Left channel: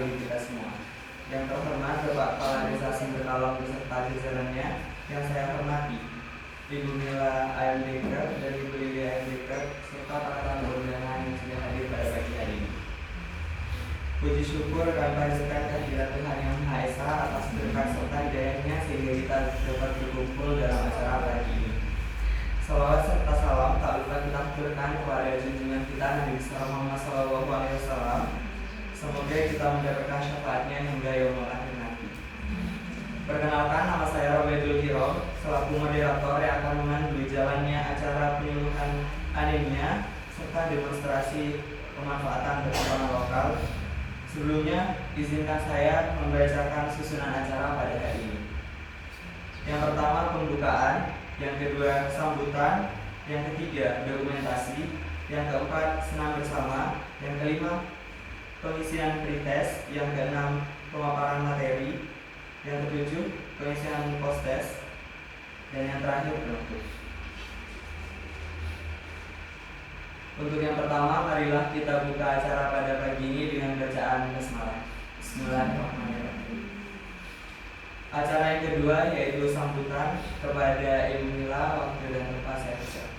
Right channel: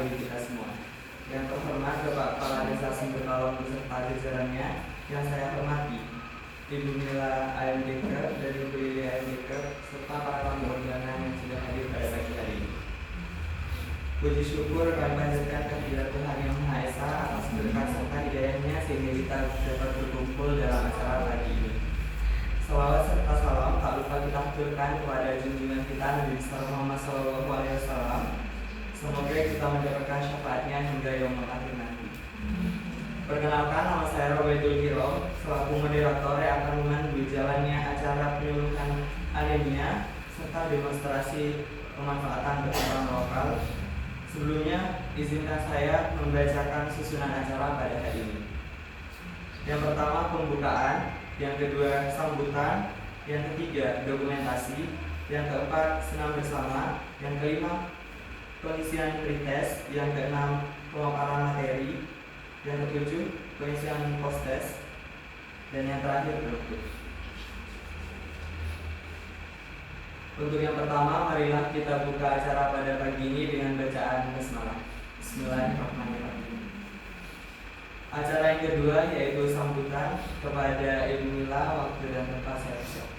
bagi kita semua. Yang terhormat Bapak Kepala Desa Sumber Kalong beserta jajarannya yang saya hormati, Ibu Mila AMDK dari Ibu Lili AMDK serta para tamu undangan yang sudah hadir pada pagi hari ini. Puji syukur kami panjatkan kehadirat Tuhan Yang Maha Esa atas berkat serta hidayahnya sehingga kita dapat berkumpul dalam acara pagi ini. Salawat serta salam tak lupa kita haturkan kepada junjungan kita Nabi Muhammad SAW. Semoga kita mendapatkan syafaatnya hingga yaumul akhir nanti. Perkenalkan, nama saya Robaidul Hiro selaku moderator yang akan memandu jalannya acara penyuluhan anemia serta demonstrasi pemanfaatan berkembang lokal. Sebelumnya, izinkan saya membacakan susunan acara pada hari ini. Yang pertama pembukaan, yang kedua sambutan, yang ketiga dokumentasi, yang keempat senam bersama, yang kelima pengisian pretest, yang keenam pemaparan materi, yang ketujuh pengisian post test, dan yang terakhir penutup. Untuk yang pertama, marilah kita buka acara pada pagi ini dengan bacaan basmalah. Bismillahirrahmanirrahim. Acara yang kedua yaitu sambutan kepada Ibu Mila, waktu dan tempat saya persilakan.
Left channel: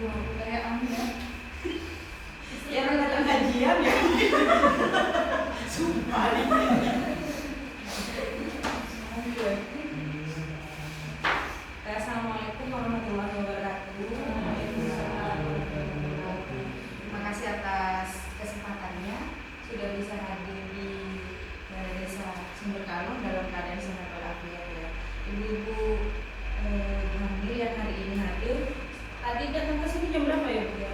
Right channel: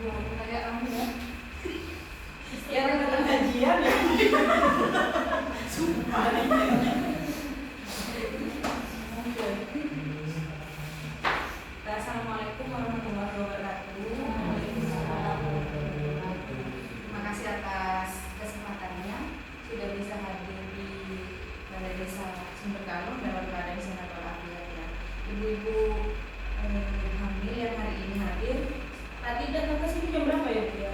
Wah, kayak kamu ya. Sekarang datang kajian ya. Sumpah nih. Assalamualaikum warahmatullahi wabarakatuh. Terima kasih atas kesempatannya sudah bisa hadir di Balai Desa Sumber Kalong dalam keadaan sehat walafiat ya. Ibu-ibu hamil yang hari ini hadir. Tadi datang ke sini jam berapa ya Bu ya?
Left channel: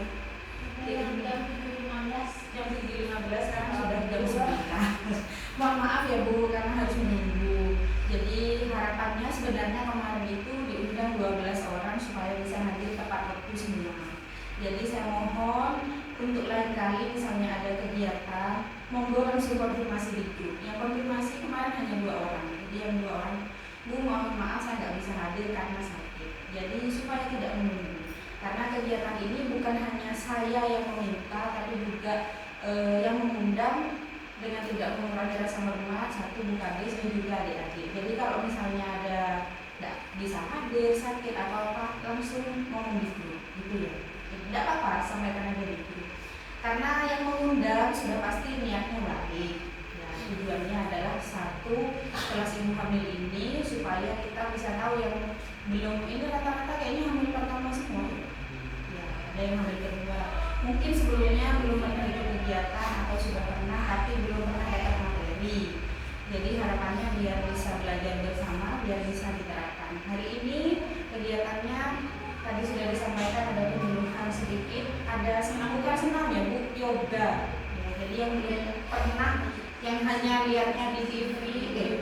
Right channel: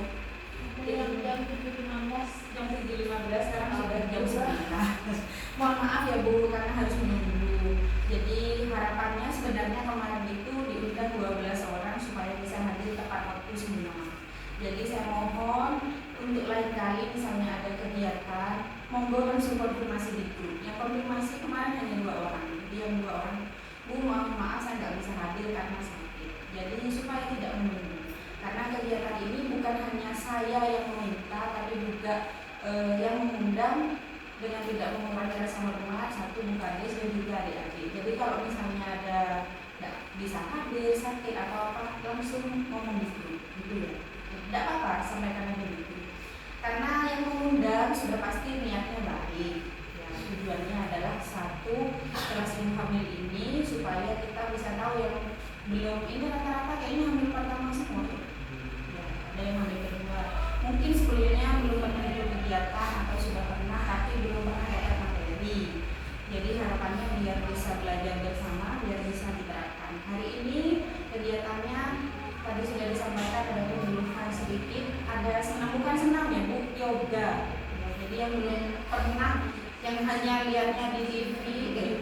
Jam 7.15. Jam 7.15, sekarang sudah jam 9. Mohon maaf ya Bu karena harus menunggu. Jadi harapannya sebenarnya kemarin itu diundang 12 orang supaya bisa hadir tepat waktu semua. Jadi saya mohon untuk lain kali misalnya ada kegiatan, monggo langsung konfirmasi di grup. Yang konfirmasi kemarin hanya 2 orang. Jadi yang 2 orang, Bu mohon maaf saya nggak bisa hadir karena sakit. Jadi supaya tidak menunggu. Karena kegiatan ini bukan hanya saya yang meminta, tapi juga yang mengundang dengan tidak mengurangi rasa hormat, satu Bu Kades dan juga adik-adik. Jadi kalau misalnya ada tidak bisa hadir, sakit atau apa, langsung ngomong di grup, gitu ya. Tidak apa-apa, sampaikan aja di grup. Karena yang mengundang sudah pasti niatnya baik. Ya, tujuannya adalah satu, kelas ibu hamil ini supaya kita bisa tahu yang belum ini rata-rata kayaknya hamil pertama semua. Ya, ada yang hamil kedua. Mungkin sebelumnya belum pernah ikut kegiatan atau sudah pernah tapi belum pernah dapat materi. Jadi harapannya biar bisa belajar bersama, biar bisa diterapkan. Hari ini kegiatannya tadi sudah disampaikan ada penyuluhan sedikit, ada senam, bukan senam ya Bu, yoga. Ya, jadi yang belum pernah, yang hanya lihatnya di TV,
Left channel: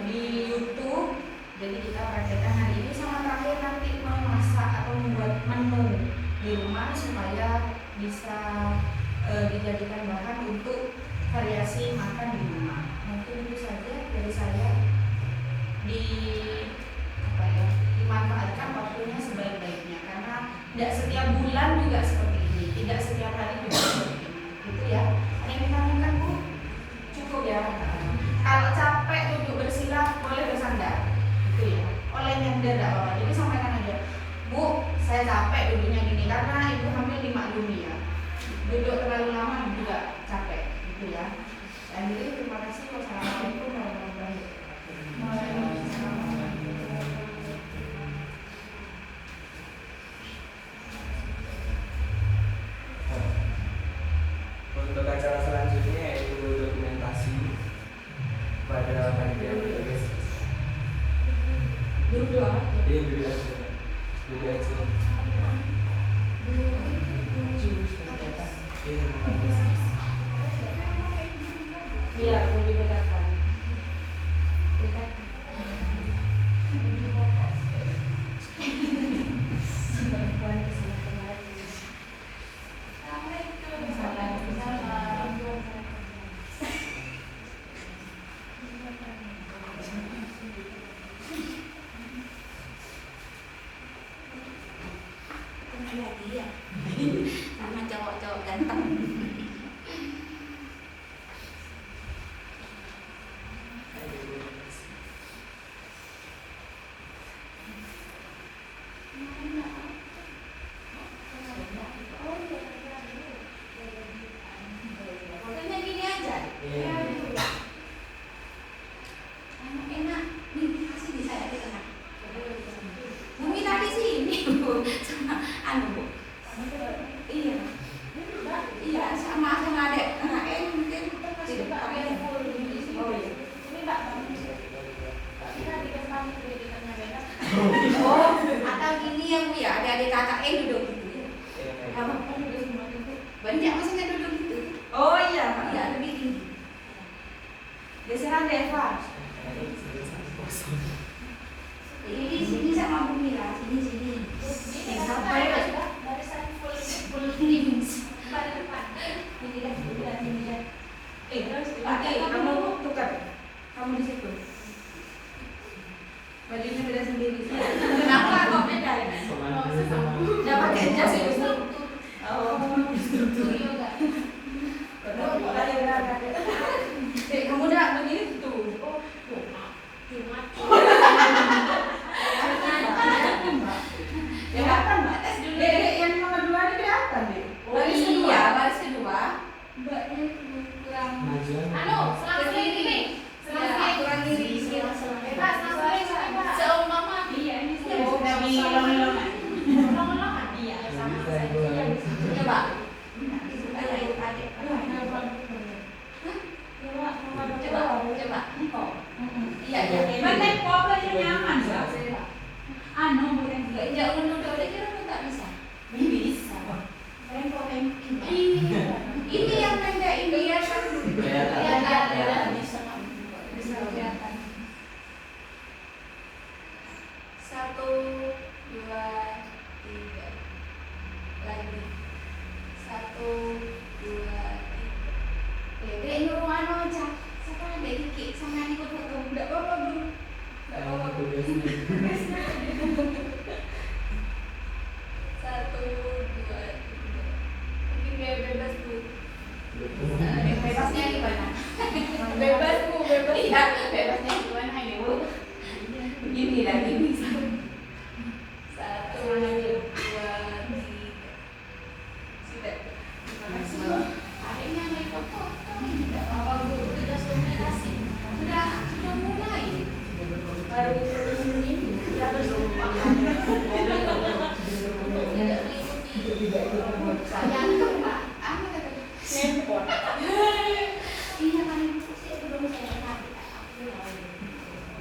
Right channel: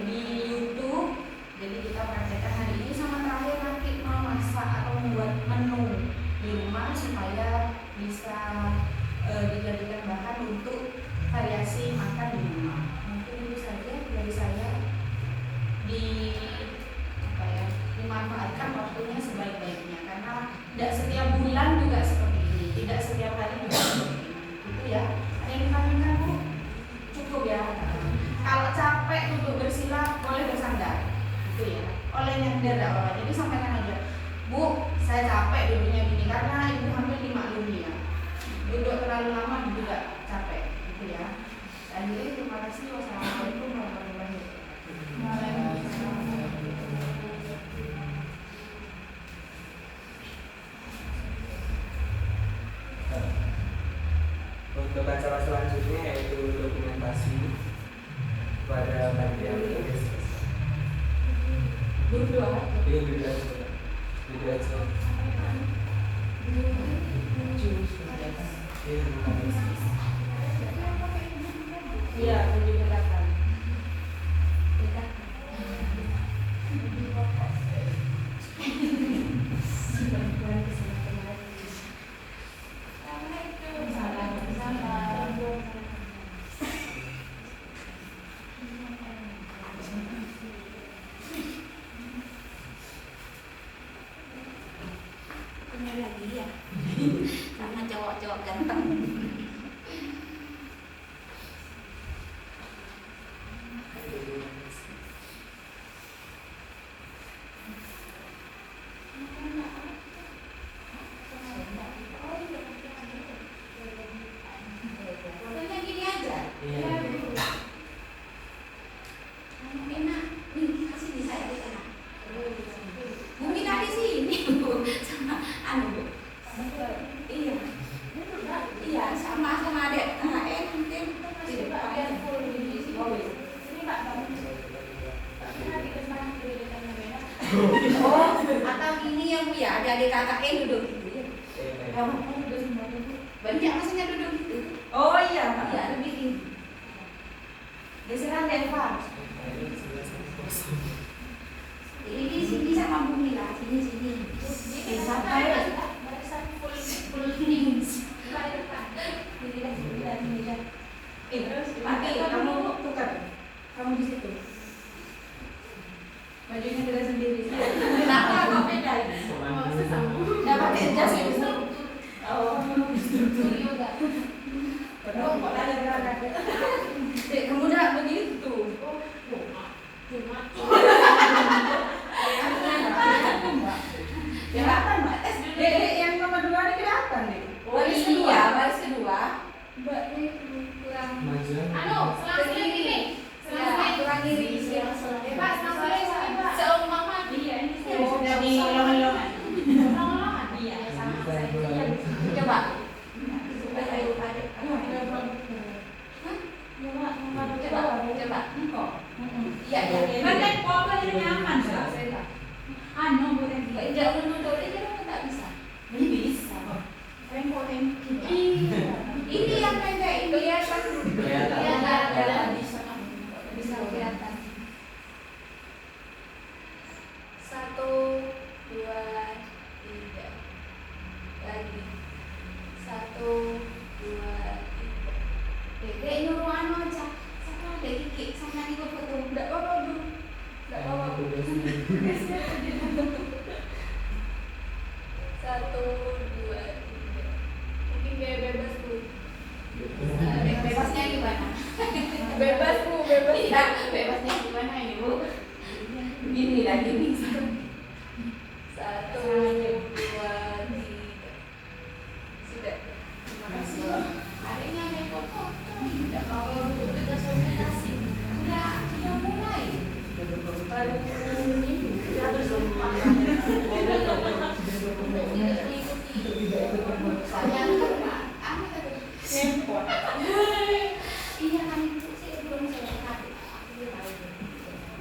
di YouTube, jadi kita praktekkan hari ini sama terakhir nanti memasak atau membuat menu di rumah supaya bisa dijadikan bahan untuk variasi makan di rumah. Mungkin itu saja dari saya. Dimanfaatkan waktunya sebaik-baiknya karena tidak setiap bulan juga seperti ini, tidak setiap hari juga seperti ini. Itu ya. Ada yang ditanyakan Bu? Cukup ya. Kalau capek duduk bersila boleh bersandar. Itu ya. Oleh nyender tidak apa-apa. Jadi sampaikan aja, Bu, saya capek duduknya gini karena ibu hamil dimaklumi ya. Duduk terlalu lama juga capek, gitu ya. Akhirnya terima kasih. Wassalamualaikum warahmatullahi wabarakatuh. Untuk acara selanjutnya yaitu dokumentasi pada panitia guys. Dulu aja. Iya dulu aja. Dulu aja. Iya, lebih dekatkan. Oh, atau gini ya Bu ya, adik-adik kakak duduk gitu ya. Kamu duduk semua duduk. Banyak maksudnya duduk gitu. Oh iya. Ya, lebih tinggi. Geseran Deva. Ini sini sama bumi lah, sini. Sampai barisan full tinggi. Pakai kamu tukar. Kamu di situ. Bajunya beda sendiri. Kenapa kok beda? Nggak pakai jas itu. Oh, yoga. Kamu udah begini tuh. Kelihatan Mbak? Tes dulu. Yang nomor 2 ini kelihatan deh. Baris kedua. Mbaknya itu kurang. Selang ini. Kurang iri. Seumur mama. Iya, ini Oh, dari Lama-lama. Iya, Coba. Coba. Iya. Mana kok ini nyaman Mbak? Anu boleh Enggak menurut dia kira tak bisa. bisa. Ini yang pendek ini ya kan. Kelihatan. Bisa kelihatan. 1, 2, 3. Lagi. 1, 2, 3. Dek nyuruh anu aja. Siapa ada dikit sama ikut foto. Enggak apa-apa dulu. Enggak apa-apa. 1, 2, 3. Mungkin kayak bebas Bu. Yang bebasnya gimana? Bebas Bu, bebas. Iya, bebasnya gimana ini Bu? Gini lah, gini. 1, 2, 3. Sudah. Terima kasih. Adiknya naik foto. Tidak apa-apa Bu, sudah komunikasi. Sudah mulai. Baru ini sudah bersumpah. Tidak mengikuti. Saya iya kan itu sih belum saya tahu.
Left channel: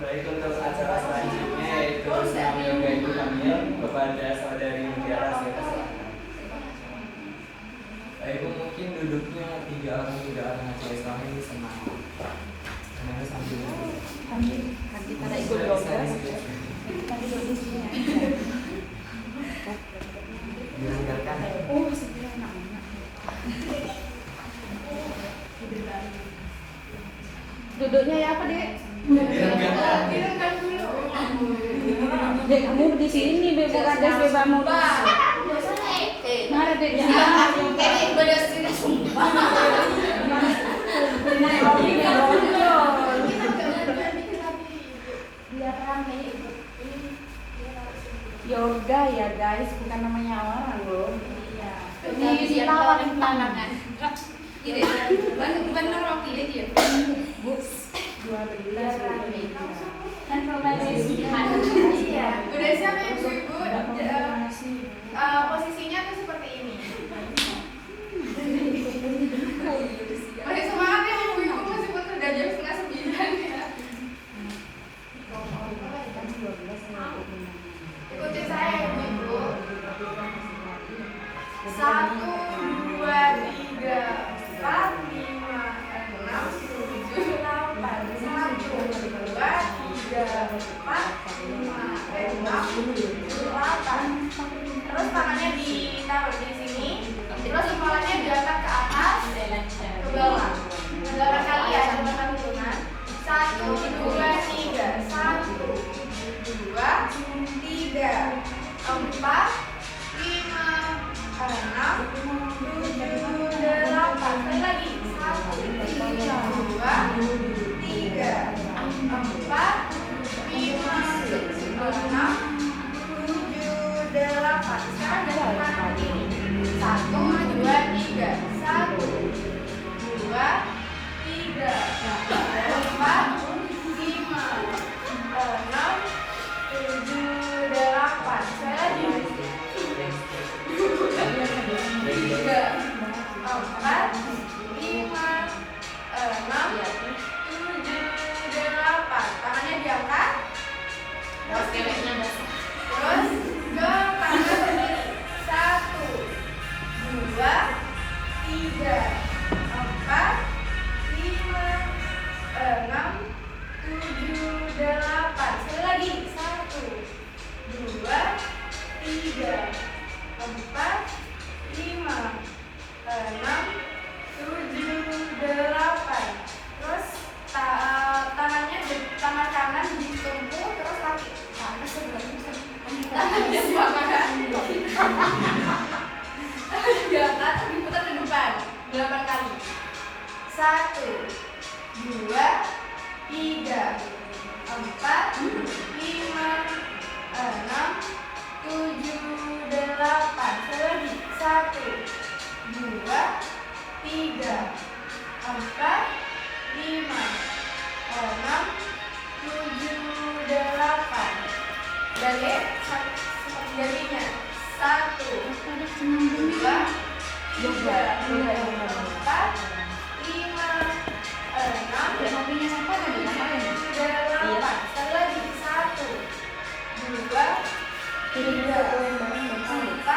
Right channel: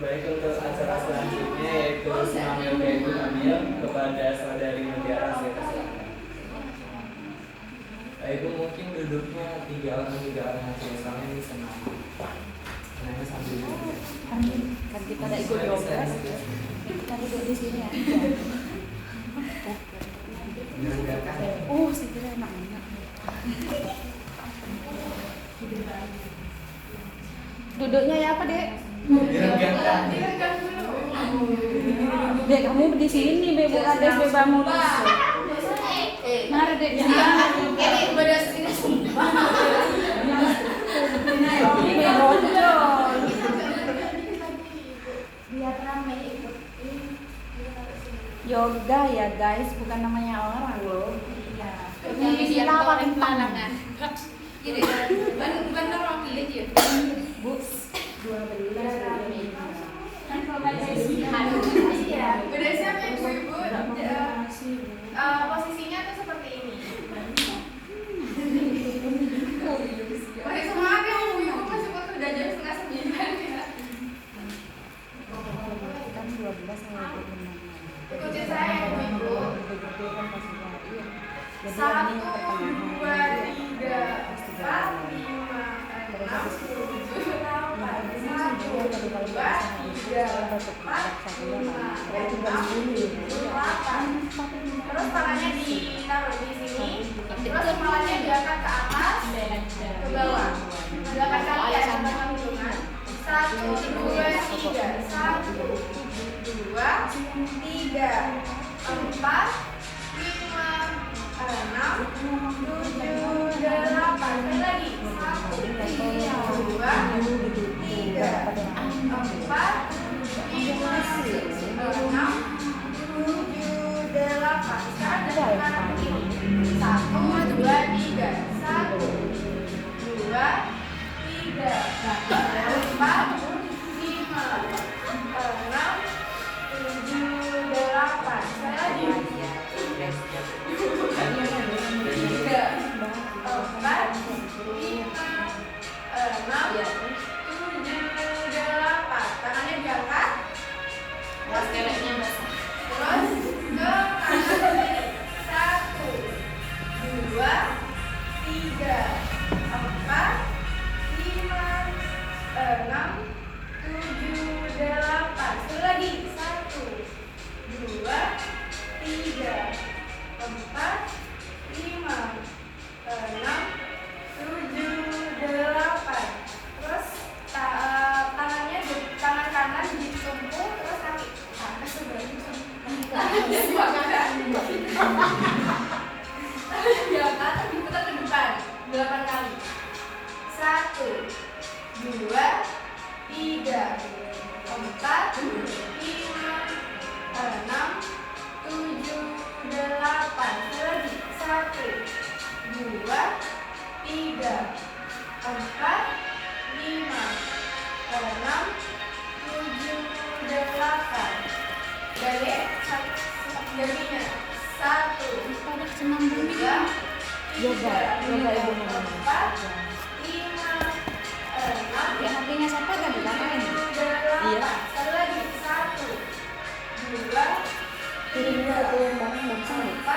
Baik, untuk acara selanjutnya yaitu senam yoga ibu hamil kepada saudari Mutiara, saya persilakan. Ibu mungkin duduknya 3 orang aja, soalnya ini senam. Karena sambil duduk. Kan kita ikut yoga. Kita duduk di sini. Mendengarkan. Oh, segera enak. Duduknya ya apa, Dek? Direnggang dulu. Dek, kamu di sini Dek, bukan Dek bebamu. Mari Dek, Ini udah sudah sumpah. Biar rame itu. yoga ya guys, bukan namanya orang loh. Iya. Ini kita paling pandangan. Gitu. Benar waktu itu ya. Bu, 12 Kan kalau baca iya. Udah siap ya ibu-ibu. Posisinya tuh seperti ini. Masih semangat ya ibu-ibu, meskipun udah jam 8:30 ya. Ikutin saya ibu-ibu. 1, 2, 3, 4, 5, 6, 7, 8. 1, 2, 3, 4, 5, 6, 7, 8. Terus tangannya ditaruh di sini. Terus kepalanya diangkat ke atas, ke bawah. 8 kali ya, sama hitungan. 1, 2, 3. 1, 2, 3, 4, 5, 6, 7, 8. Sekali lagi. 1, 2, 3, 4, 5, 6, 7, 8. Sekarang dari kanan ke kiri. 1, 2, 3. 1, 2, 3, 4, 5, 6, 7, 8. Sekali lagi. 3, Diangkat, diputar ke depan 8 kali. 1, 2, 3, 4, 5, 6, 7, 8. Sekali lagi. 1, 2, 3, 4, 5, 6, 7, 8. Balik jadinya 1, 2, 3, 4, 5, 6, 7, 8. Sekali lagi. 1, 2, 3, 4,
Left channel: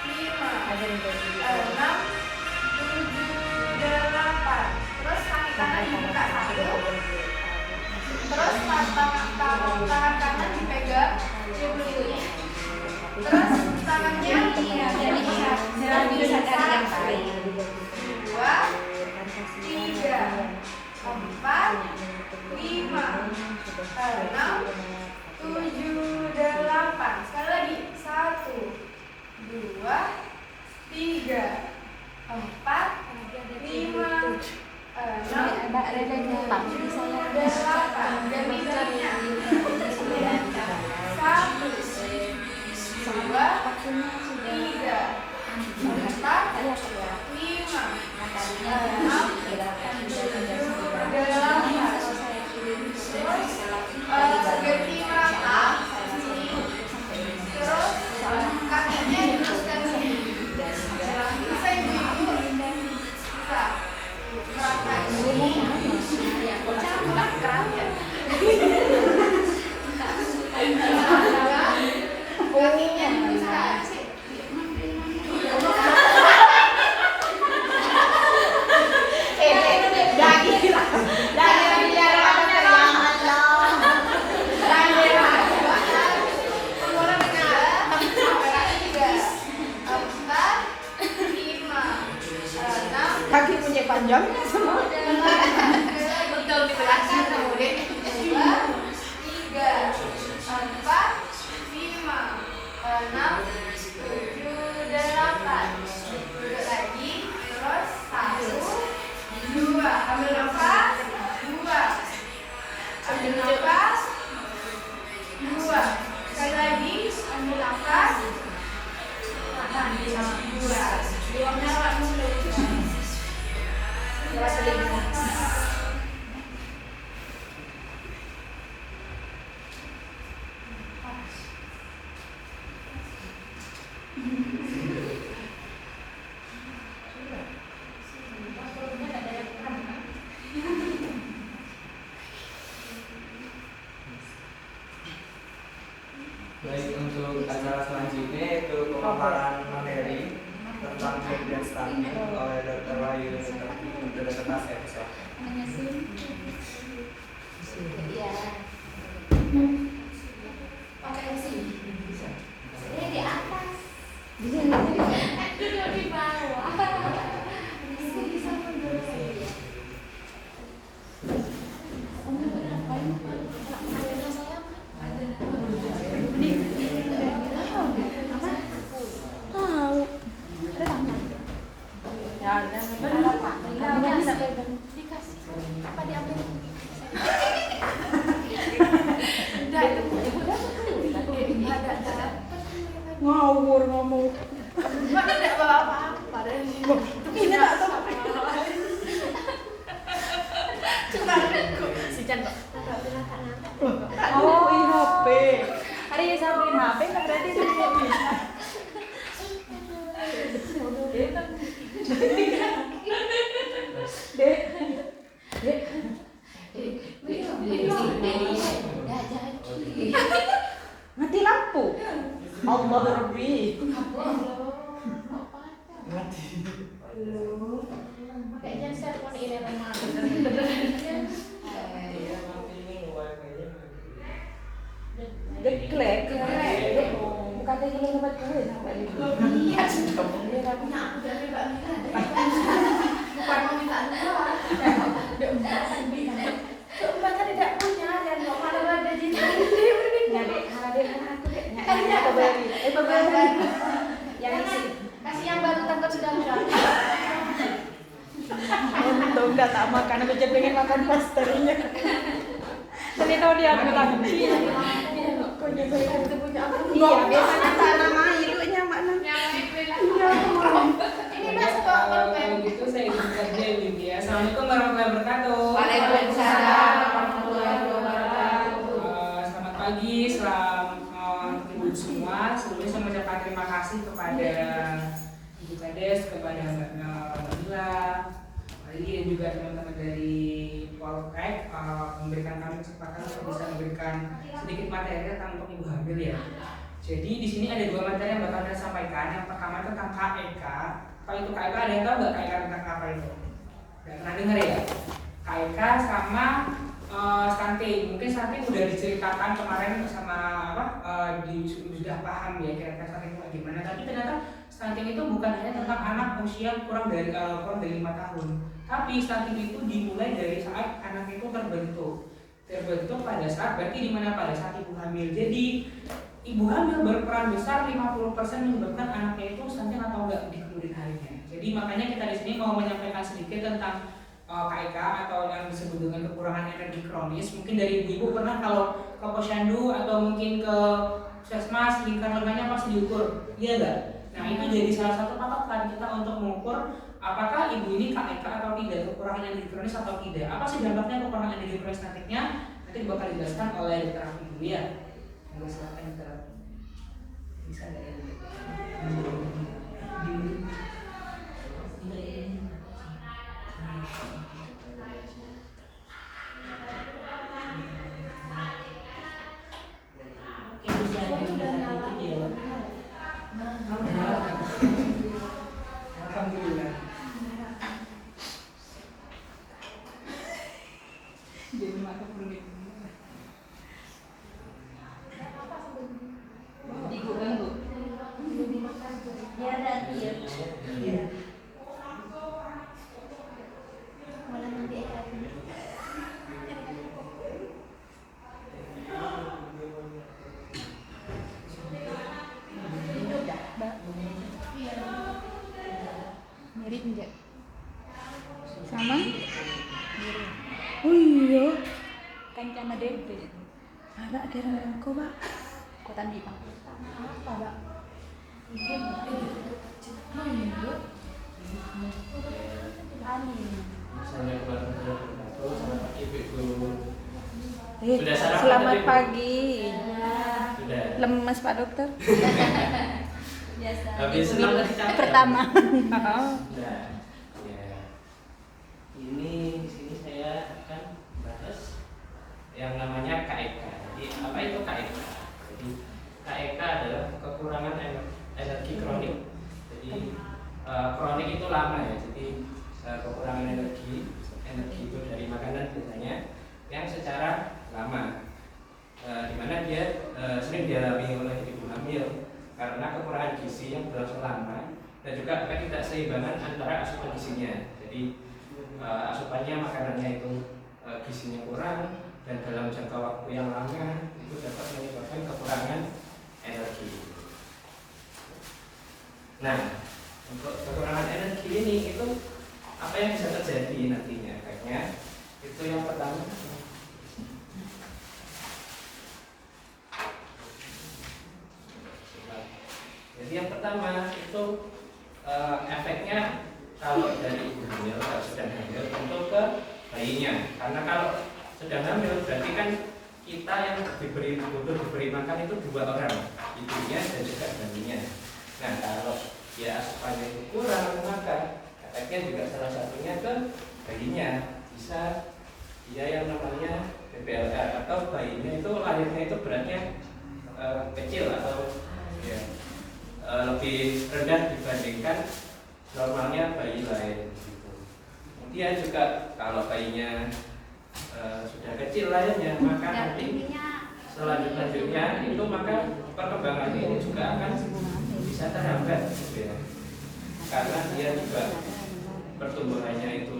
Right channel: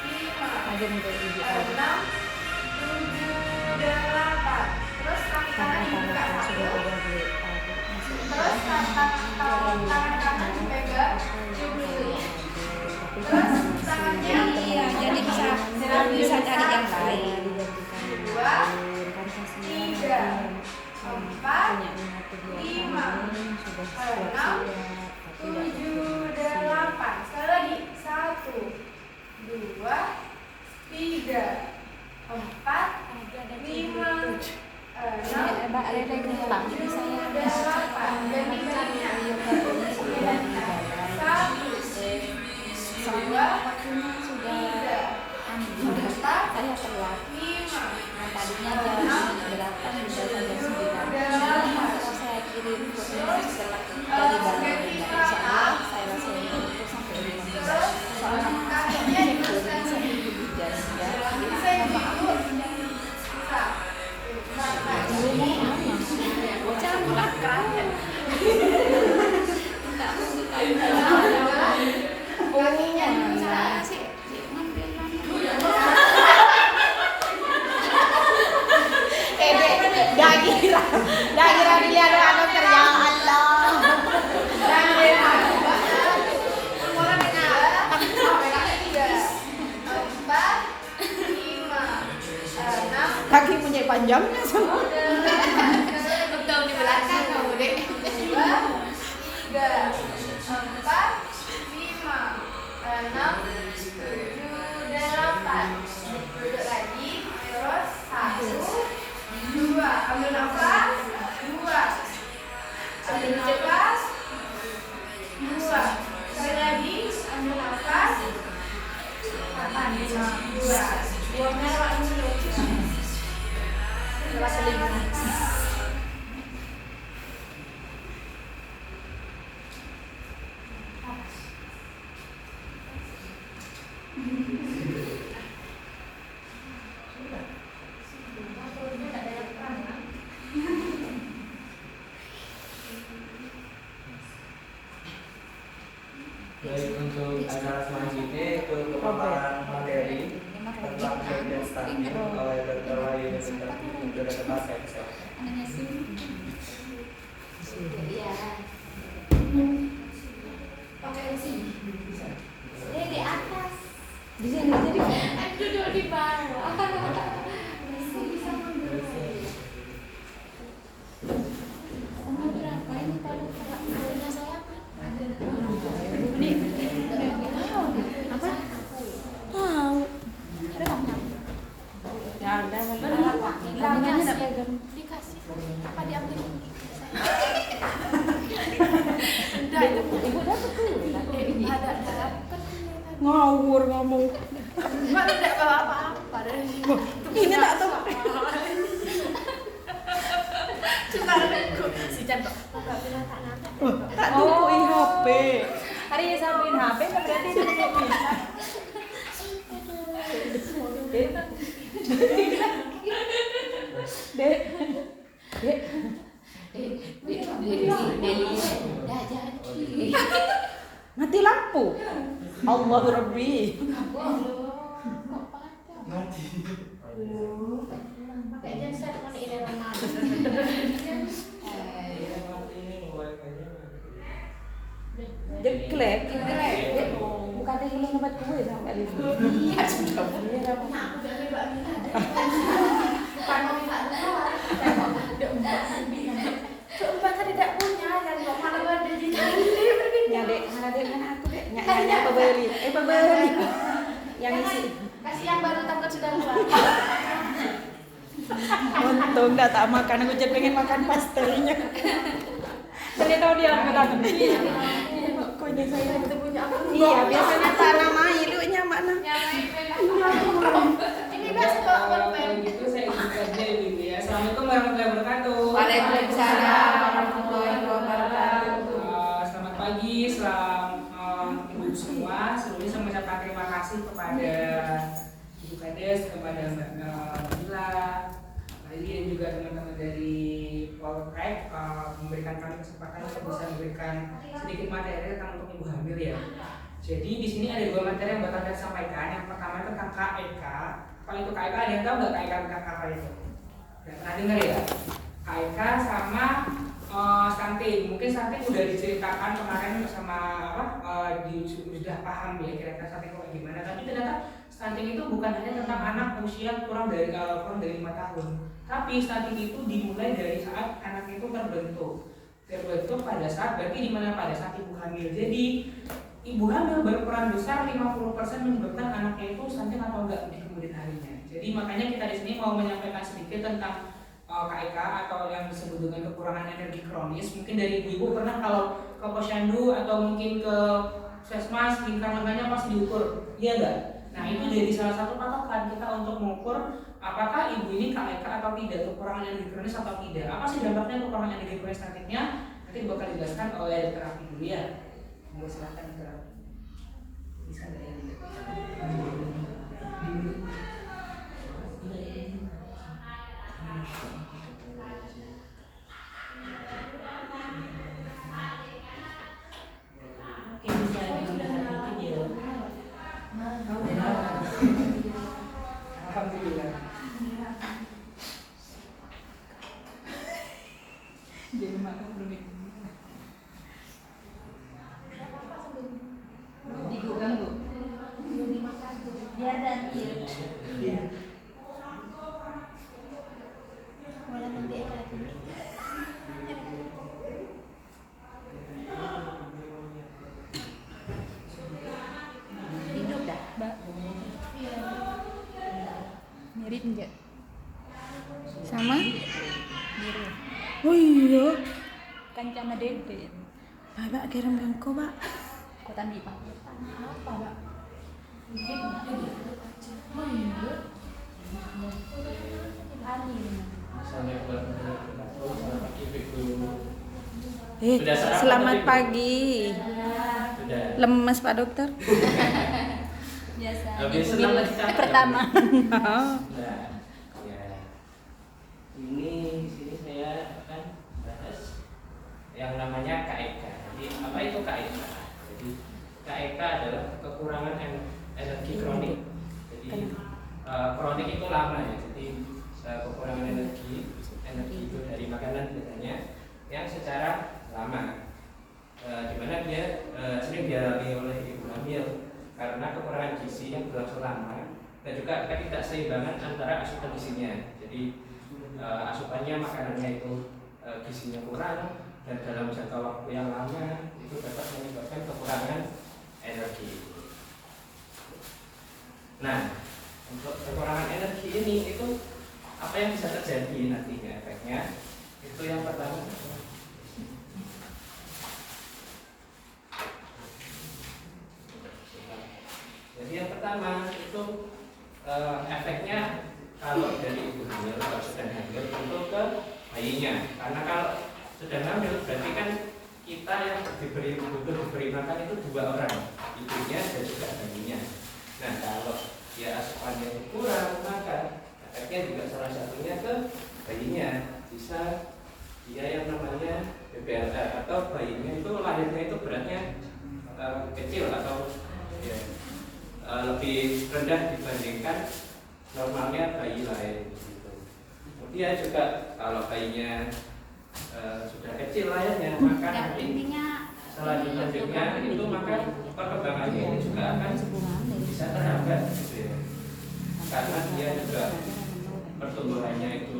5, 6, 7, 8. Terus kaki kanan dibuka 1. Terus tangan kanan dipegang, dibeli. Terus tangannya Jadi bisa cari yang baik. 2, 3, 4, 5, 6, 7, 8. Sekali lagi. 1, 2, 3, 4, 5, 6, Mbak Reda gampang. 7, 8. Jadi baliknya 1, 2, 3, 4, 5, 6, 7, 8. Terus ganti mata sini. Terus kakinya diteruskan sini. Bisa ibu-ibu? Bisa. Berangkat sini. Kakinya diteruskan. Kaki punya panjang semua. Betul di belakang tuh, Dek. 2, 3, 4, 5, 6, 7, 8. Duduk lagi. Terus 1, 2. Ambil nafas. 2. Ambil nafas. 2. Sekali lagi. Ambil nafas. Tahan. 2. Buangnya lewat mulut. Baik, untuk acara selanjutnya itu pemaparan materi tentang bagian stamina oleh Dr. Wahyu untuk Dr. Tasek. Pakai sini. Ini di atas. Di sini. Aku duduk di bawah. Bisa mundur. Ngawur ngomong. Mana tidak bawa apa-apa. Ini tak tahu. Si Chan kok. Oh, HP. Hari ya sampein HP kan berarti itu tidak bisa. Mati lampu. Allah Rabbi. Kayaknya saya mau ini Geklek. Bukan ini buat gue sampai ini. Iya, sudah punya aku dari Mbak Mira. Bukan mau minta dua. Mbak kan tidak punya dan mau malah ada di Nyadek, ada anak aku dek. Nyadek makan, aku jadi pengen makan masternya. Jadi tahu dia kata iya. Punya saya itu punya aku. Iya, biasanya nama ilunya mana? Ini biasa bawa Kalau gitu saya izin kerja Ibu ya. Assalamualaikum warahmatullahi wabarakatuh. Waalaikumsalam warahmatullahi wabarakatuh. Selamat pagi, ibu semua. Sebelumnya saya mengucapkan terima kasih kepada Ibu Kades, kepada Mbak Nabila, Mbak Lili dan juga teman-teman dari Poltek memberikan kami kesempatan untuk bisa memberikan sedikit materi tentang untuk ibu hamil ya. Jadi di sini ada dua materi yang bakal saya sampaikan. Yang pertama tentang KEK. Kalau itu KEK ada yang tahu nggak KEK tentang apa itu? Nggak pernah dengar ya? KEK sama stunting. Mungkin stunting udah diceritakan kemarin sama sudah paham ya kira-kira stunting itu gimana. Tapi ternyata stunting itu bukan hanya tentang anak usia kurang dari 5 tahun. Tapi stunting itu dimulai dari saat anak itu terbentuk pada saat pada saat ibu hamil. Jadi ibu hamil berperan besar 50% menyebabkan anaknya itu stunting atau enggak di kemudian harinya. Jadi makanya kita di sini mau menyampaikan sedikit tentang KEK atau yang disebut dengan kekurangan energi kronis. Mungkin dari ibu-ibu pernah kalau ke posyandu atau mungkin ke puskesmas lingkar lengannya pasti diukur, iya enggak? Nah itu jadi salah satu patokan kita untuk mengukur apakah ibu ini KEK atau tidak, kekurangan energi kronis atau tidak. Apa sih dampaknya kekurangan energi kronis nantinya? Nanti bakal dijelaskan oleh Dr. Afi dulu ya. Mau silakan Dr. Afi. Bisa nggak ya? Alhamdulillah. Jadi makan belum ini. Digoreng Bu. biar nanti ya. Iya. Malah nanti lagi. Mbak, mirip enggak? Sama? Mirip. Oh iya. Kancana dede. Abak kira aku, Pak. Kota di Pak. Apa, Pak? Sudah sarapan Selamat tadi, Bu? pagi. Sudah. Lemes Pak Dokter. Biasa. Habis ibu senang bilang. capek. Pertama. Nah, ya. Ini di sini saya akan bahas yang namanya KEK. Jadi apa itu KEK? Jadi KEK adalah kekurangan energi kronik. Jadi kronik itu lama ya. Jadi kekurangan energi itu dari makanan biasanya yang secara lama, dimana dia sering dialami oleh ibu hamil karena kekurangan gizi yang berlangsung lama dan juga ketidakseimbangan antara asupan gizinya. Jadi asupannya makanannya itu gizinya kurang dan dalam jangka waktu yang lama itu dapat menyebabkan kekurangan energi. Nah, untuk kekurangan energi ini itu apa yang bisa terjadi nantinya efeknya? Itu yang pertama. Jadi yang pertama itu efeknya kalau dari ibu hamil atau sedang hamil untuk ke bayinya. Karena kalau sedang hamil berarti kan kita yang butuh diberi makan itu 2 orang, ibunya dan juga bayinya. Nah kalau dia asupannya itu kurang, maka efeknya juga salah satunya ke bayinya. Bisa dia yang namanya BBLR atau bayinya itu lahirnya itu beratnya kecil atau ya, lebih rendah dibandingkan normalnya bayi lain gitu. Kemudian juga kalau bayinya sudah kecil lahirnya, maka nanti selanjutnya itu maka perkembangannya ini juga akan bisa terhambat gitu ya. Karena dia juga pertumbuhannya itu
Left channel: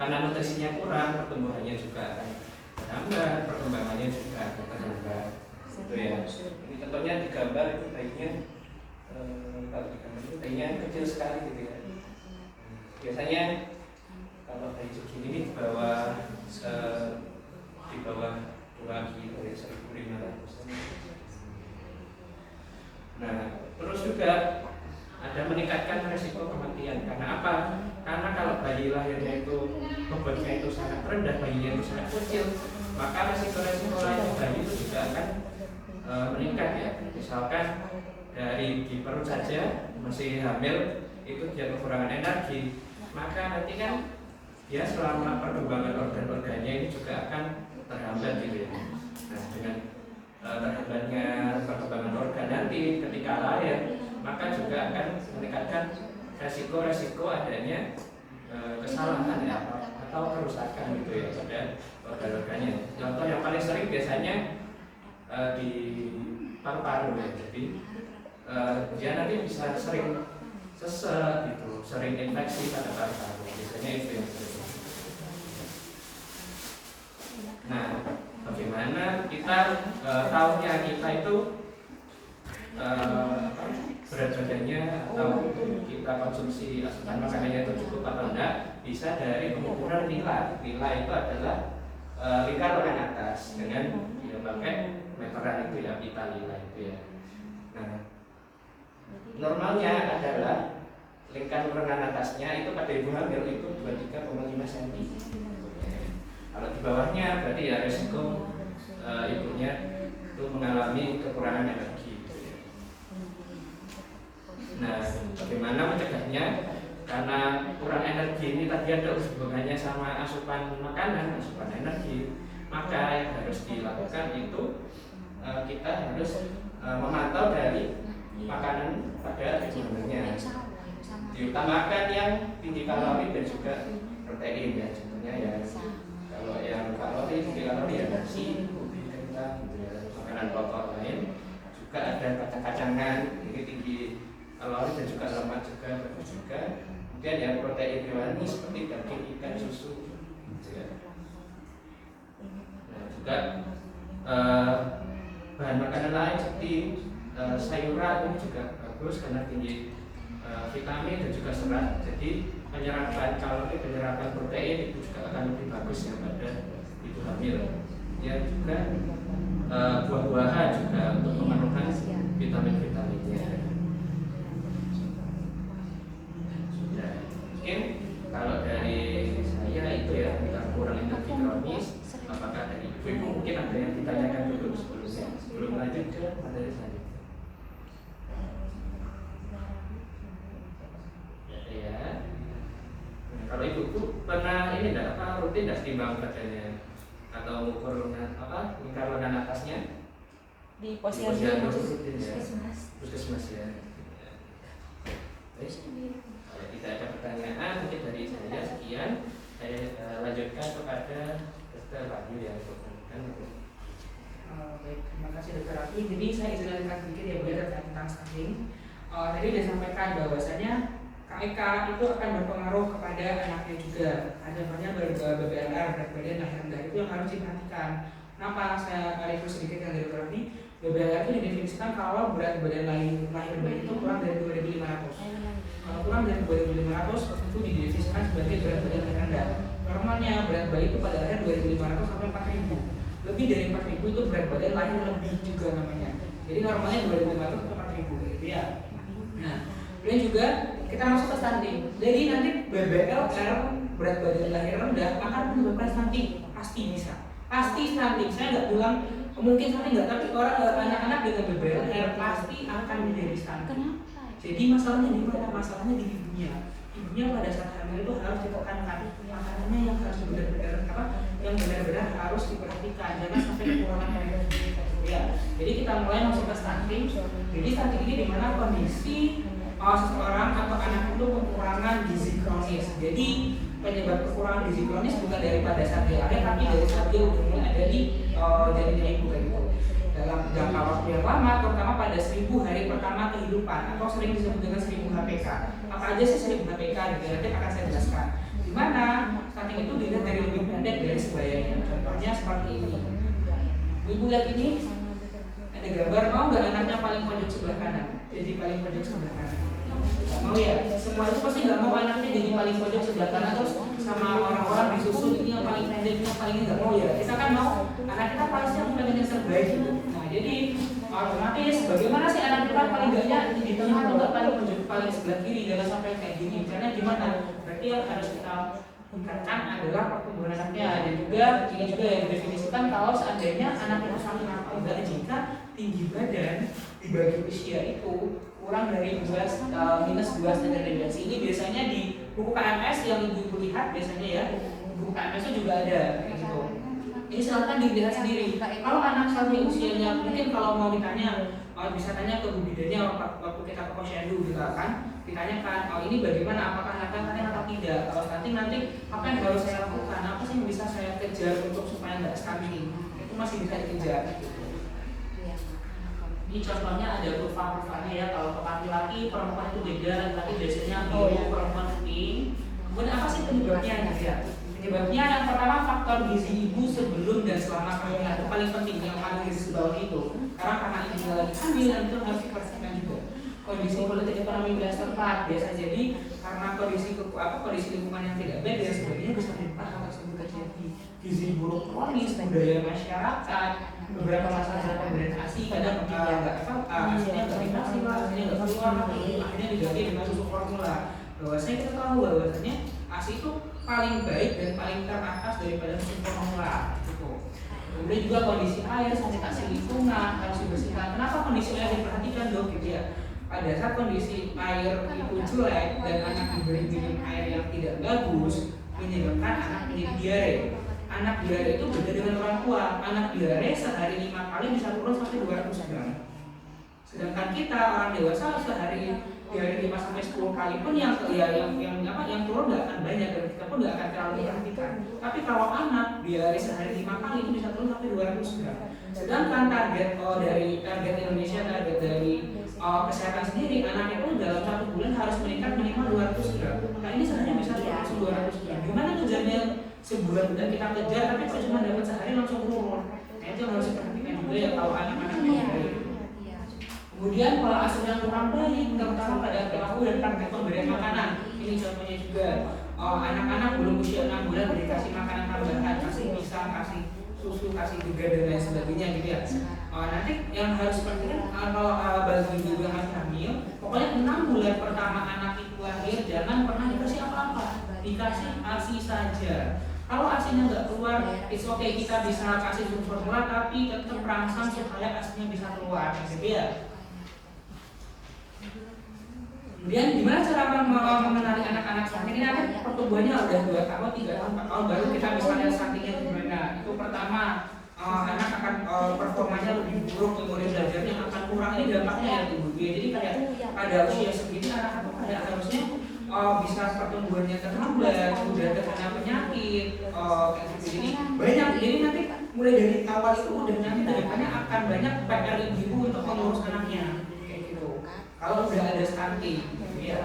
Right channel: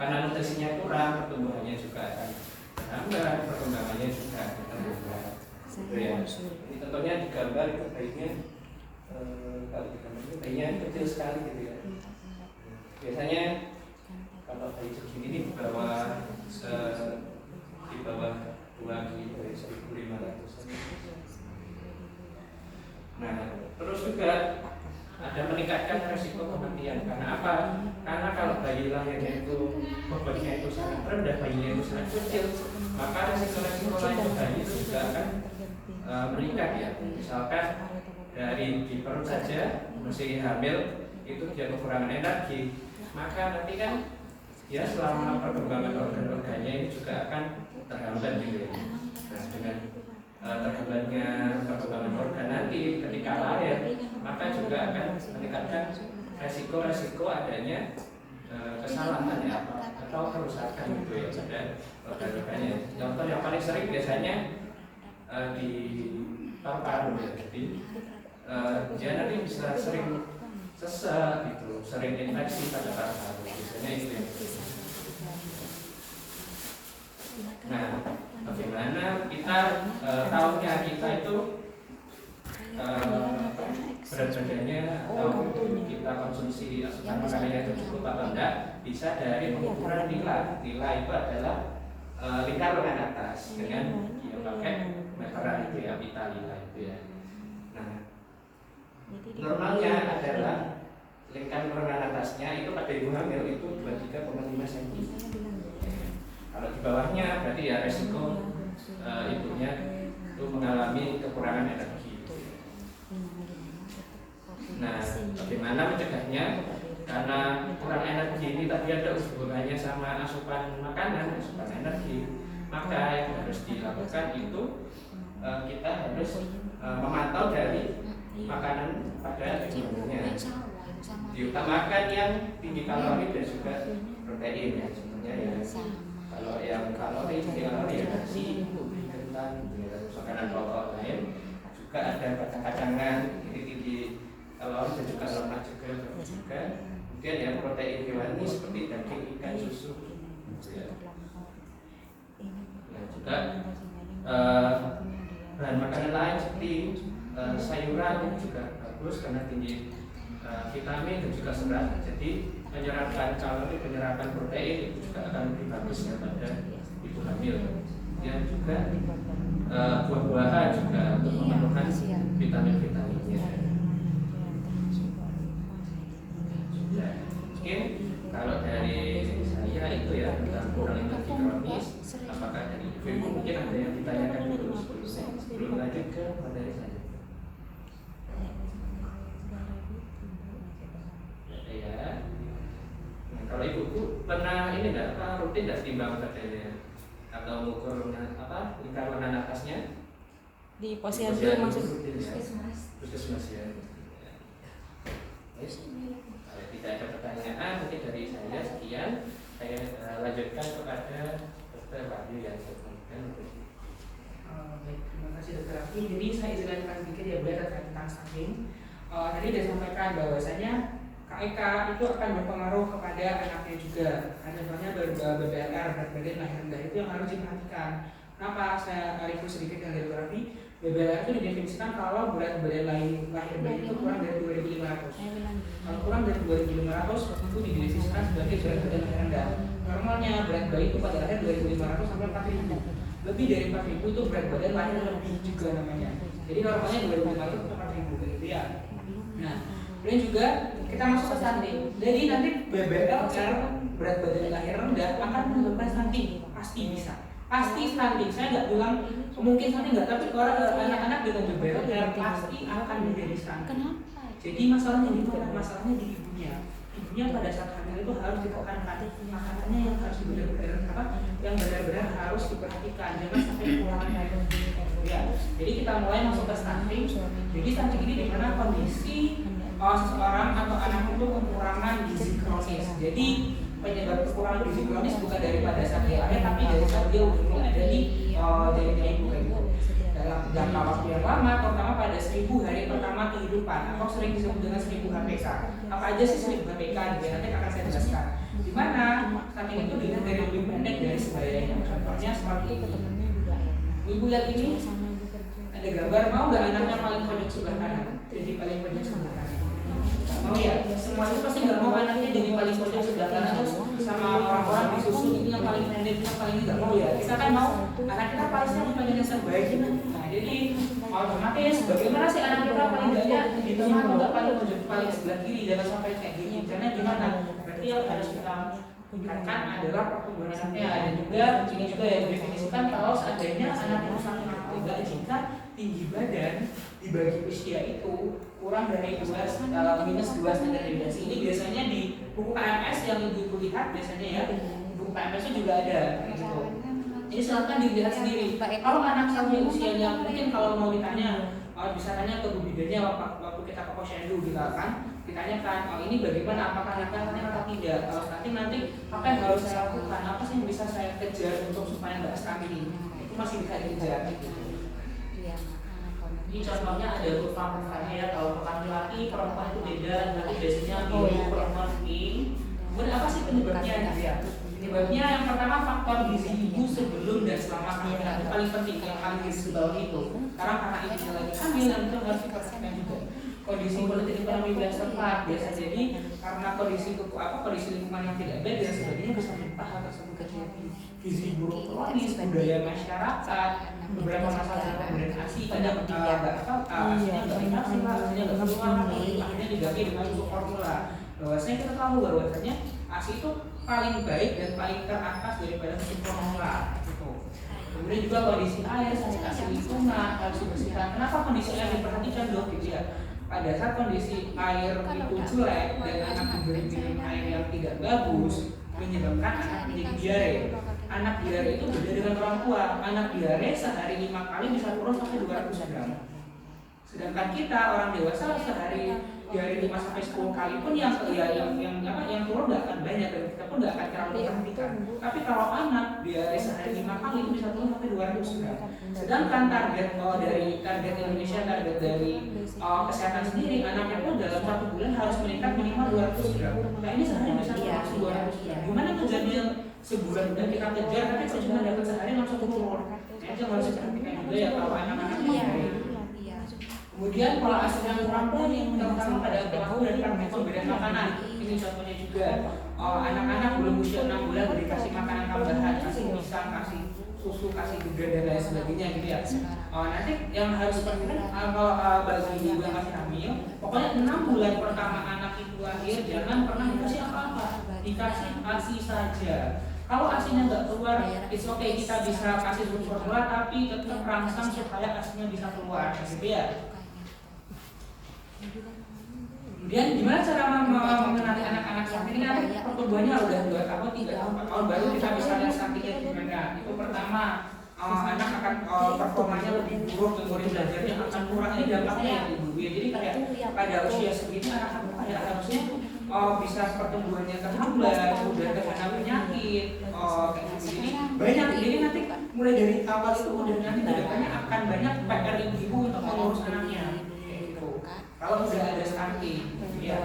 karena nutrisinya kurang, pertumbuhannya juga akan terhambat, perkembangannya juga akan terhambat gitu ya. Ini contohnya di gambar itu bayinya kalau di gambar itu bayinya kecil sekali gitu ya. Biasanya kalau kalau bayi segini ini di bawah 2 kilo, 1.500. Nah, terus juga ada meningkatkan resiko kematian. Karena apa? Karena kalau bayi lahirnya itu bobotnya itu sangat rendah, bayinya itu sangat kecil, maka resiko-resiko lain bayi itu juga akan meningkat ya. Misalkan dari di perut saja masih hamil itu dia kekurangan energi, maka nanti kan dia selama perkembangan organ-organnya ini juga akan terhambat gitu ya. Nah, dengan terhambatnya perkembangan organ nanti ketika lahir, maka juga akan meningkatkan resiko-resiko adanya kesalahan ya atau kerusakan gitu ya pada organ-organnya. Contoh yang paling sering biasanya di paru-paru ya. Jadi dia nanti bisa sering sesek gitu, sering infeksi pada paru-paru. Biasanya itu yang sering. Nah, bagaimana kita tahunya kita itu berat badannya atau kita konsumsi asupan makanannya itu cukup atau enggak, bisa dari pengukuran nilai. Nilai itu adalah lingkar lengan atas dengan ya pakai meteran itu ya, pita nilai itu ya. Nah, normalnya adalah lingkar lengan atasnya itu pada ibu hamil itu 23,5 cm. Kalau di bawahnya berarti ya resiko ibunya itu mengalami kekurangan energi. Nah, bagaimana mencegahnya? Karena kurang energi ini tadi ada hubungannya sama asupan makanan, asupan energi. Maka yang harus dilakukan itu kita harus memantau dari makanan pada jumlahnya. Diutamakan yang tinggi kalori dan juga protein ya. Sebenarnya ya kalau yang kalori tinggi kalori ya nasi, ubi, kentang, gitu ya. Makanan pokok lain juga ada kacang-kacangan ini tinggi kalori dan juga lemak juga. Kemudian yang protein hewani seperti daging, ikan, susu gitu ya. Nah, juga bahan makanan lain seperti sayuran ini juga bagus karena tinggi vitamin dan juga serat. Jadi penyerapan kalori, penyerapan protein itu juga akan lebih bagus ya pada ibu hamil. Yang juga buah-buahan juga untuk memenuhkan vitamin-vitaminnya. Sudah. Mungkin kalau dari saya itu ya tentang kurang energi kronis. Apakah dari ibu mungkin ada yang ditanyakan dulu sebelum lanjut ke materi saya? Ya. Nah, kalau ibuku pernah ini enggak rutin enggak timbang badannya atau mengukur lingkar lengan atasnya Di posyandu masih rutin ya. Puskesmas ya. Baik. Kalau tidak ada pertanyaan mungkin dari saya sekian. Saya lanjutkan kepada Dr. Wahyu yang bertanya. Baik, terima kasih Dr. Rafi. Jadi saya izin sedikit ya Bu terkait tentang stunting. Tadi sudah sampaikan bahwasanya KEK itu akan berpengaruh kepada anaknya juga. Ada banyak BBNR, berat badan lahir rendah itu yang harus diperhatikan. Kenapa saya review sedikit yang dari Dr. Rafi? BBNR itu didefinisikan kalau berat badan lahir rendah itu kurang dari 2.500. Kalau kurang dari 2.500 itu didefinisikan sebagai berat badan lahir rendah. Normalnya berat bayi itu pada lahir 2.500 sampai 4.000. Lebih dari 4.000 itu berat badan lahir lebih juga namanya. Jadi normalnya 2.500 sampai 4.000 gitu ya. Nah, kemudian juga kita masuk ke stunting. Jadi nanti BBLR berat badan lahir rendah akan menyebabkan stunting, pasti bisa. Pasti stunting. Saya nggak bilang mungkin stunting nggak, tapi orang anak-anak dengan BBLR pasti akan menjadi stunting. Jadi masalahnya di mana? Masalahnya di ibunya. Ibunya pada saat hamil itu harus ditekankan makanannya yang harus benar-benar harus diperhatikan, jangan sampai kekurangan air. Ya, jadi kita mulai masuk ke stunting. Jadi stunting ini di mana kondisi seseorang atau anak itu kekurangan gizi kronis. Jadi penyebab kekurangan gizi kronis bukan daripada saat dia lahir, tapi dari saat dia udah mulai ada di jadinya ibu kayak gitu. Dalam jangka waktu yang lama, terutama pada 1000 hari pertama kehidupan atau sering disebut dengan 1000 HPK. Apa aja sih 1000 HPK? Nanti akan saya jelaskan. Di mana stunting itu dilihat dari lebih pendek dari sebayanya. Contohnya seperti ini. Ibu lihat ini, ada gambar, mau nggak anaknya paling pojok sebelah kanan? Jadi paling pojok sebelah kanan. Mau ya? Semua itu pasti nggak mau anaknya jadi paling pojok sebelah kanan terus sama orang-orang di susu ini yang paling pendek, yang paling nggak mau ya. Kita kan mau anak kita pastinya bukan yang terbaik gitu. Nah jadi otomatis bagaimana sih anak kita paling enggaknya di tengah atau nggak paling pojok paling sebelah kiri, jangan sampai kayak gini. Caranya gimana? Berarti yang harus kita tingkatkan adalah pertumbuhan anaknya. Dan juga ini juga yang didefinisikan kalau seandainya anak itu saking atau enggak jika tinggi badan dibagi usia itu kurang dari minus 2 standar deviasi. Ini biasanya di buku KMS yang ibu lihat biasanya ya, buku KMS itu juga ada gitu. Jadi silakan dilihat sendiri. Kalau anak sampai usianya mungkin kalau mau ditanya bisa tanya ke Bu Bidannya waktu kita ke posyandu gitu kan, ditanyakan ini bagaimana, apakah anak stunting atau tidak. Kalau stunting nanti apa yang harus saya lakukan, apa sih yang bisa saya kejar untuk supaya nggak stunting, itu masih bisa dikejar gitu. Ini contohnya ada kurva-kurvanya ya, kalau ke laki-laki perempuan itu beda, laki biasanya biru, perempuan pink. Kemudian apa sih penyebabnya gitu ya? Penyebabnya yang pertama faktor gizi ibu sebelum dan selama kehamilan itu paling penting, yang paling gizi bawah itu. Karena ibunya lagi hamil dan itu harus diperhatikan juga. Kondisi politik ekonomi wilayah setempat biasa jadi karena kondisi lingkungan yang tidak baik dan sebagainya bisa menyebabkan hal tersebut terjadi. Gizi buruk kronis, budaya masyarakat, beberapa masalah dalam pemberian ASI kadang ASI-nya nggak dikasih lah, ASI-nya nggak keluar, akhirnya diganti dengan susu formula. Bahwasanya kita tahu bahwasanya ASI itu paling baik dan paling teratas daripada susu formula gitu. Kemudian juga kondisi air, sanitasi lingkungan harus dibersihkan. Kenapa kondisi air diperhatikan dok gitu ya? Pada saat kondisi air itu jelek dan anak diberi minum air yang tidak bagus menyebabkan anak menjadi diare. Anak diare itu beda dengan orang tua. Anak diare sehari 5 kali bisa turun sampai 200 gram. Sedangkan kita orang dewasa sehari diare 5 sampai 10 kali pun yang turun nggak akan banyak dan kita pun nggak akan terlalu perhatikan. Tapi kalau anak diare sehari 5 kali itu bisa turun sampai 200 gram. Sedangkan target Indonesia, target dari kesehatan sendiri, anak itu dalam 1 bulan harus meningkat minimal 200 gram. Nah ini sehari bisa turun 200 gram. Gimana kerjanya? Sebulan udah kita kejar tapi kok cuma dapat sehari langsung turun. Nah itu yang harus diperhatikan juga ya kalau anak-anaknya. Kemudian pola asuh yang kurang baik terutama pada perilaku dan praktek pemberian makanan. Ini contohnya juga anak-anak belum usia 6 bulan dikasih makanan tambahan, kasih pisang, kasih susu, kasih juga dan lain sebagainya gitu ya. Nanti yang harus diperhatikan kalau bagi ibu yang masih hamil, pokoknya 6 bulan pertama anak itu lahir jangan pernah dikasih apa-apa, dikasih ASI saja. Kalau ASInya nggak keluar, it's okay, kita bisa kasih susu formula tapi tetap rangsang supaya ASInya bisa keluar, gitu ya. Kemudian gimana cara mengenali anak-anak stunting ini? Pertumbuhannya udah 2 tahun, 3 tahun, 4 tahun baru kita bisa lihat stuntingnya gimana. Itu pertama, anak akan performanya lebih buruk, memori belajarnya akan kurang. Ini dampaknya ya ibu ya. Jadi kayak pada usia segini anak-anak kayak harusnya bisa pertumbuhannya terhambat, udah terkena penyakit, kayak gitu. Jadi banyak. Jadi nanti mulai dari awal itu udah nanti kedepannya akan banyak PR ibu untuk mengurus anaknya. Kalau udah ada stunting, ya.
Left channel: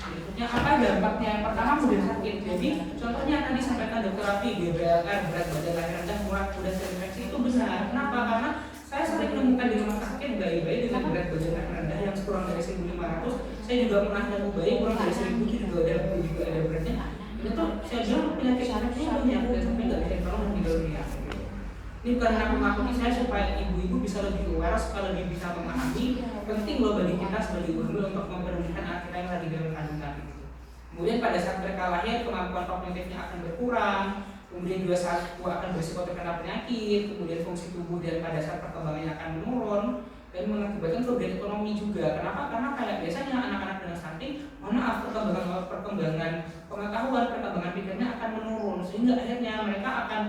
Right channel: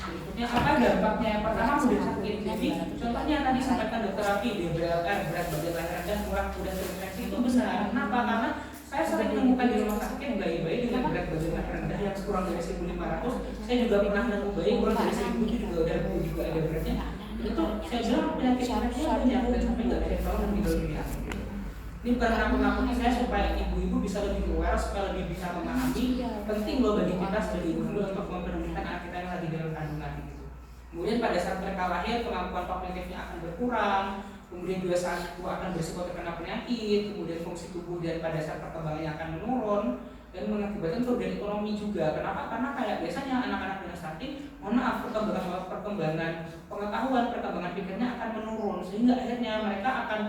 Berikutnya apa dampaknya? Yang pertama mudah sakit. Jadi contohnya tadi sampaikan dokter Rafi, DBLR, berat badan lahir rendah, mudah terinfeksi itu besar. Kenapa? Karena saya sering menemukan di rumah sakit bayi-bayi dengan berat badan lahir rendah yang kurang dari 1.500. Saya juga pernah nemu bayi kurang dari 1.000 itu juga ada beratnya. Itu saya bilang penyakit anaknya banyak dan sampai nggak bisa ditolong dan meninggal dunia. Ini bukan nakut-nakuti saya supaya ibu-ibu bisa lebih aware, supaya lebih bisa memahami. Penting loh bagi kita sebagai ibu untuk mempedulikan anak kita yang lagi dalam kandungan itu. Kemudian pada saat mereka lahir kemampuan kognitifnya akan berkurang, kemudian juga saat akan berisiko terkena penyakit, kemudian fungsi tubuh dan pada saat perkembangannya akan menurun dan mengakibatkan kerugian ekonomi juga. Kenapa? Karena kayak biasanya anak-anak dengan stunting, perkembangan pengetahuan, perkembangan pikirnya akan menurun sehingga akhirnya mereka akan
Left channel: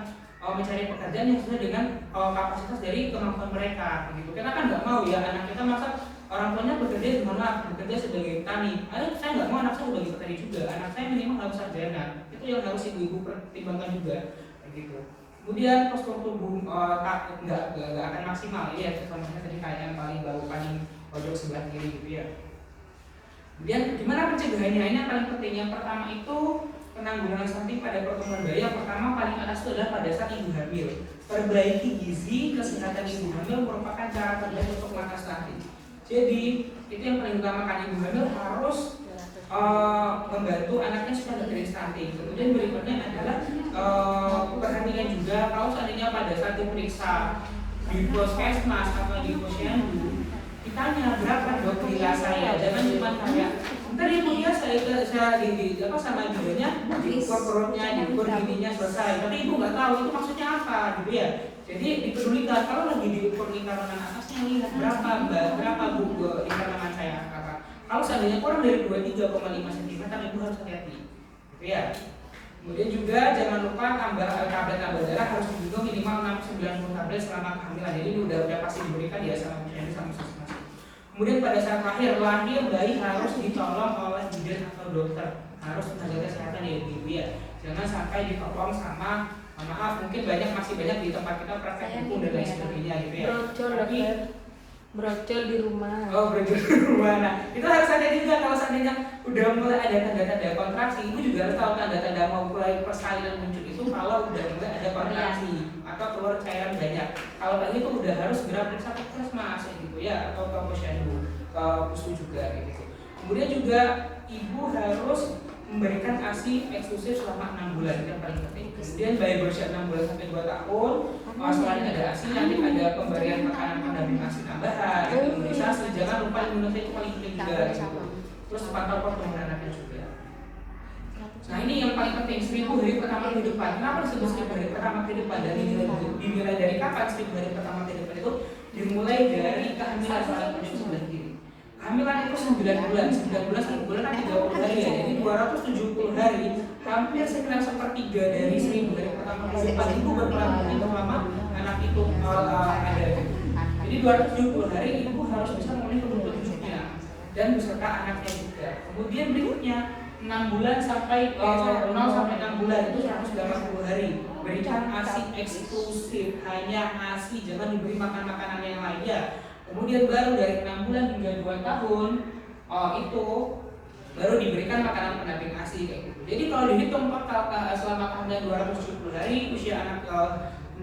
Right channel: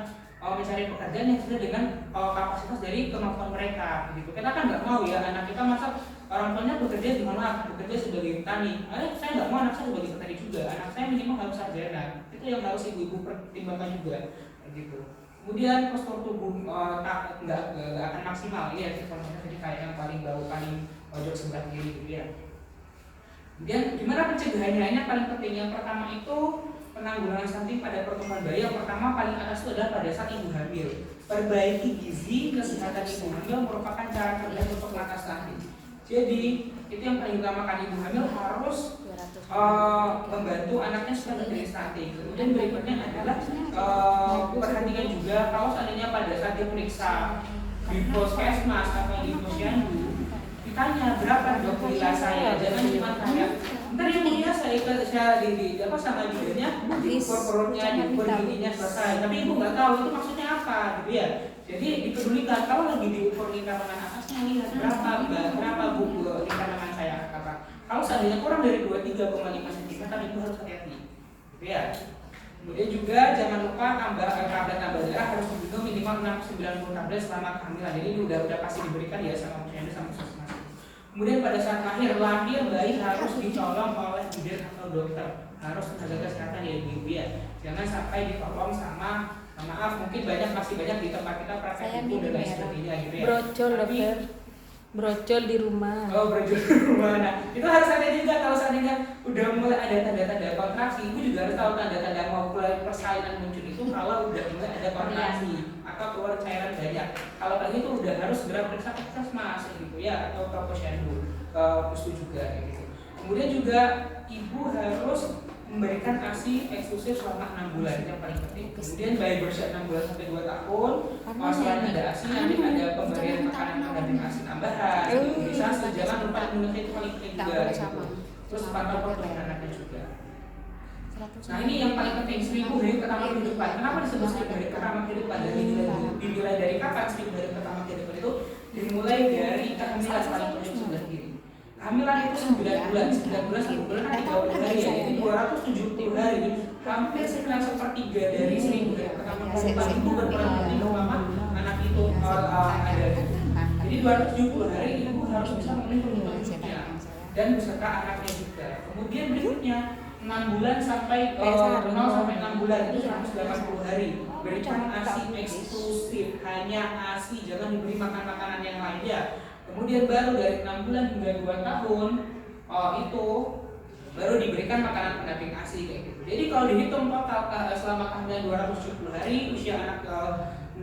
mencari pekerjaan yang sesuai dengan kapasitas dari kemampuan mereka gitu. Kita kan nggak mau ya anak kita masa orang tuanya bekerja di mana, bekerja sebagai petani. Saya nggak mau anak saya sebagai petani juga. Anak saya minimal harus sarjana. Itu yang harus ibu-ibu pertimbangkan juga gitu. Kemudian postur tubuh nggak akan maksimal ya. Contohnya tadi kayak yang paling bawah paling pojok sebelah kiri gitu ya. Kemudian gimana pencegahannya? Ini paling penting. Yang pertama itu penanggulangan stunting pada pertumbuhan bayi. Yang pertama paling atas itu adalah pada saat ibu hamil. Perbaiki gizi kesehatan ibu hamil merupakan cara terbaik untuk mengatasi stunting. Jadi itu yang paling utama kan, ibu hamil harus membantu anaknya supaya tidak jadi stunting. Kemudian berikutnya adalah perhatikan juga kalau seandainya pada saat diperiksa di puskesmas atau di posyandu ditanya berapa dok gila saya, jangan cuma kayak ntar ibunya saya di apa sama bidannya diukur perutnya, diukur giginya selesai, tapi ibu nggak tahu itu maksudnya apa gitu ya. Jadi dipedulikan kalau lagi diukur lingkar lengan atasnya, lihat berapa bu lingkar lengan saya apa. Kalau seandainya kurang dari 23,5 cm ibu harus hati-hati gitu ya. Kemudian juga jangan lupa tablet darah harus diminum minimal 90 tablet selama kehamilan. Jadi ini udah pasti diberikan ya sama posyandu sama puskesmas. Kemudian pada saat lahir bayi harus ditolong oleh bidan atau dokter, harus menjaga kesehatan ya ibu ya. Jangan sampai ditolong sama maaf mungkin masih banyak di tempat kita praktek hukum dan lain sebagainya gitu ya. Brojol di rumah. Oh, brojol di rumah. Nah, itu harus hati juga kalau seandainya udah mulai ada tanda-tanda kontraksi, ibu juga harus tahu tanda-tanda mau mulai persalinan muncul itu kalau udah mulai ada kontraksi atau keluar cairan banyak. Kalau kayak gitu udah harus segera periksa ke puskesmas gitu ya, atau ke posyandu, ke puskesmas juga gitu. Kemudian juga ibu harus memberikan ASI eksklusif selama 6 bulan, yang paling penting. Kemudian bayi berusia 6 bulan sampai 2 tahun, selain ada ASI nanti ada pemberian makanan pendamping ASI tambahan, imunisasi, jangan lupa imunisasi itu paling penting juga gitu. Terus pantau pertumbuhan anaknya juga. Nah ini yang paling penting, 1000 hari pertama kehidupan. Kenapa disebut 1000 hari pertama kehidupan? Dimulai dari kapan 1000 hari pertama kehidupan itu? Dimulai dari kehamilan paling penting sudah diri. Kehamilan itu 9 bulan, 1 bulan kan 30 hari ya, jadi 270 hari, hampir sekitar sepertiga dari 1000 hari pertama kehidupan ibu berperan penting selama anak itu ada. Jadi 270 hari ibu harus bisa memenuhi kebutuhan hidupnya dan beserta anaknya juga. Kemudian berikutnya 6 bulan sampai 0 sampai 6 bulan itu 180 hari. Berikan ASI eksklusif, hanya ASI, jangan diberi makanan yang lainnya. Kemudian baru dari 6 bulan hingga 2 tahun itu baru diberikan makanan pendamping ASI kayak gitu. Jadi kalau dihitung total selama kehamilan 270 hari, usia anak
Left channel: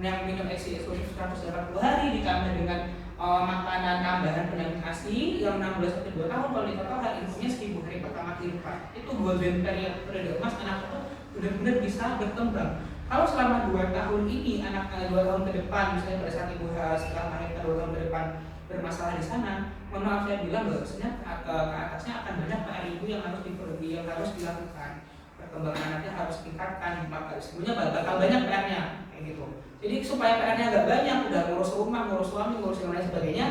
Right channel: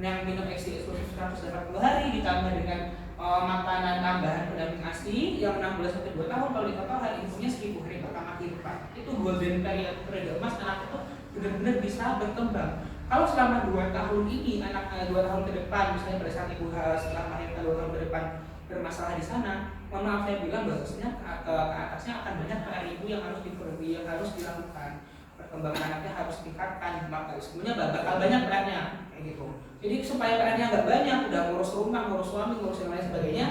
yang minum ASI eksklusif 180 hari ditambah dengan makanan tambahan pendamping ASI yang 6 bulan sampai 2 tahun, kalau di total hari ibunya 1000 hari pertama kehidupan. Itu golden periode emas anak itu benar-benar bisa berkembang. Kalau selama 2 tahun ini anak 2 tahun ke depan, misalnya pada saat ibu setelah melahirkan 2 tahun ke depan bermasalah di sana, mohon maaf saya bilang bahwasanya ke atasnya akan banyak PR ibu yang harus dilakukan. Perkembangan anaknya harus ditingkatkan, maka sebenarnya bakal banyak PR-nya kayak gitu. Jadi supaya PR-nya agak banyak, udah ngurus rumah, ngurus suami, ngurus yang lain sebagainya,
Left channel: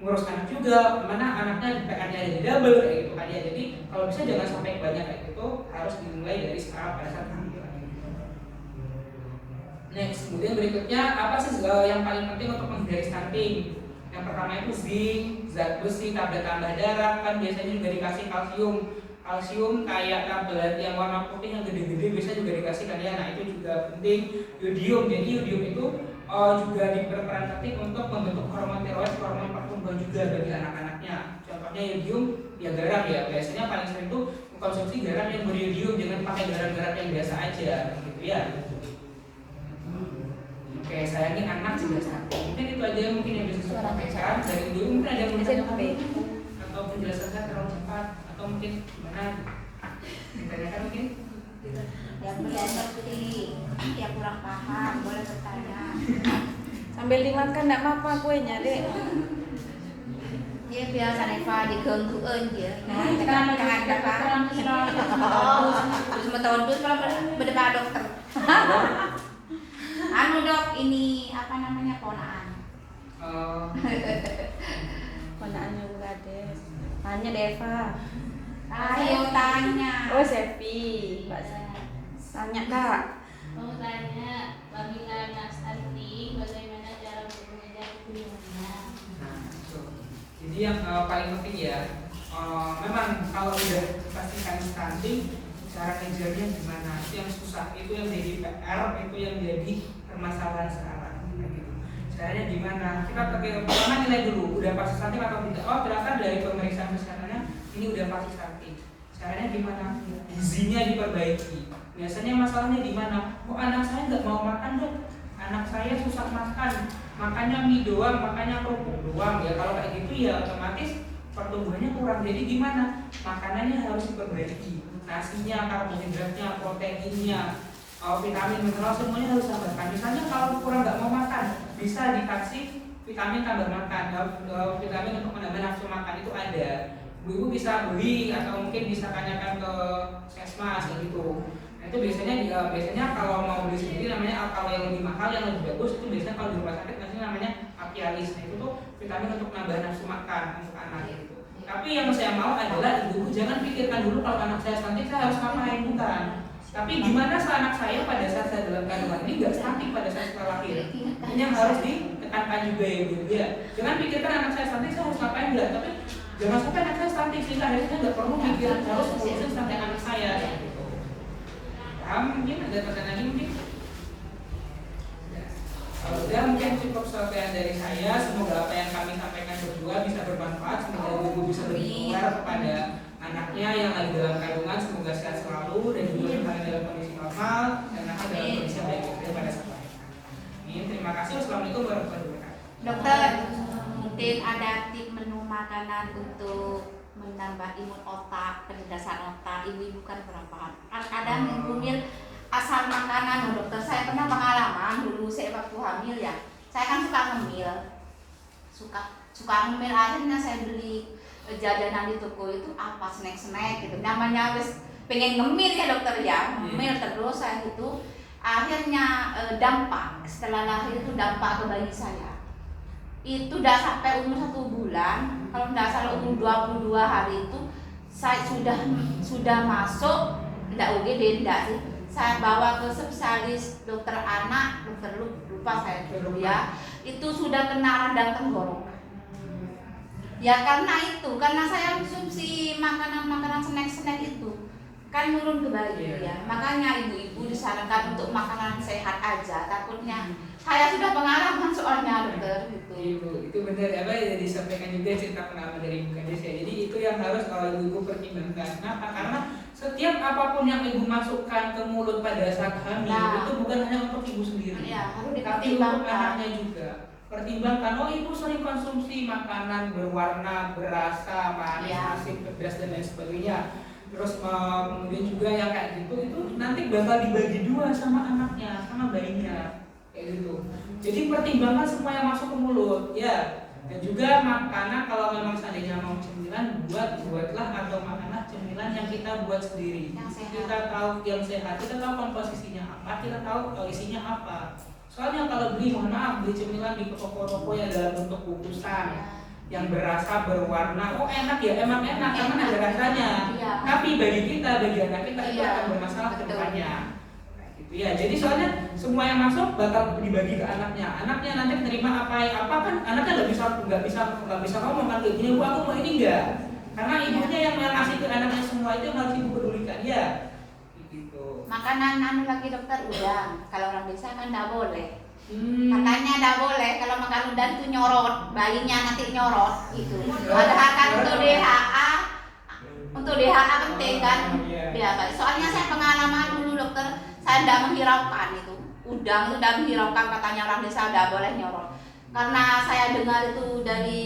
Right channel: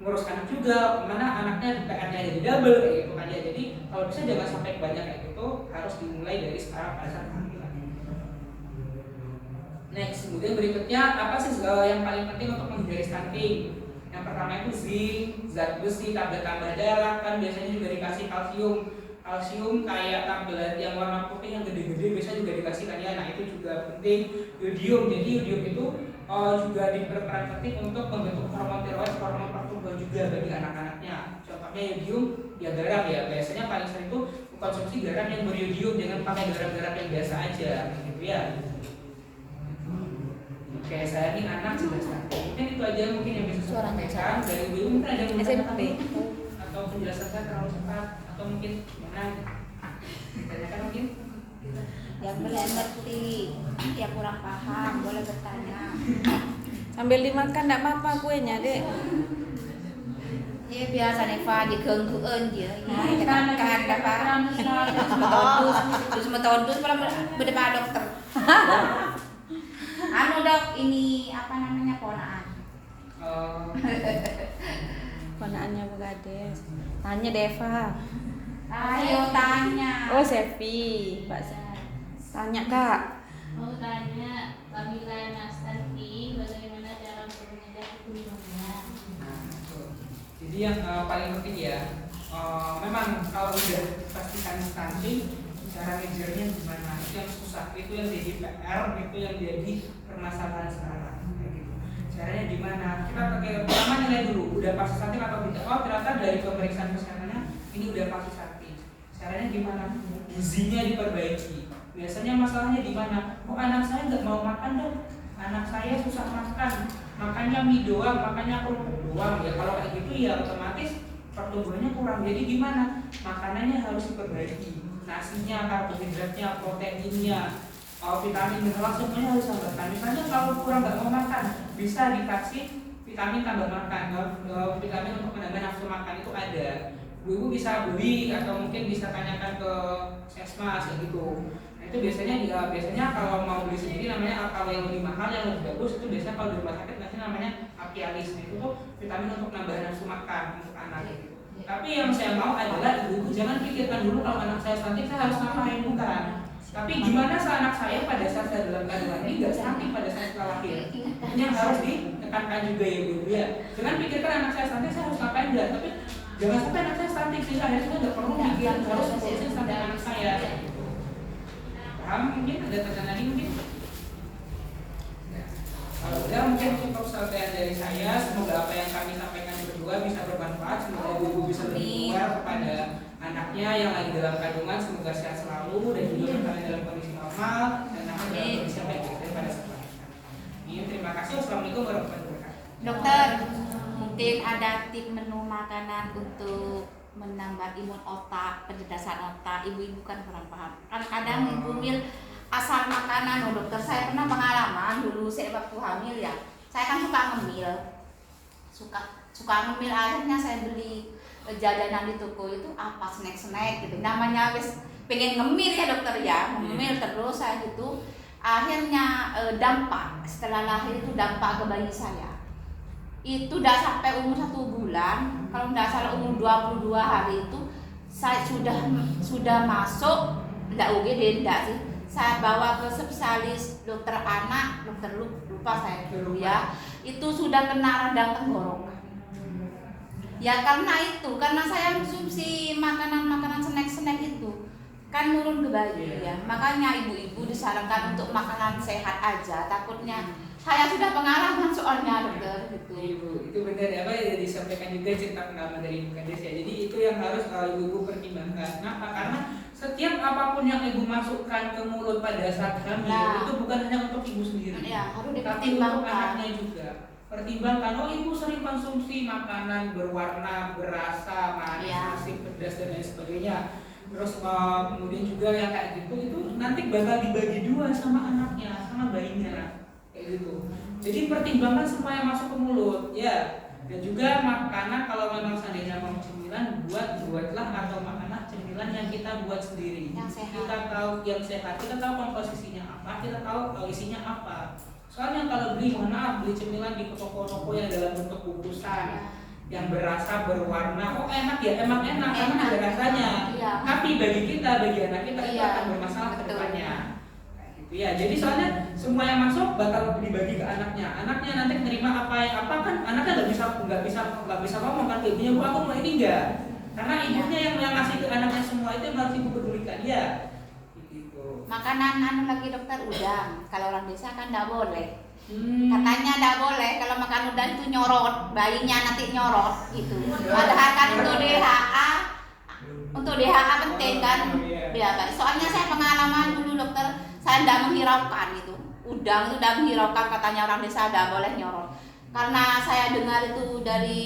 ngurus anak juga, mana anaknya PR-nya jadi double kayak gitu aja. Jadi kalau bisa jangan sampai banyak kayak gitu, harus dimulai dari sekarang pada saat kehamilan. Next, kemudian berikutnya apa sih yang paling penting untuk menghindari stunting? Yang pertama itu zinc, zat besi, tablet tambah darah, kan biasanya juga dikasih kalsium kayak tablet yang warna putih yang gede-gede biasanya juga dikasih kan ya. Nah itu juga penting. Yodium, jadi yodium itu juga berperan penting untuk membentuk hormon tiroid, hormon pertumbuhan juga bagi anak-anaknya. Contohnya yodium ya garam ya, biasanya paling sering itu konsumsi garam yang beriodium, jangan pakai garam-garam yang biasa aja gitu ya. Oke, saya ini anak juga stunting. Mungkin itu aja mungkin yang bisa saya sampaikan dari dulu. Mungkin ada yang atau penjelasan saya terlalu cepat atau mungkin gimana? Ditanyakan mungkin? Yang seperti yang kurang paham boleh bertanya. Sambil dimakan enggak apa-apa kuenya, Dek. Ya biasa Neva di keungkuan dia. Kan ada apa? Terus tahun terus berdepan dokter. Anu dok, ini apa namanya ponaan? Ponaannya Bu Gades. Tanya Deva. Ayo tanya. Oh, Sevi. Mbak tanya Kak. mau tanya apabila anak stunting bagaimana cara untuk mengejar pertumbuhannya? Nah, jadi yang paling penting ya, memang kalau udah pastikan stunting, cara ngejarnya gimana? Itu yang susah, itu yang jadi PR, itu yang jadi permasalahan sekarang. Gitu. Caranya gimana? Kita pakai pertama nilai dulu, udah pasti stunting atau tidak? Oh ternyata dari pemeriksaan kesehatannya ini udah pasti stunting. Caranya gimana? Gizinya diperbaiki. Biasanya masalahnya di mana? Oh anak saya nggak mau makan dong. Anak saya susah makan, makannya mie doang, makannya kerupuk doang. Ya kalau kayak gitu ya otomatis pertumbuhannya kurang. Jadi gimana? Makanannya harus diperbaiki, nasinya, karbohidratnya, proteinnya, vitamin mineral semuanya harus tambahkan. Misalnya kalau kurang nggak mau makan, bisa dikasih vitamin tambah makan. Vitamin untuk menambah nafsu makan itu ada. Ibu bisa beli atau mungkin bisa tanyakan ke Sesmas kayak gitu. Nah, itu biasanya kalau mau beli sendiri namanya, kalau yang lebih mahal yang lebih bagus itu biasanya kalau di rumah sakit biasanya namanya Apialis. Nah, itu tuh vitamin untuk nambah nafsu makan untuk anak gitu. Tapi yang saya mau adalah ibu jangan pikirkan dulu kalau anak saya stunting saya harus ngapain, bukan. Tapi gimana anak saya pada saat saya dalam kandungan ini nggak stunting pada saat setelah lahir. Ini yang harus ditekankan juga ya ibu ya. Jangan pikirkan anak saya stunting saya harus ngapain, enggak. Tapi jangan sampai anak saya stunting sehingga akhirnya saya nggak perlu mikir harus ngurusin sampai anak saya. Gitu. Paham? Mungkin ada pertanyaan lagi mungkin. Udah mungkin cukup sekian dari saya. Semoga apa yang kami sampaikan berdua bisa bermanfaat. Semoga ibu bisa lebih aware kepada anaknya yang lagi dalam kandungan. Semoga sehat selalu dan juga kalian dalam kondisi normal dan anak dalam kondisi yang baik pada saat melahirkan. Terima kasih. Wassalamualaikum warahmatullahi wabarakatuh. Dokter, mungkin ada tip menu makanan untuk menambah imun otak, pencerdasan otak. Ibu-ibu kan kurang paham. Kadang bumil asal makanan, dokter. Saya pernah pengalaman dulu saya waktu hamil ya. Saya kan suka ngemil, suka ngemil. Akhirnya saya beli jajanan di toko itu apa snack gitu. Namanya wis pengen ngemil ya dokter ya, ngemil terus saya gitu. Akhirnya dampak setelah lahir itu dampak ke bayi saya. Itu udah sampai umur 1 bulan, kalau nggak salah umur 22 hari itu saya sudah masuk, enggak UGD enggak sih. Saya bawa ke spesialis dokter anak, dokter lupa saya dulu ya. Itu sudah kena radang tenggorokan. Ya karena saya konsumsi makanan snack itu kan turun ke bayi ya. Makanya ibu-ibu disarankan untuk makanan sehat aja. Takutnya saya sudah pengalaman soalnya dokter gitu. Itu benar ya, ya disampaikan juga cerita pengalaman dari Ibu Kades ya. Jadi itu yang harus ibu pertimbangkan. Kenapa? Karena setiap apapun yang ibu masukkan ke mulut pada saat hamil itu bukan hanya untuk ibu sendiri, tapi untuk anaknya juga. Pertimbangkan, oh ibu sering konsumsi makanan berwarna, berasa, manis, asin, pedas dan lain sebagainya. Terus kemudian juga yang kayak gitu itu nanti bakal dibagi 2 sama anaknya, sama bayinya, kayak gitu. Jadi pertimbangkan semua yang masuk ke mulut, ya. Dan juga makanan kalau memang seandainya mau cemilan, buatlah atau makanan cemilan yang kita buat sendiri. Kita tahu yang sehat, kita tahu komposisinya apa, kita tahu isinya apa. Soalnya kalau beli, mohon maaf, beli cemilan di toko-toko yang dalam bentuk bungkusan yang berasa, berwarna, oh enak ya, emang enak karena ada rasanya. Tapi bagi kita, bagi anak kita itu akan bermasalah ke depannya. Ya, jadi soalnya semua yang masuk bakal dibagi ke anaknya. Anaknya nanti menerima apa kan anaknya nggak bisa ngomong kan ibunya, Bu aku mau ini enggak. Karena ibunya yang ngasih ke anaknya semua itu yang harus ibu pedulikan ya. Gitu. Makanan lagi dokter udang. Kalau orang desa kan enggak boleh. Katanya enggak boleh kalau makan udang itu nyorot, bayinya nanti nyorot gitu. Padahal kan untuk DHA penting kan. Ya, soalnya saya pengalaman dulu dokter, saya tidak menghiraukan itu. Udang itu tidak menghiraukan, katanya orang desa tidak boleh nyorot. Karena saya dengar itu dari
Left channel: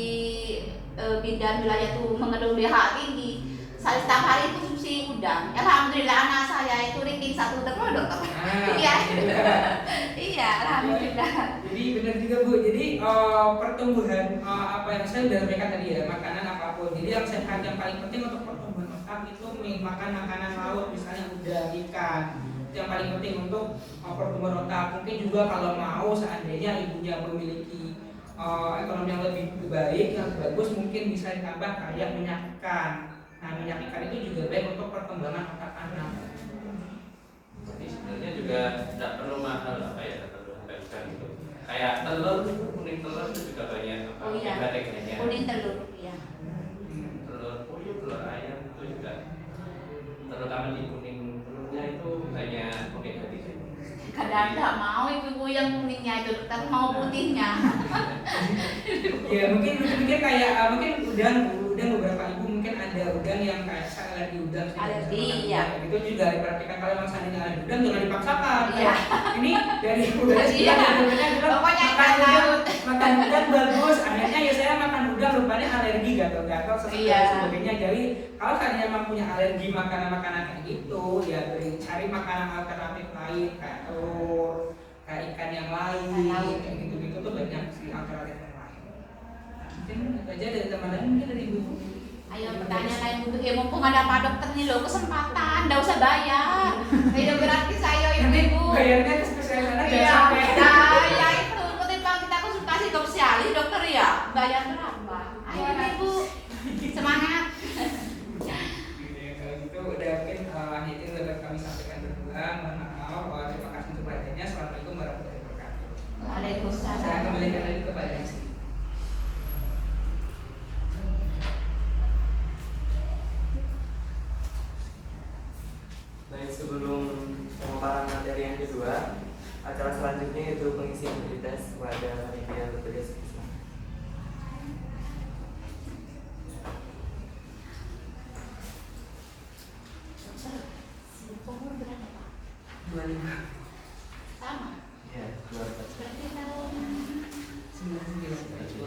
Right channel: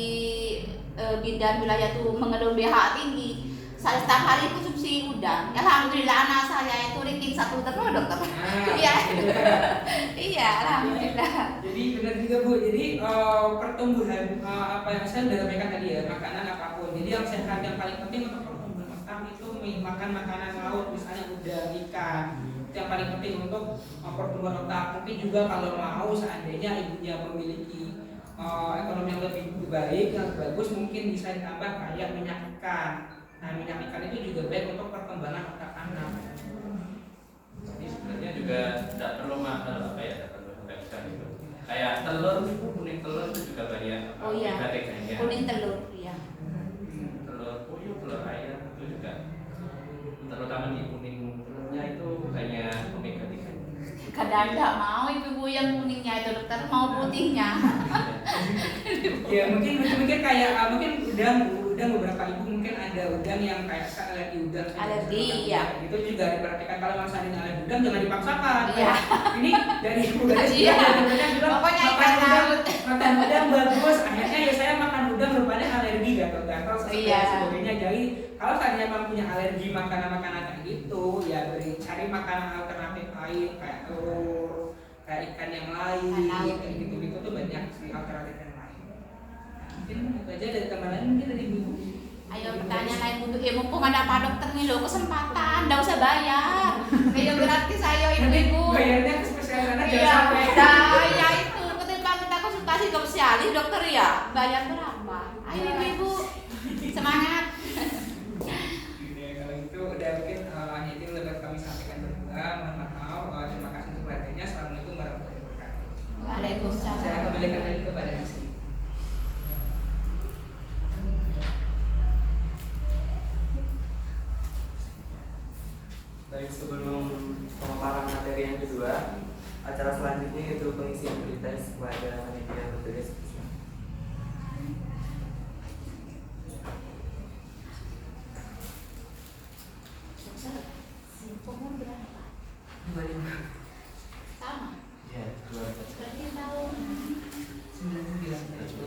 bidan wilayah itu mengandung DHA tinggi. Saya setiap hari konsumsi udang. Alhamdulillah anak saya itu ranking 1 terus dokter. Iya. Iya, alhamdulillah. Jadi benar juga Bu. Jadi pertumbuhan apa yang saya sudah sampaikan tadi ya, makanan apapun. Jadi yang sehat yang paling penting untuk pertumbuhan otak itu makan makanan laut, misalnya udang, ikan. Yang paling penting untuk pertumbuhan otak. Mungkin juga kalau mau seandainya ibunya memiliki ekonomi yang lebih baik, yang bagus, mungkin bisa ditambah kayak minyak ikan. Nah, minyak ikan itu juga baik untuk perkembangan otak anak. Jadi sebenarnya juga tidak perlu mahal tidak perlu harga ikan gitu. Kayak telur, kuning telur itu juga banyak omega-3-nya. Kuning telur, ya. Telur puyuh, telur ayam itu juga, terutama di kuning telurnya itu banyak omega-3. Kadang-kadang mau ibu yang kuningnya itu dokter, mau putihnya. Ya mungkin kayak mungkin udang beberapa ibu mungkin ada udang yang kayak alergi udang. Alergi, ya. Itu juga diperhatikan kalau memang seandainya alergi udang jangan dipaksakan. Iya. Ini dari ibu guys Iya. Pokoknya makan udang bagus. Akhirnya ya saya makan udang rupanya alergi gatal-gatal sesak Iya. dan sebagainya. Jadi kalau kalian memang punya alergi makanan-makanan kayak gitu, ya cari makanan alternatif lain kayak telur, kayak ikan yang lain, kayak gitu-gitu tuh banyak sih alternatif yang lain. Nah, mungkin itu aja dari teman lain, mungkin dari ibu. Ayo pertanyaan lain dulu. Mumpung ada Pak Dokter nih loh, kesempatan, nggak usah bayar. Beda gratis ayo ibu-ibu. Bayarnya ke spesialis anak Iya, jangan sampai. nah, ya itu ketika kita konsultasi spesialis dokter ya bayar berapa? Ayo ibu-ibu semangat. Ya, kalau gitu udah mungkin hanya itu yang dapat kami sampaikan berdua. Mohon maaf, terima kasih untuk perhatiannya. Assalamualaikum warahmatullahi wabarakatuh. Waalaikumsalam. Saya kembalikan lagi kepada Isi. Baik, sebelum pemaparan materi yang kedua, acara selanjutnya yaitu pengisian berita kepada panitia yang bertugas. Sama. Ya, Berarti tahun.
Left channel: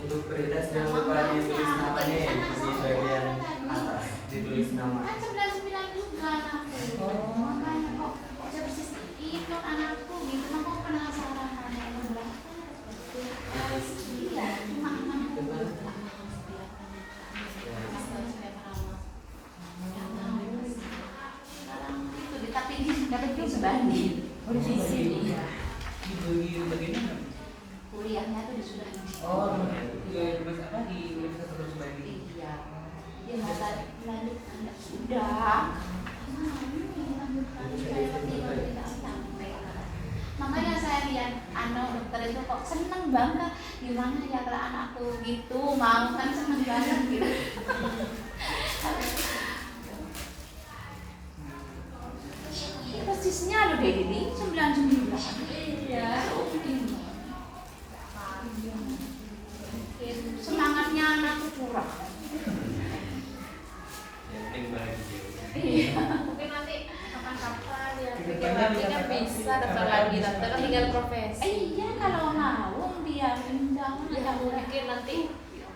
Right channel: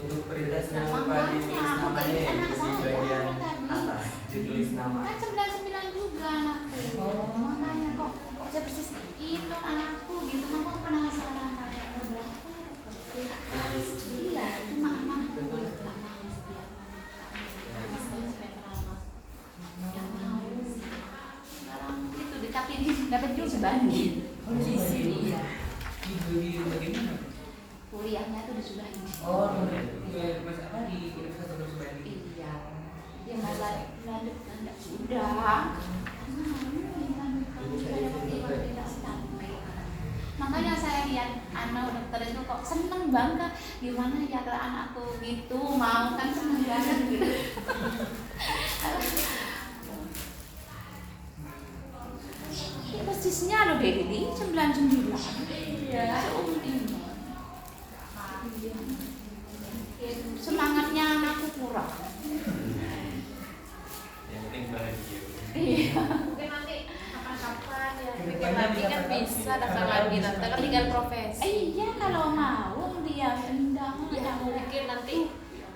untuk berita jangan lupa ditulis namanya ya di bagian atas, ditulis nama. Kan 99 juga anakku. Makanya kok bisa persis itu anakku gitu. Kenapa penasaran anakku berapa? Iya, anakku. Tapi dapat juga sebanding. Visi iya. Dibagi bagaimana? Kuliahnya tuh disudahi. Oh, ya terus ada di universitas terus bagi. Iya. Dia nggak lanjut sudah. Makanya saya lihat anak dokter itu kok seneng banget, gimana ya kalau anakku gitu mau kan seneng banget gitu. Ini persisnya loh kayak gini 99. Iya. Semangatnya anakku kurang. Yang penting bahagia. Iya. Mungkin nanti kapan-kapan ya. Nanti kan bisa daftar lagi, nanti kan tinggal profesi. Iya kalau mau dia undang. Ya mungkin nanti.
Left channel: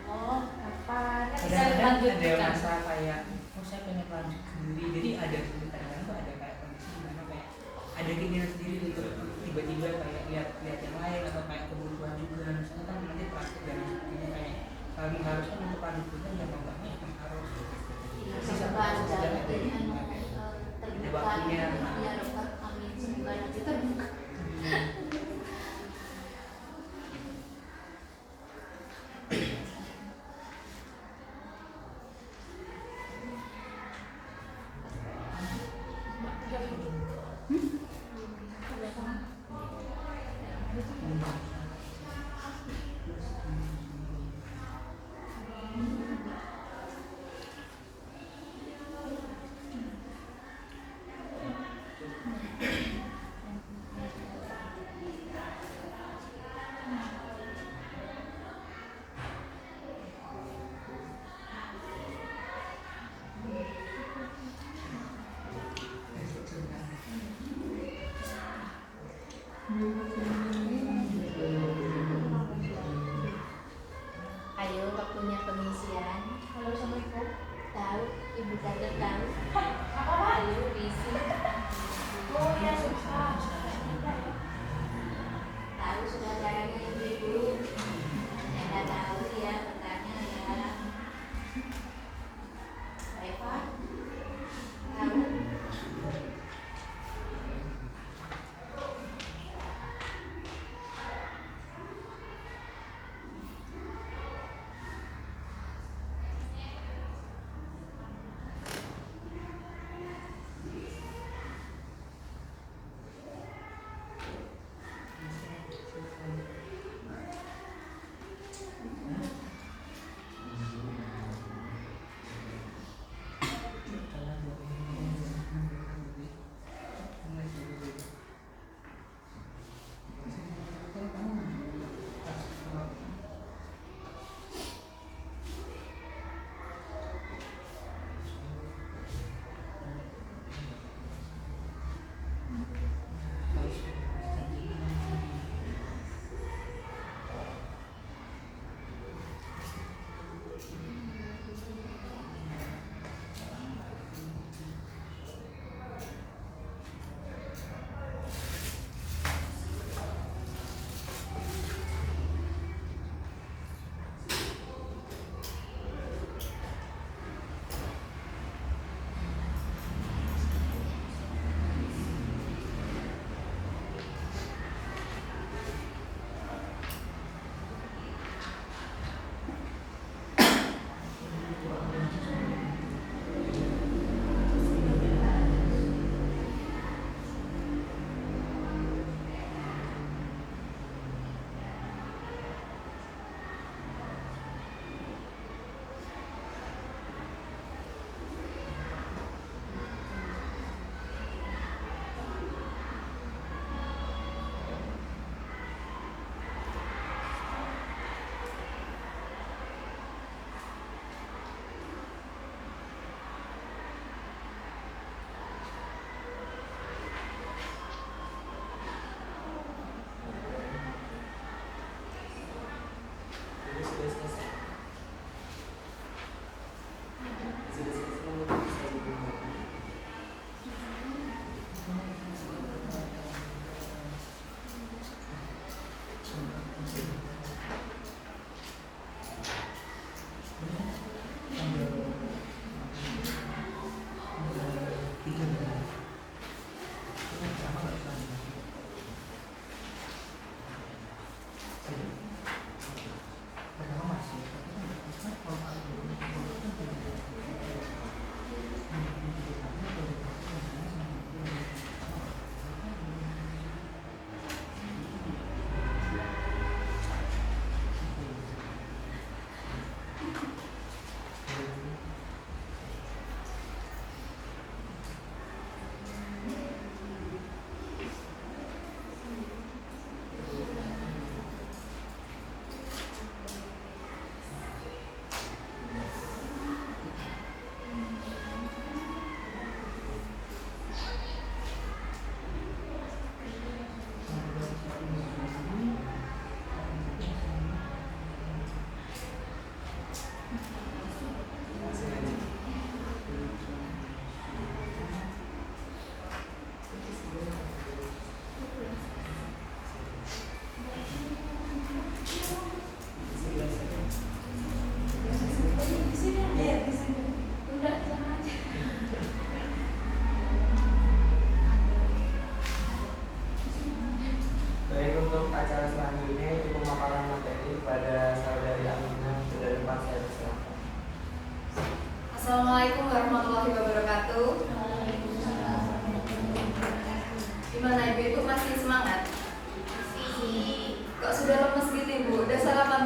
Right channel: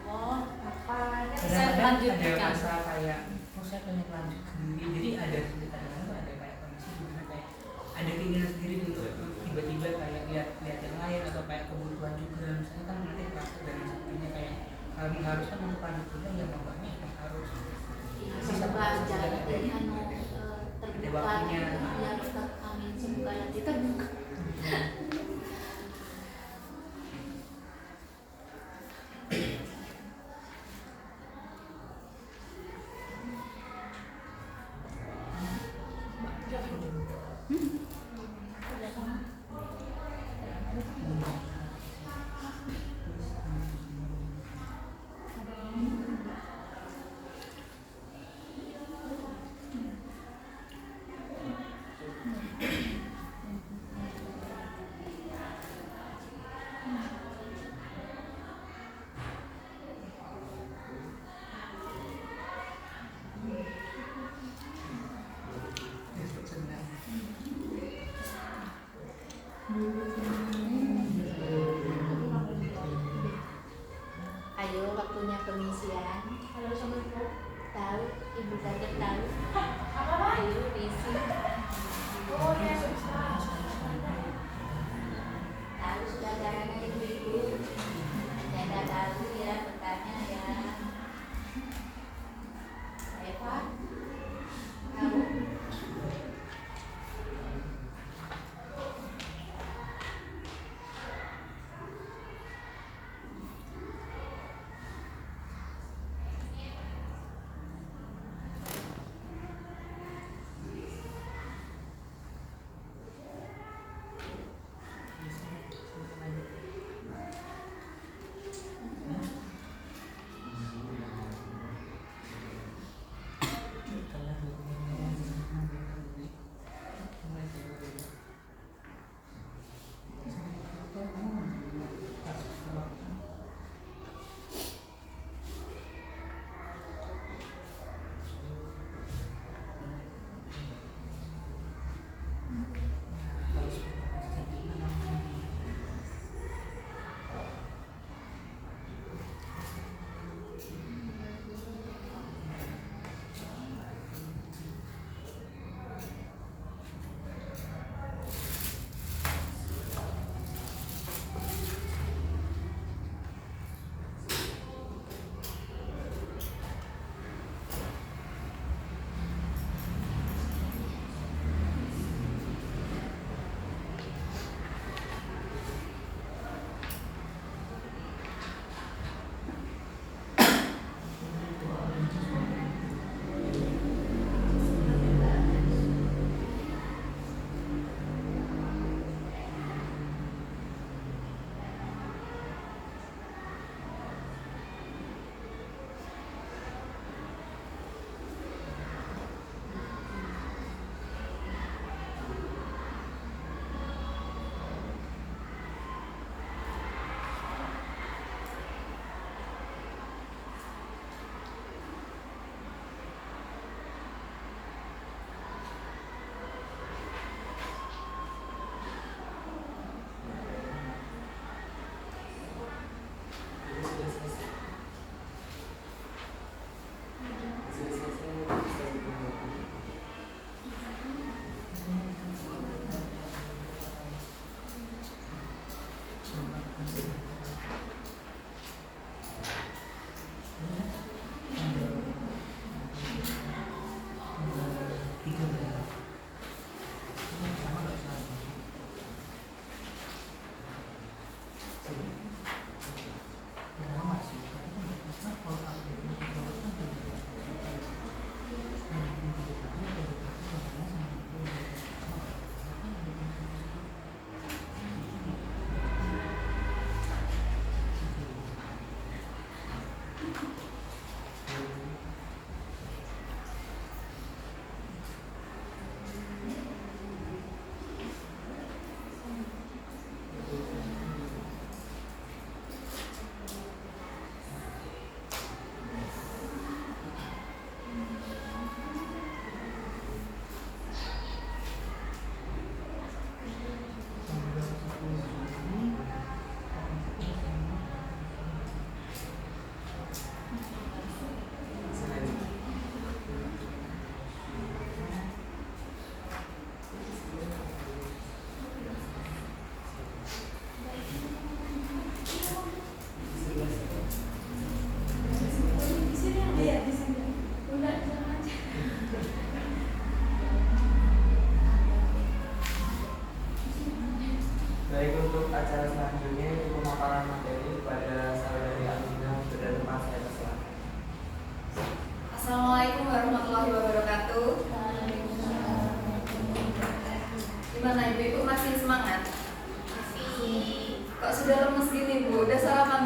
Oh, kapan? Kan bisa Kadang-kadang ada lanjutkan. masa kayak, oh saya pengen lanjut sendiri. Jadi ada kadang-kadang tuh ada kayak kondisi dimana kayak ada keinginan sendiri untuk tiba-tiba kayak lihat yang lain atau kayak kebutuhan juga. Misalnya kan nanti praktek dan sebagainya kayak kami harus kan untuk lanjut juga yang enggaknya harus Bisa belajar dari anu terbuka waktunya. ya dokter amin semoga nanti terbuka. Ayo waktunya pengisian. Halo Assalamualaikum. Tahu ibu kaget tahu. Ayo isi. Oh, ya sudah. Tahu sudah caranya ibu-ibu. Jangan tahu ya bertanya ya. Eva. Tahu.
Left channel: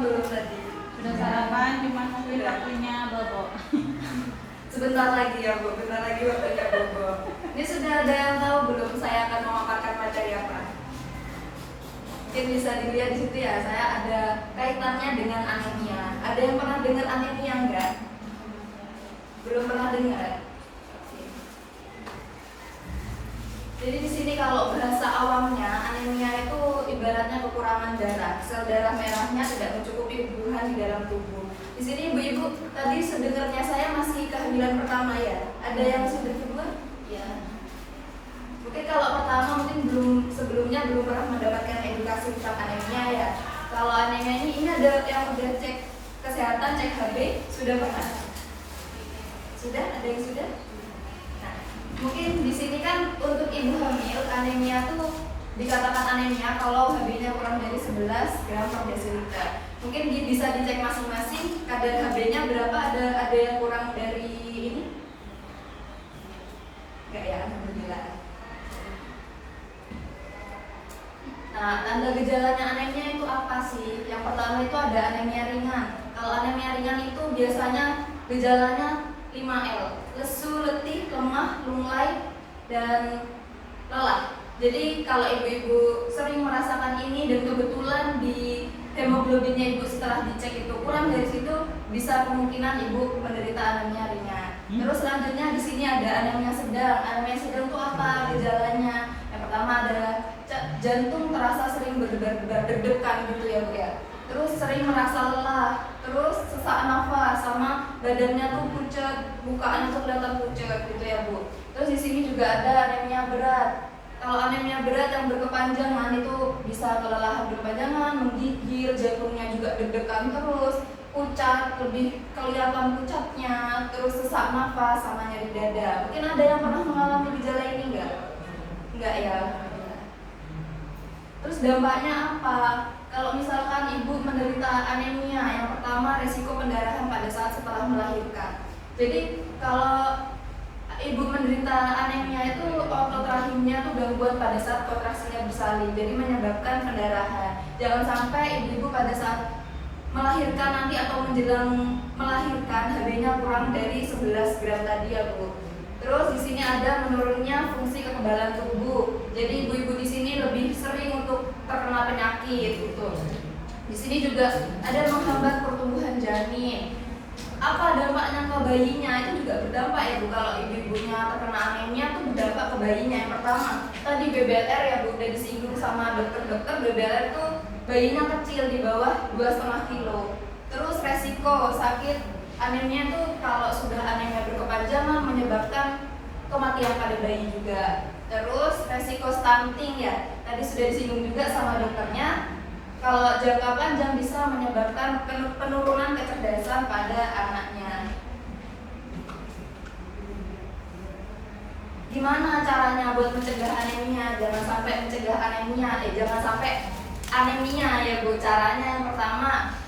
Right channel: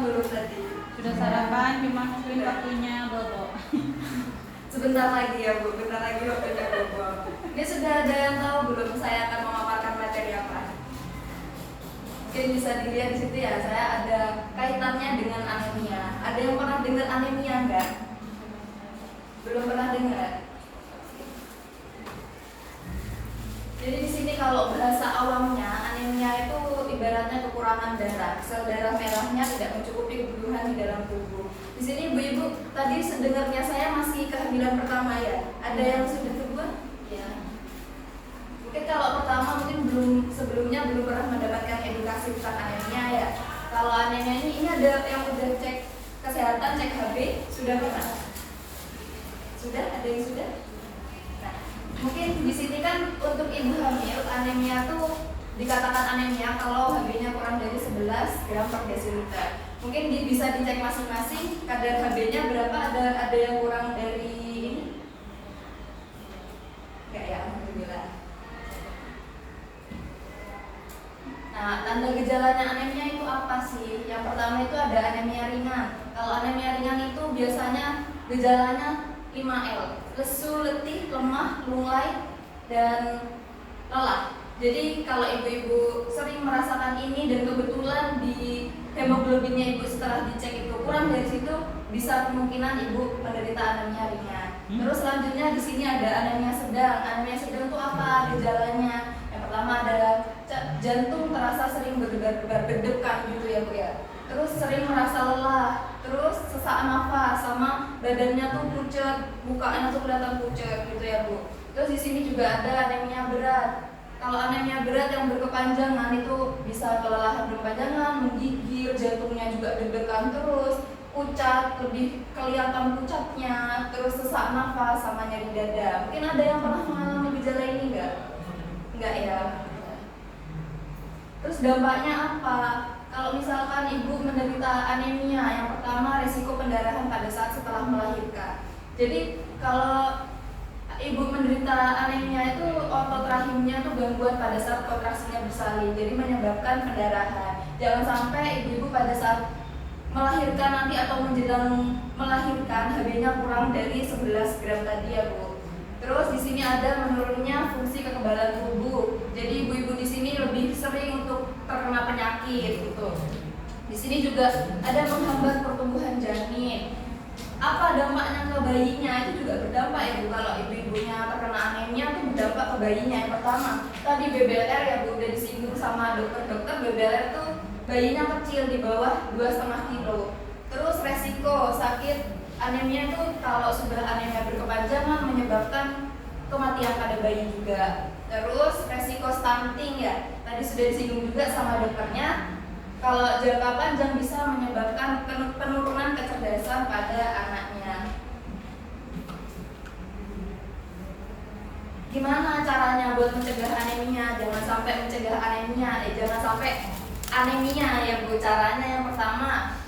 belum tadi? Sudah sarapan, cuma mungkin waktunya bobo. Sebentar lagi ya Bu, bentar lagi waktunya bobo. Ini sudah ada yang tahu belum saya akan memaparkan materi apa? Mungkin bisa dilihat di situ ya, saya ada kaitannya dengan anemia. Ada yang pernah dengar anemia enggak? Belum pernah dengar? Jadi di sini kalau bahasa awamnya anemia itu ibaratnya kekurangan darah, sel darah merahnya tidak mencukupi kebutuhan di dalam tubuh. Di sini ibu-ibu tadi sedengarnya saya masih kehamilan pertama ya. Ada yang sudah kedua? Ya. Mungkin kalau pertama mungkin sebelumnya belum pernah mendapatkan edukasi tentang anemia ya. Kalau anemia ini ada yang udah cek kesehatan, cek HB, sudah pernah? Sudah? Ada yang sudah? Mungkin di sini kan untuk ibu hamil anemia tuh dikatakan anemia kalau HB-nya kurang dari 11 gram per desiliter. Mungkin bisa dicek masing-masing kadar HB-nya berapa, ada yang kurang dari ini? Enggak ya, alhamdulillah. Nah, tanda gejalanya anemia itu apa sih? Yang pertama itu ada anemia ringan. Kalau anemia ringan itu biasanya gejalanya 5L. Lesu, letih, lemah, lunglai, dan lelah. Jadi kalau ibu-ibu sering merasakan ini dan kebetulan di hemoglobinnya ibu setelah dicek itu kurang dari situ, bisa kemungkinan ibu menderita anemia ringan. Terus selanjutnya di sini ada anemia sedang. Anemia sedang itu apa gejalanya? Yang pertama ada jantung terasa sering berdebar-debar, deg-degan gitu ya Bu ya. Terus sering merasa lelah, terus sesak nafas, sama badannya tuh pucat, mukanya tuh kelihatan pucat gitu ya Bu. Terus di sini juga ada anemia berat. Kalau anemia berat yang berkepanjangan itu bisa kelelahan berkepanjangan, menggigil, jantungnya juga deg-degan terus, pucat, lebih kelihatan pucatnya, terus sesak nafas sama nyeri dada. Mungkin ada yang pernah mengalami gejala ini enggak? Enggak ya. Terus dampaknya apa? Kalau misalkan ibu menderita anemia, yang pertama resiko pendarahan pada saat setelah melahirkan. Jadi kalau ibu menderita anemia itu otot rahimnya tuh gangguan pada saat kontraksinya bersalin, jadi menyebabkan pendarahan. Jangan sampai ibu-ibu pada saat melahirkan nanti atau menjelang melahirkan HB-nya kurang dari 11 gram tadi ya Bu. Terus di sini ada menurunnya fungsi kekebalan tubuh. Jadi ibu-ibu di sini lebih sering untuk terkena penyakit gitu. Di sini juga ada menghambat pertumbuhan janin. Apa dampaknya ke bayinya? Itu juga berdampak ya Bu. Kalau ibu-ibunya terkena anemia itu berdampak ke bayinya. Yang pertama, tadi BBLR ya Bu, udah disinggung sama dokter-dokter. BBLR itu bayinya kecil di bawah 2,5 kilo. Terus resiko sakit anemia itu kalau sudah anemia berkepanjangan menyebabkan kematian pada bayi juga. Terus resiko stunting ya, tadi sudah disinggung juga sama dokternya. Kalau jangka panjang bisa menyebabkan penurunan kecerdasan pada anaknya. Gimana caranya buat mencegah anemia? Jangan sampai mencegah anemia, jangan sampai anemia ya Bu. Caranya yang pertama,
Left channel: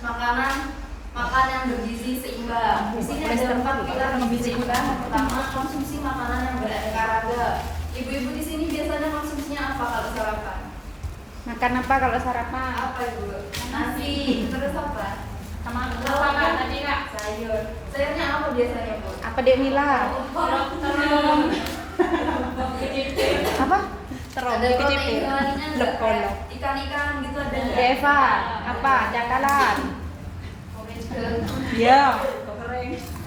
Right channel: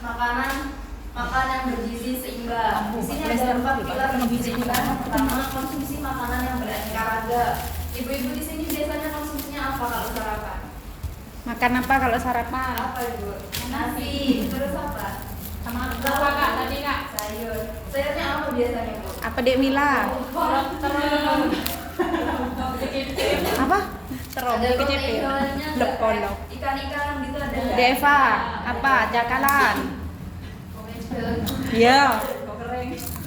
makan yang bergizi seimbang. Di sini ada 4 pilar gizi seimbang. Yang pertama, konsumsi makanan yang beraneka ragam. Ibu-ibu di sini biasanya konsumsinya apa kalau sarapan? Makan apa kalau sarapan? Apa Ibu? Nasi. Terus apa? Sama apa Kak tadi Kak? Sayur. Sayurnya apa biasanya Bu? Apa Dek Mila? Terong. Apa? Terong Ada PCP. protein hewaninya nggak? Lep-kolok. Ikan-ikan gitu ada nggak? Deva, apa? Jakalan. Iya.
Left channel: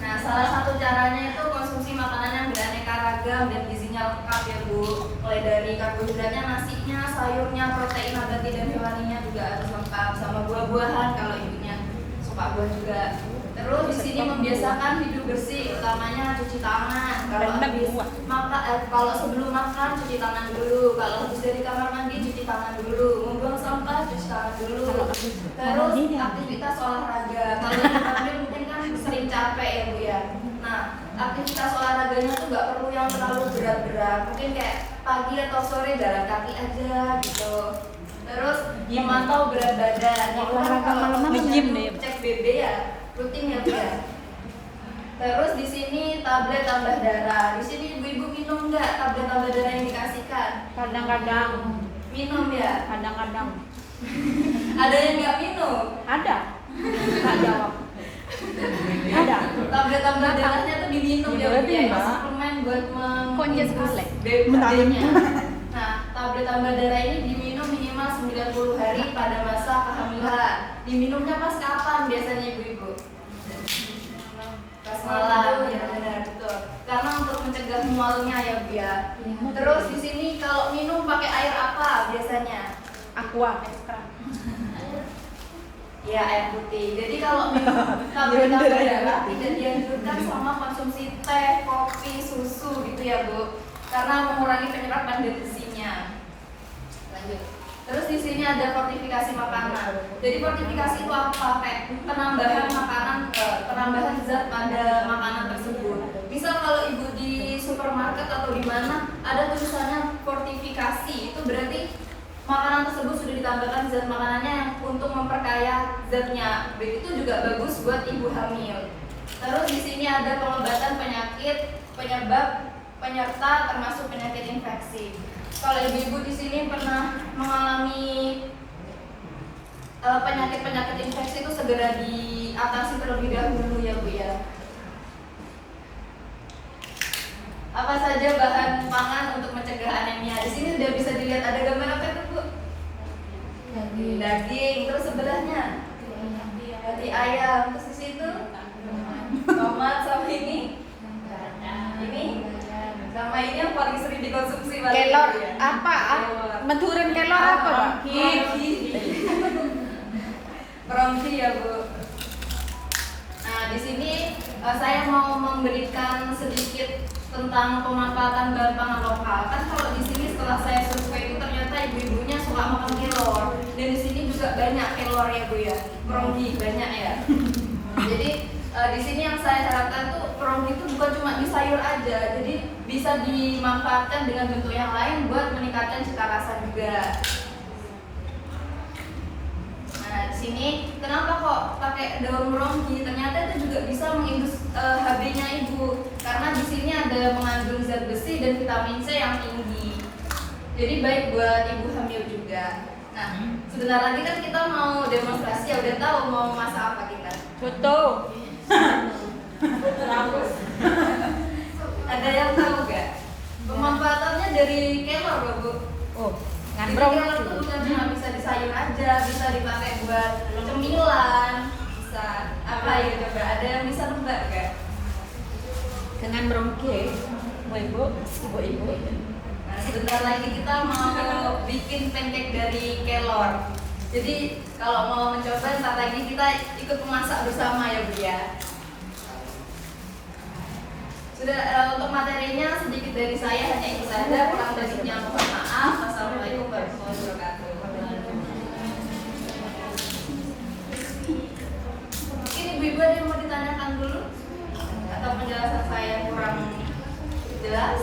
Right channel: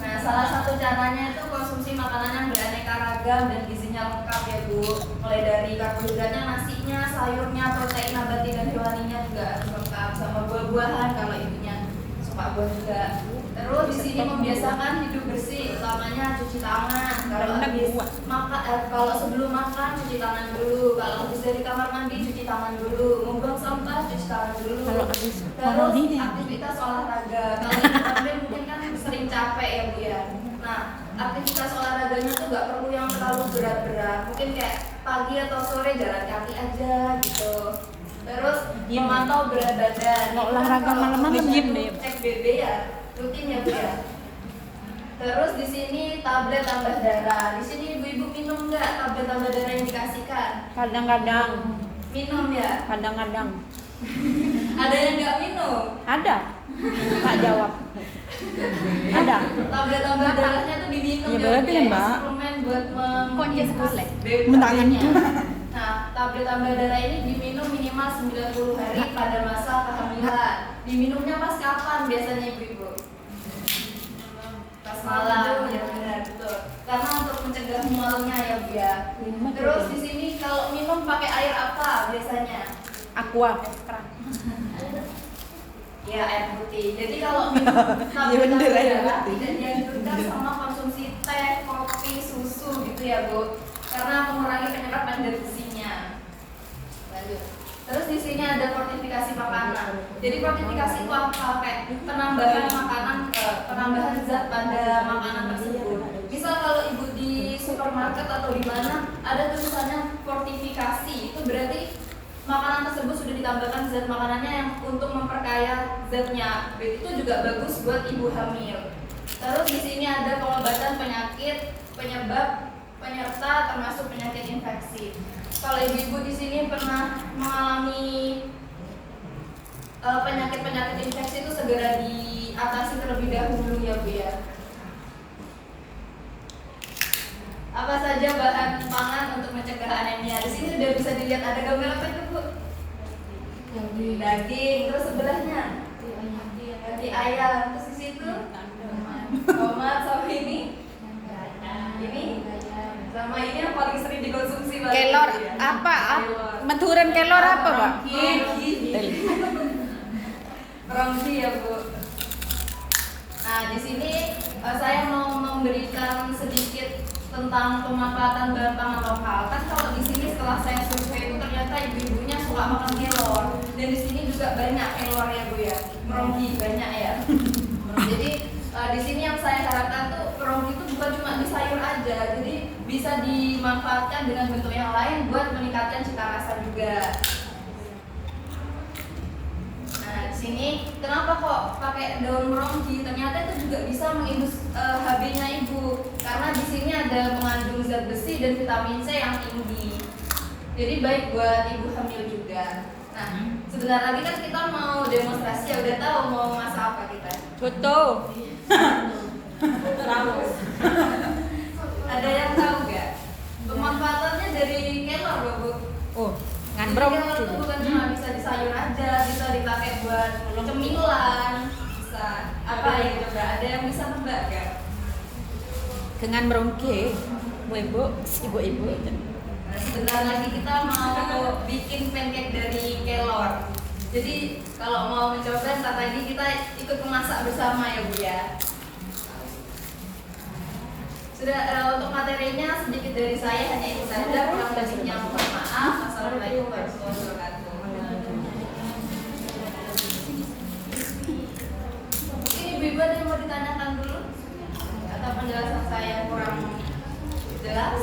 Nah, salah satu caranya itu konsumsi makanan yang beraneka ragam dan gizinya lengkap ya Bu. Mulai dari karbohidratnya, nasinya, sayurnya, protein nabati dan hewaninya juga harus lengkap, sama buah-buahan kalau ibunya suka buah juga. Terus di sini membiasakan hidup bersih, utamanya cuci tangan. Kalau sebelum makan cuci tangan dulu, kalau habis dari kamar mandi cuci tangan dulu, membuang sampah cuci tangan dulu. Terus aktivitas olahraga. Kalau yang mungkin kan sering capek ya Bu ya. Nah, aktivitas olahraganya tuh nggak perlu yang terlalu berat-berat. Mungkin kayak pagi atau sore jalan kaki aja gitu. Terus memantau berat badan. Itu kan kalau cek BB ya rutin ya Bu ya. Terus di sini tablet tambah darah. Di sini ibu-ibu minum nggak tablet tambah darah yang dikasihkan? Kadang-kadang. Minum ya. Kadang-kadang. Ada yang nggak minum? Ada. Tak jawab. Ada. Tablet-tablet darahnya tuh diminum Ya, ya, berarti, biar Mak. suplemen buat Konja menghapus sekali. BU-nya. Nah, tablet-tablet darah ini diminum minimal 90 hari pada masa kehamilan. Diminumnya pas kapan biasanya ibu-ibu? Pas malam, ya benar betul. Karena untuk mencegah mualnya ya Bu ya. Terus di sini kalau minum pakai air apa biasanya? Aqua. Ya air putih. Jadi kalau minum tablet-tablet darah tidak dianjurkan sama konsumsi teh, kopi, susu gitu ya Bu, karena mengurangi penyerapan zat besinya. Lanjut. Terus di sini ada fortifikasi makanan. Jadi fortifikasi itu apa? Kayak penambahan makanan, penambahan zat pada makanan tersebut. Misal kalau ibu di supermarket atau di mana ada tulisannya fortifikasi, itu berarti makanan tersebut sudah ditambahkan zat makanannya yang untuk memperkaya zatnya. Itu juga bagus buat ibu hamil. Terus di sini ada pengobatan penyakit, penyebab, penyerta termasuk penyakit infeksi. Kalau ibu-ibu di sini pernah mengalami penyakit-penyakit infeksi itu segera diatasi terlebih dahulu ya Bu ya. Apa saja bahan pangan untuk mencegah anemia? Di sini sudah bisa dilihat ada gambar apa itu Bu? Daging. Terus sebelahnya roti ayam. Terus di situ tomat sama ini sama ini yang paling sering dikonsumsi Kelor apa? Meduran kelor apa, Pak? Rongki ya Bu. Nah di sini saya mau memberikan sedikit tentang pemanfaatan bahan pangan lokal. Kan kalau di sini setelah saya survei itu ternyata ibu-ibunya suka makan kelor. Dan di sini juga banyak kelor ya Bu ya. Rongki banyak ya. Jadi di sini yang saya harapkan tuh rongki itu bukan cuma di sayur aja, jadi bisa dimanfaatkan dengan bentuk yang lain buat meningkatkan cita rasa juga. Nah di sini kenapa kok pakai daun rongki? Ternyata itu juga bisa mengindus HB-nya ibu, karena di sini ada mengandung zat besi dan vitamin C yang tinggi. Jadi baik buat ibu hamil juga. Nah sebentar lagi kan kita mau demonstrasi ya, udah tahu mau masak apa kita? Foto. Ada yang tahu gak? Pemanfaatannya dari kelor loh Bu. Oh, Jadi ngambrong kelor itu bukan cuma bisa di sayur aja, bisa dipakai buat cemilan, bisa apa ya coba? Ada yang bisa nebak gak? dengan rongke. Ibu, ibu-ibu. Nah, sebentar lagi kita mau bikin pancake dari kelor. Jadi kalau mau mencoba ntar lagi kita ikut memasak bersama ya Bu ya. Sudah untuk materinya sedikit dari saya hanya itu saja, kurang lebihnya mohon maaf. Wassalamualaikum warahmatullahi wabarakatuh. Mungkin ibu-ibu ada yang mau ditanyakan dulu atau penjelasan saya yang kurang jelas?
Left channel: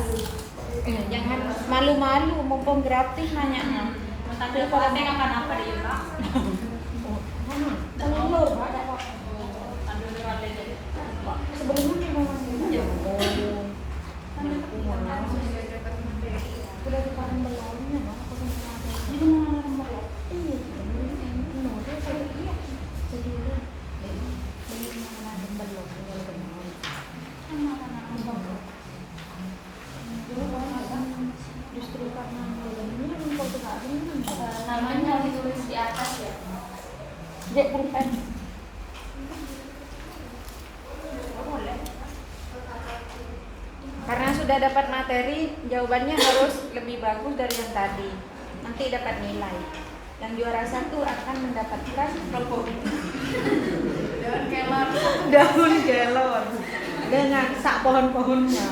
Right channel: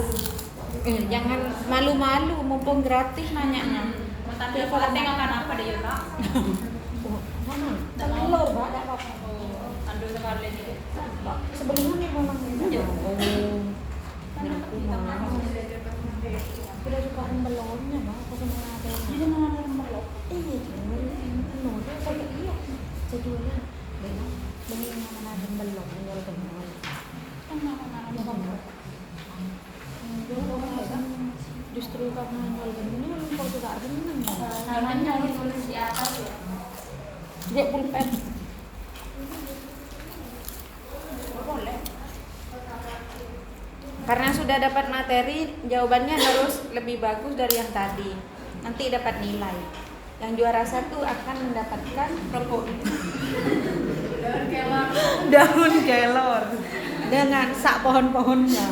Jangan malu-malu, mumpung gratis nanya. Justru karena Namanya ditulis di atas ya. dia pulpen. Karena sudah dapat materi, jawabannya harus lebih bagus dari yang tadi. Nanti dapat nilai. Yang juara satu akan mendapatkan rokok. Daun kelor. Daun kelor dengan sak pohon-pohonnya.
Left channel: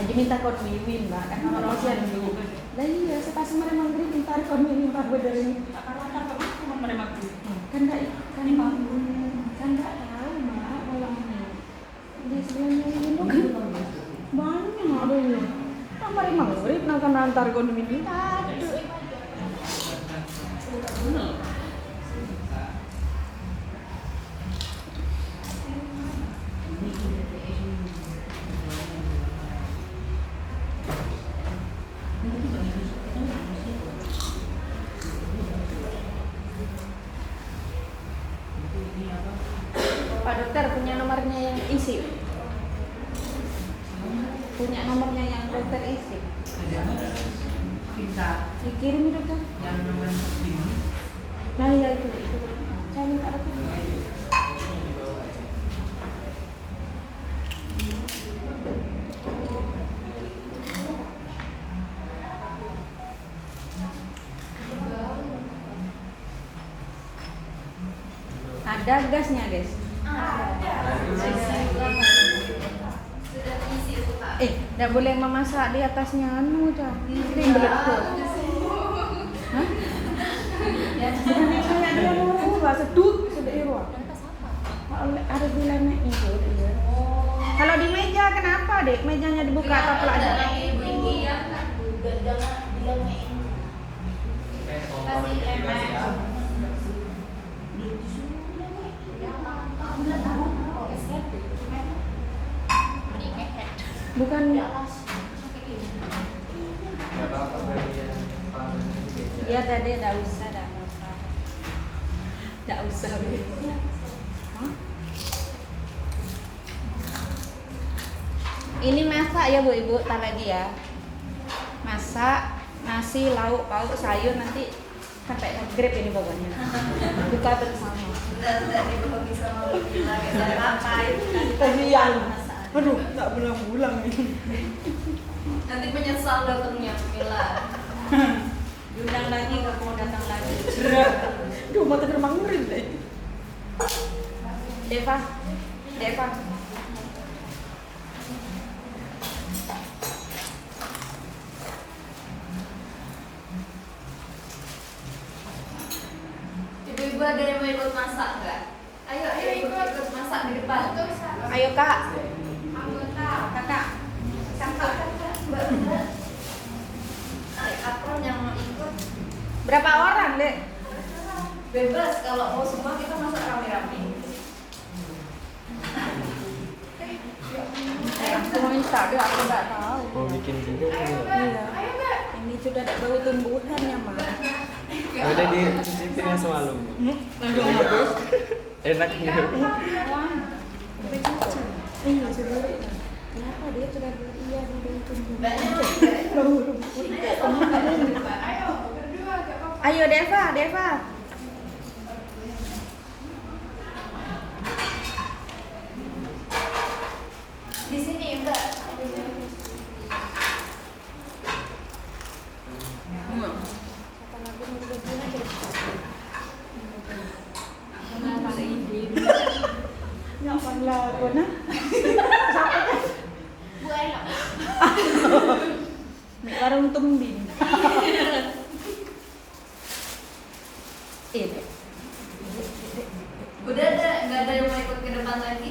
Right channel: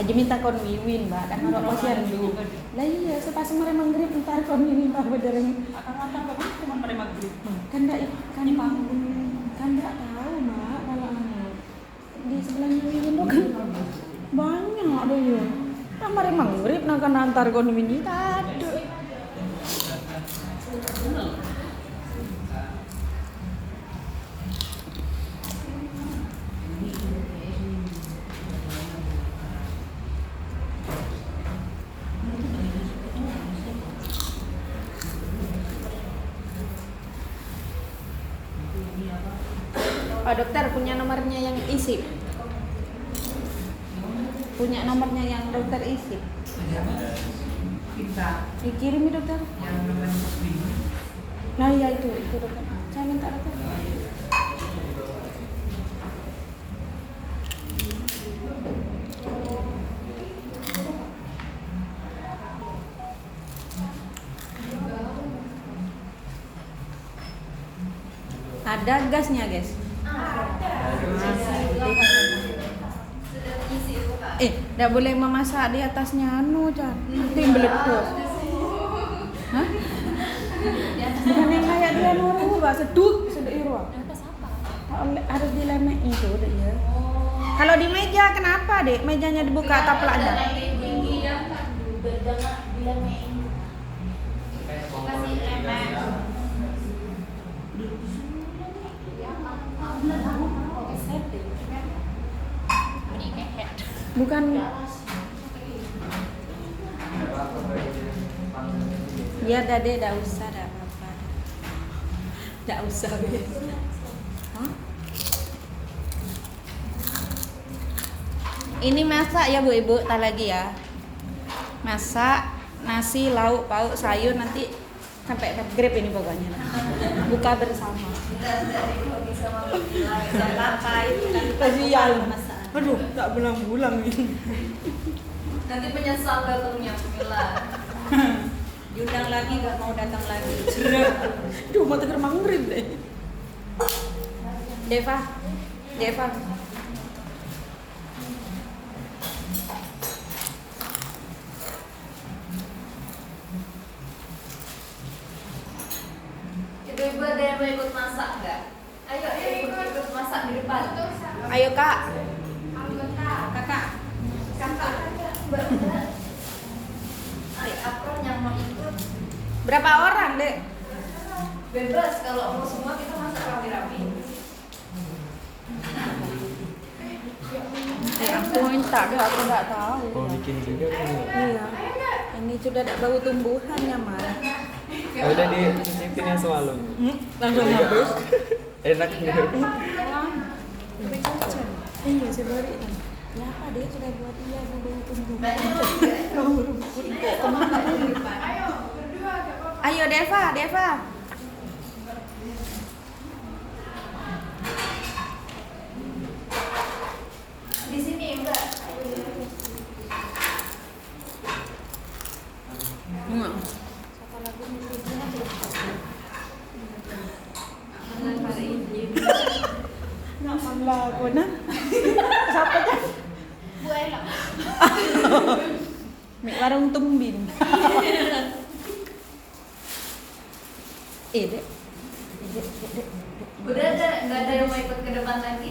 Aja minta kon mimin lah, kan kon osian minggu. Lah iya, sepas meremang grip entar kon mimin mah beneran. Kan enggak kan enggak tahu mah. Di sebelah ini bukan banyak deh. Kan meremang grip nang kan antar kon mimin aduh. Pak dokter punya nomornya yang isi. Punya nomornya yang dokter isi. Dikirim dokter. Nah ya itu dokter. Saya minta dokter. Ada gasnya guys. Sudah diisi itu Kak. Nggak boleh memasak di atasnya anu Cak. Nanti melepuh. Hah? Bukan yang kayak dia mau Pak seduk sudah iwa. Harus dilemek itu udah ya. Kalau di meja kenapa dek? Mejanya dibuka taplaknya. Jangan bilang main. Bukan. Ya tadi enggak usah, enggak apa-apa. Enggak usah. Ini masak ya Bu Ibu, tak lagi ya. Masak nasi, lauk, pauk, sayur nanti sampai grab ini pokoknya. Buka bersama. Sudah dibagi sama Bila kita pakai. Kasihan. Aduh, tak pulang-pulang ini. Nanti menyesal datangnya Bila. Diundang lagi nggak mau datang lagi. Duh, mau tegar mangurin deh. Deva. Ibu-ibu ada yang mau ikut masak nggak? Ayo ikut masak di depan. Ayo Kak. Kakak, Kakak, Mbak. Akron yang mau ikut Berapa orang, Dek? bebas, kalau mau semua kita masak rame-rame. Aku minta deh, aku nggak tahu. Mau bikin juga ini. Iya. Ini sudah ada bau tumbuhannya, Mas. Udah dicicipin yang semalam. Langsung habis. Enak nih. Iya, sebari. Kenapa dia sudah buat iya bau tumbuhan? Ayo Deva. Di sini, Mbak. Mek warung tumbin. Dek. Udah ada, nggak ada yang mau ikut ke depan lagi?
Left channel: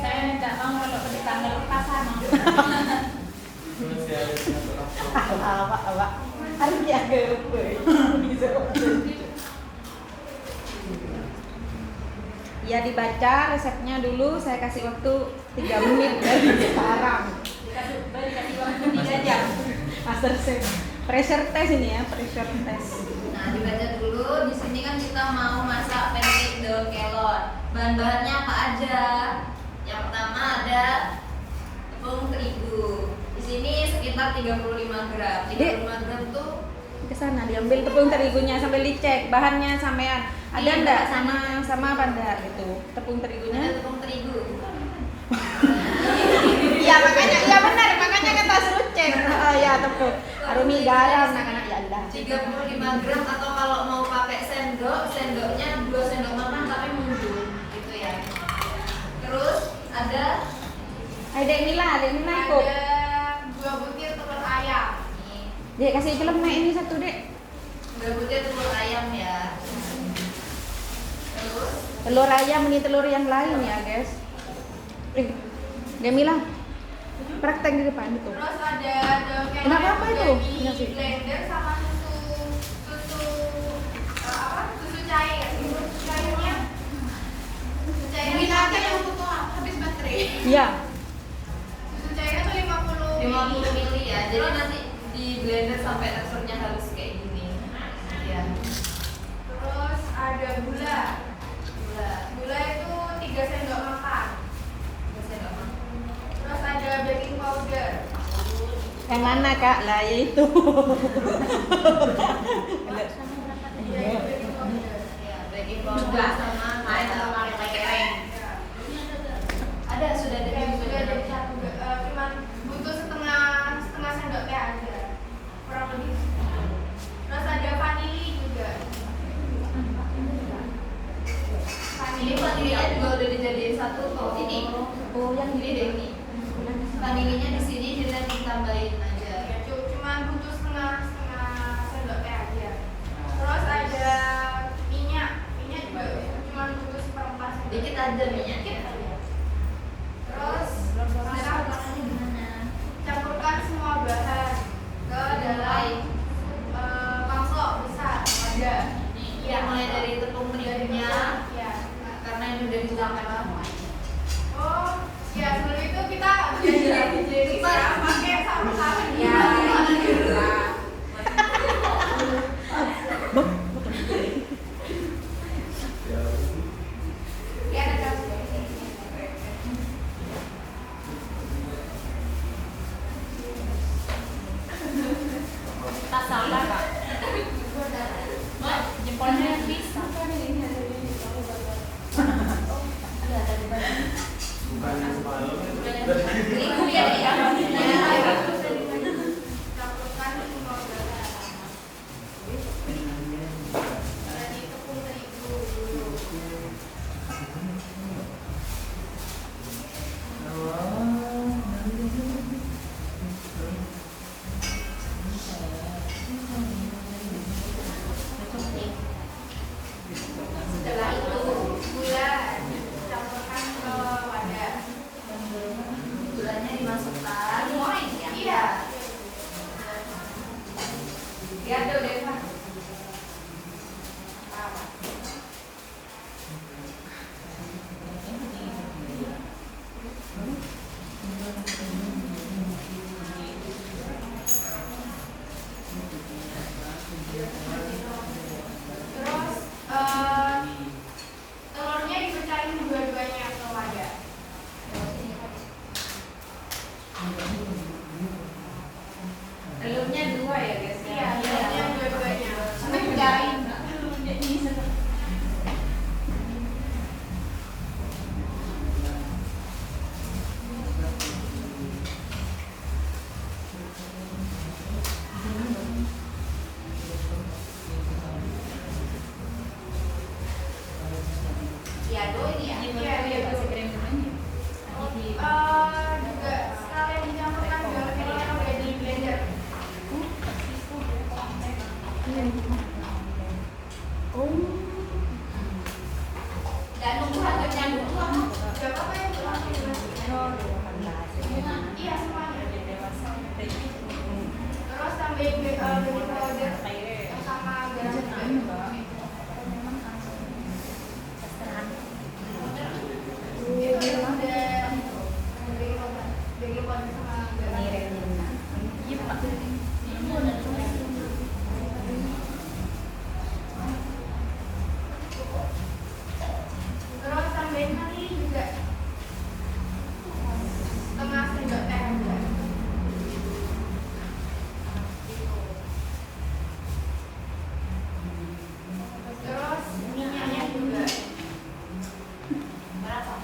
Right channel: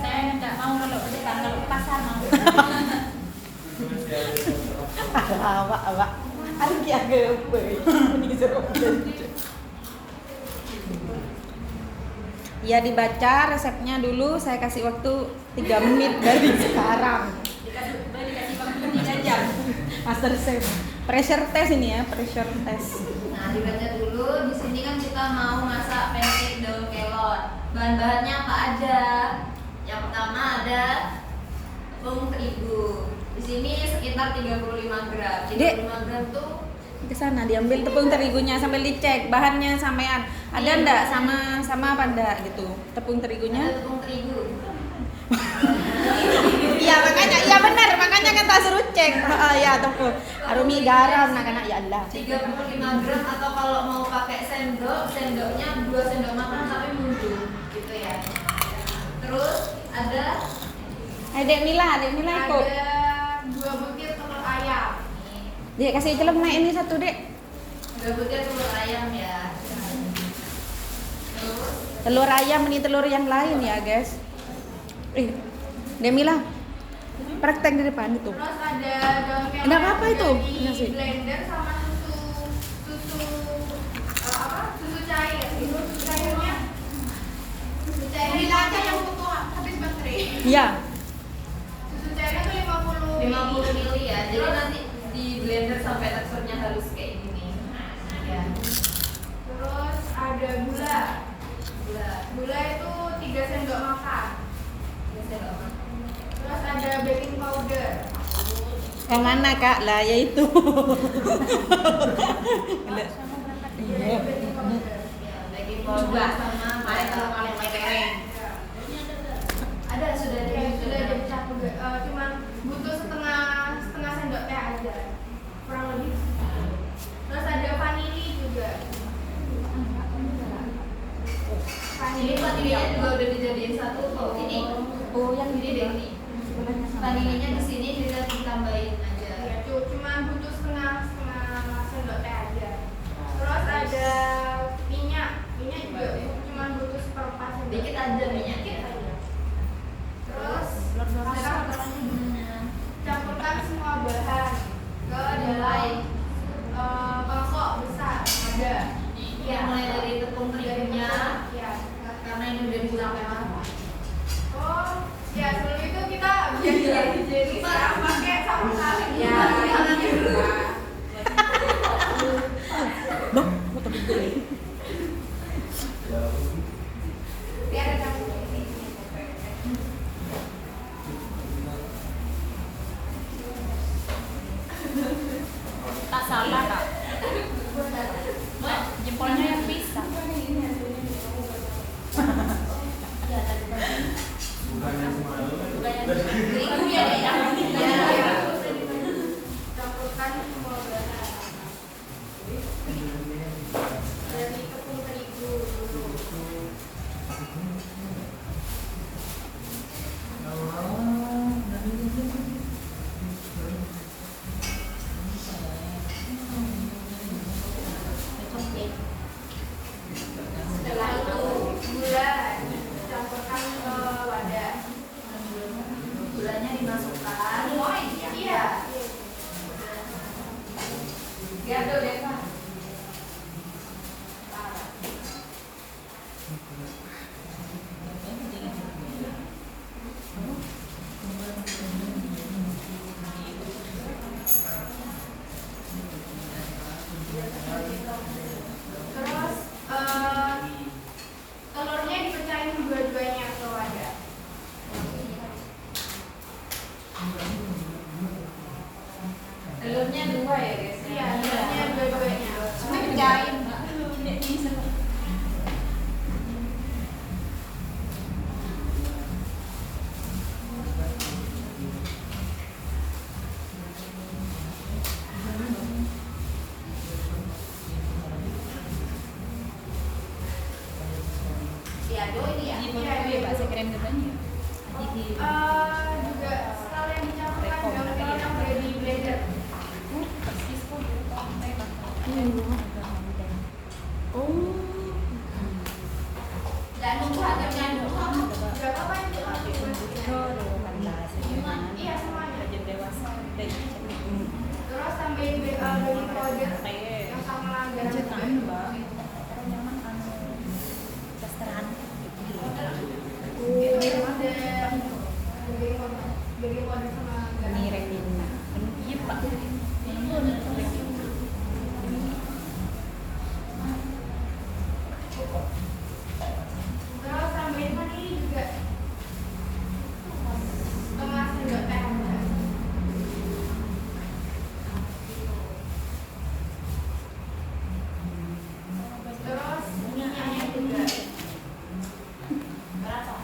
saya tidak mau kalau tetangga lupa sama. Awak. Aku jaga apa? Ya dibaca resepnya dulu, saya kasih waktu 3 menit dari sekarang. Dikasih waktu 3 jam. Master chef. Pressure test ini ya, pressure test. Nah, dibaca dulu. Di sini kan kita mau masak pancake daun kelor. Bahan-bahannya apa aja? Yang pertama ada tepung terigu. Di sini sekitar 35 gram. 35 gram tuh Ke sana diambil tepung terigunya sambil dicek bahannya sampean. Ada Iya, enggak bahannya. sama apa enggak gitu. Tepung ada terigunya. tepung terigu. Iya benar, makanya kan tak suruh cek. Ya tepung. Arumi garam nak ya Allah. 35 gram atau kalau mau pakai sendoknya 2 sendok makan tapi mundur gitu ya. Terus ada Dek Mila ikut. 2 butir telur ayam. Nih, Dek kasih celemek ini satu, Dek. 2 butir telur ayam ya. Terus Telur ayam ini telur yang lain ya, guys. Dek Mila. Praktek di depan itu. terus ada daun kelor Kenapa apa yang itu? udah di Nasi. blender sama susu cair. Susu cairnya aja yang butuh habis baterai. Iya. Susu cairnya tuh 50 ml ya. Jadi nanti di blender sampai teksturnya halus kayak gini. Ya. Terus ada gula. Yang mana Kak? Lah ya itu. Iya, baking powder. Ya, baking powder sama kayak keren. Ada sudah dari satu cuman butuh setengah sendok teh aja, kurang lebih. Terus ada vanili juga. Ini vanilinya juga udah dijadiin satu tuh. Ini yang gini deh ini. Vanilinya di sini ditambahin aja. Ya, cuma butuh setengah sendok teh aja. Terus ada minyak juga cuma butuh seperempat sendok. Dikit aja minyaknya. Dikit aja. Terus campurkan semua bahan ke dalam mangkok besar ada. Ya, mulai dari tepung terigunya. Ya. Karena ini udah diulangkan semua. Oh, ya sebelum itu kita jadi pakai sarung tangan. Ya. Ya, ada campur. Jempolnya yang bisa. Terigu ya deh ya. Campurkan semua bahan. Dari tepung terigu dulu. Setelah itu gula campurkan ke wadah. Gulanya dimasukkan. Iya. Diambil deh Kak. Terus telurnya dipecahin dua-duanya ke wadah. Telurnya 2 ya guys. Iya, telurnya dua-duanya. Sampai pecahin. Diaduk ini ya. Iya, iya. Juga sekalian dicampurkan daun telur yang udah di blender. Dan membuatkan dulu kamu. Gak apa-apa yang dimasukin. Iya, semuanya. Terus tambahin baking powder yang sama garam juga. Itu udah baking powder sama garam. Terus tambahin vanili juga. Setengah sendok teh aja. Terus minyaknya juga. Berapa?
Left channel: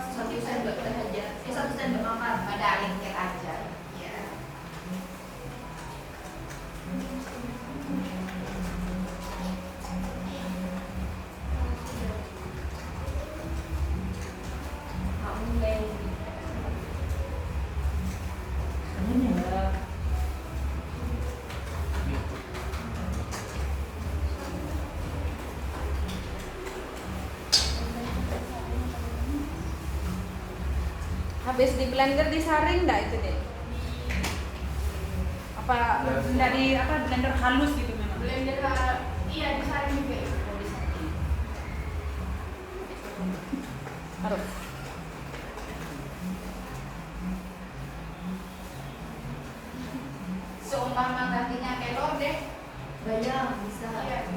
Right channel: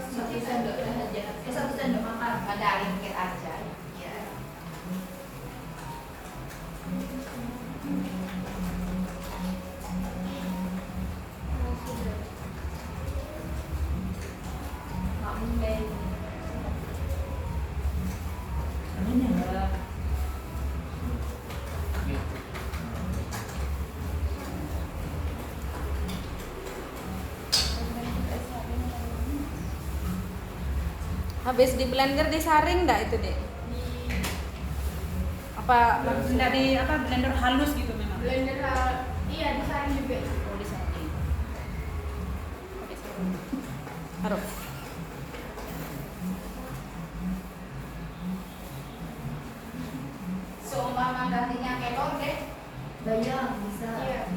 Seperti 1 sendok teh aja. 1 sendok makan. Ada dikit aja. Ya. Mulai. Habis di blender disaring nggak itu deh? Apa dari blender halus gitu memang? Blender iya disaring juga. Harus. Seumpama gantinya kelor deh. Bayang bisa. Iya.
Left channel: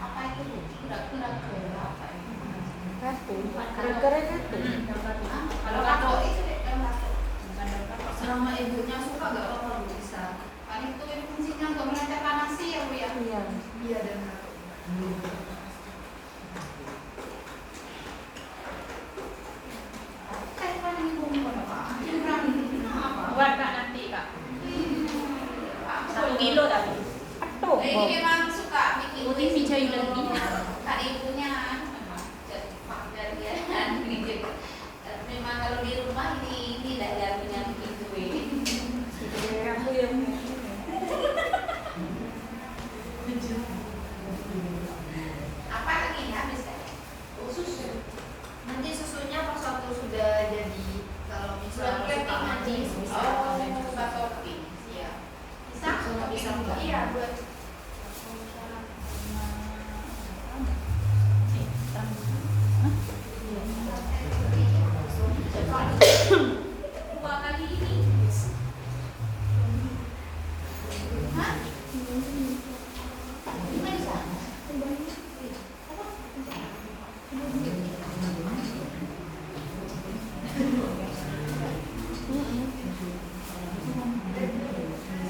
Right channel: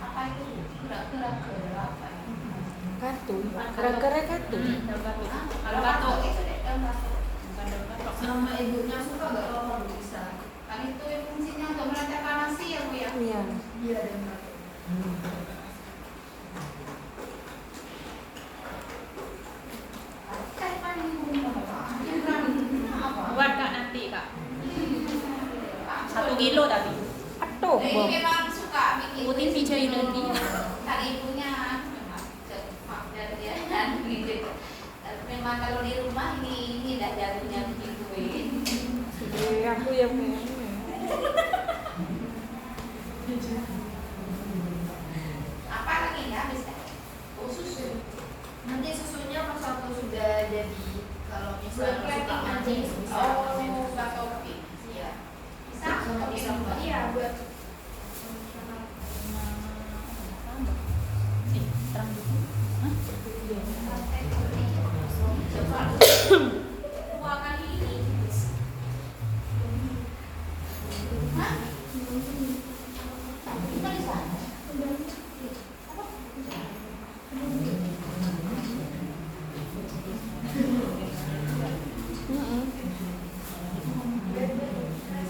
Apa itu? Gerak-gerak apa itu? Kartu. Gerak-gerak kartu. Kalau kartu itu deh, kalau kartu. Selama ibunya suka nggak apa-apa Bu, bisa. Kan itu fungsinya untuk melancarkan nasi ya Bu ya. Iya. Iya dan Kan paling ibu apa? Yang berani apa? Buat Kak nanti Kak. 1 kilo tadi. Aduh. Ini memang suka bikin Putih hijau lagi. Tadi ibunya memang kalau di rumah ini dah jagonya bikin kue. Aku yang Apa lagi ya bisa? Susu. nanti susunya pas waktu sudah jadi, kalau misalnya Buat suka nanti. manis bisa Oh, pakai buat topping. Iya. Bisa? Bisa Topping. Mbak. Iya, buat dua kali ini. Hah? Bukan di sana.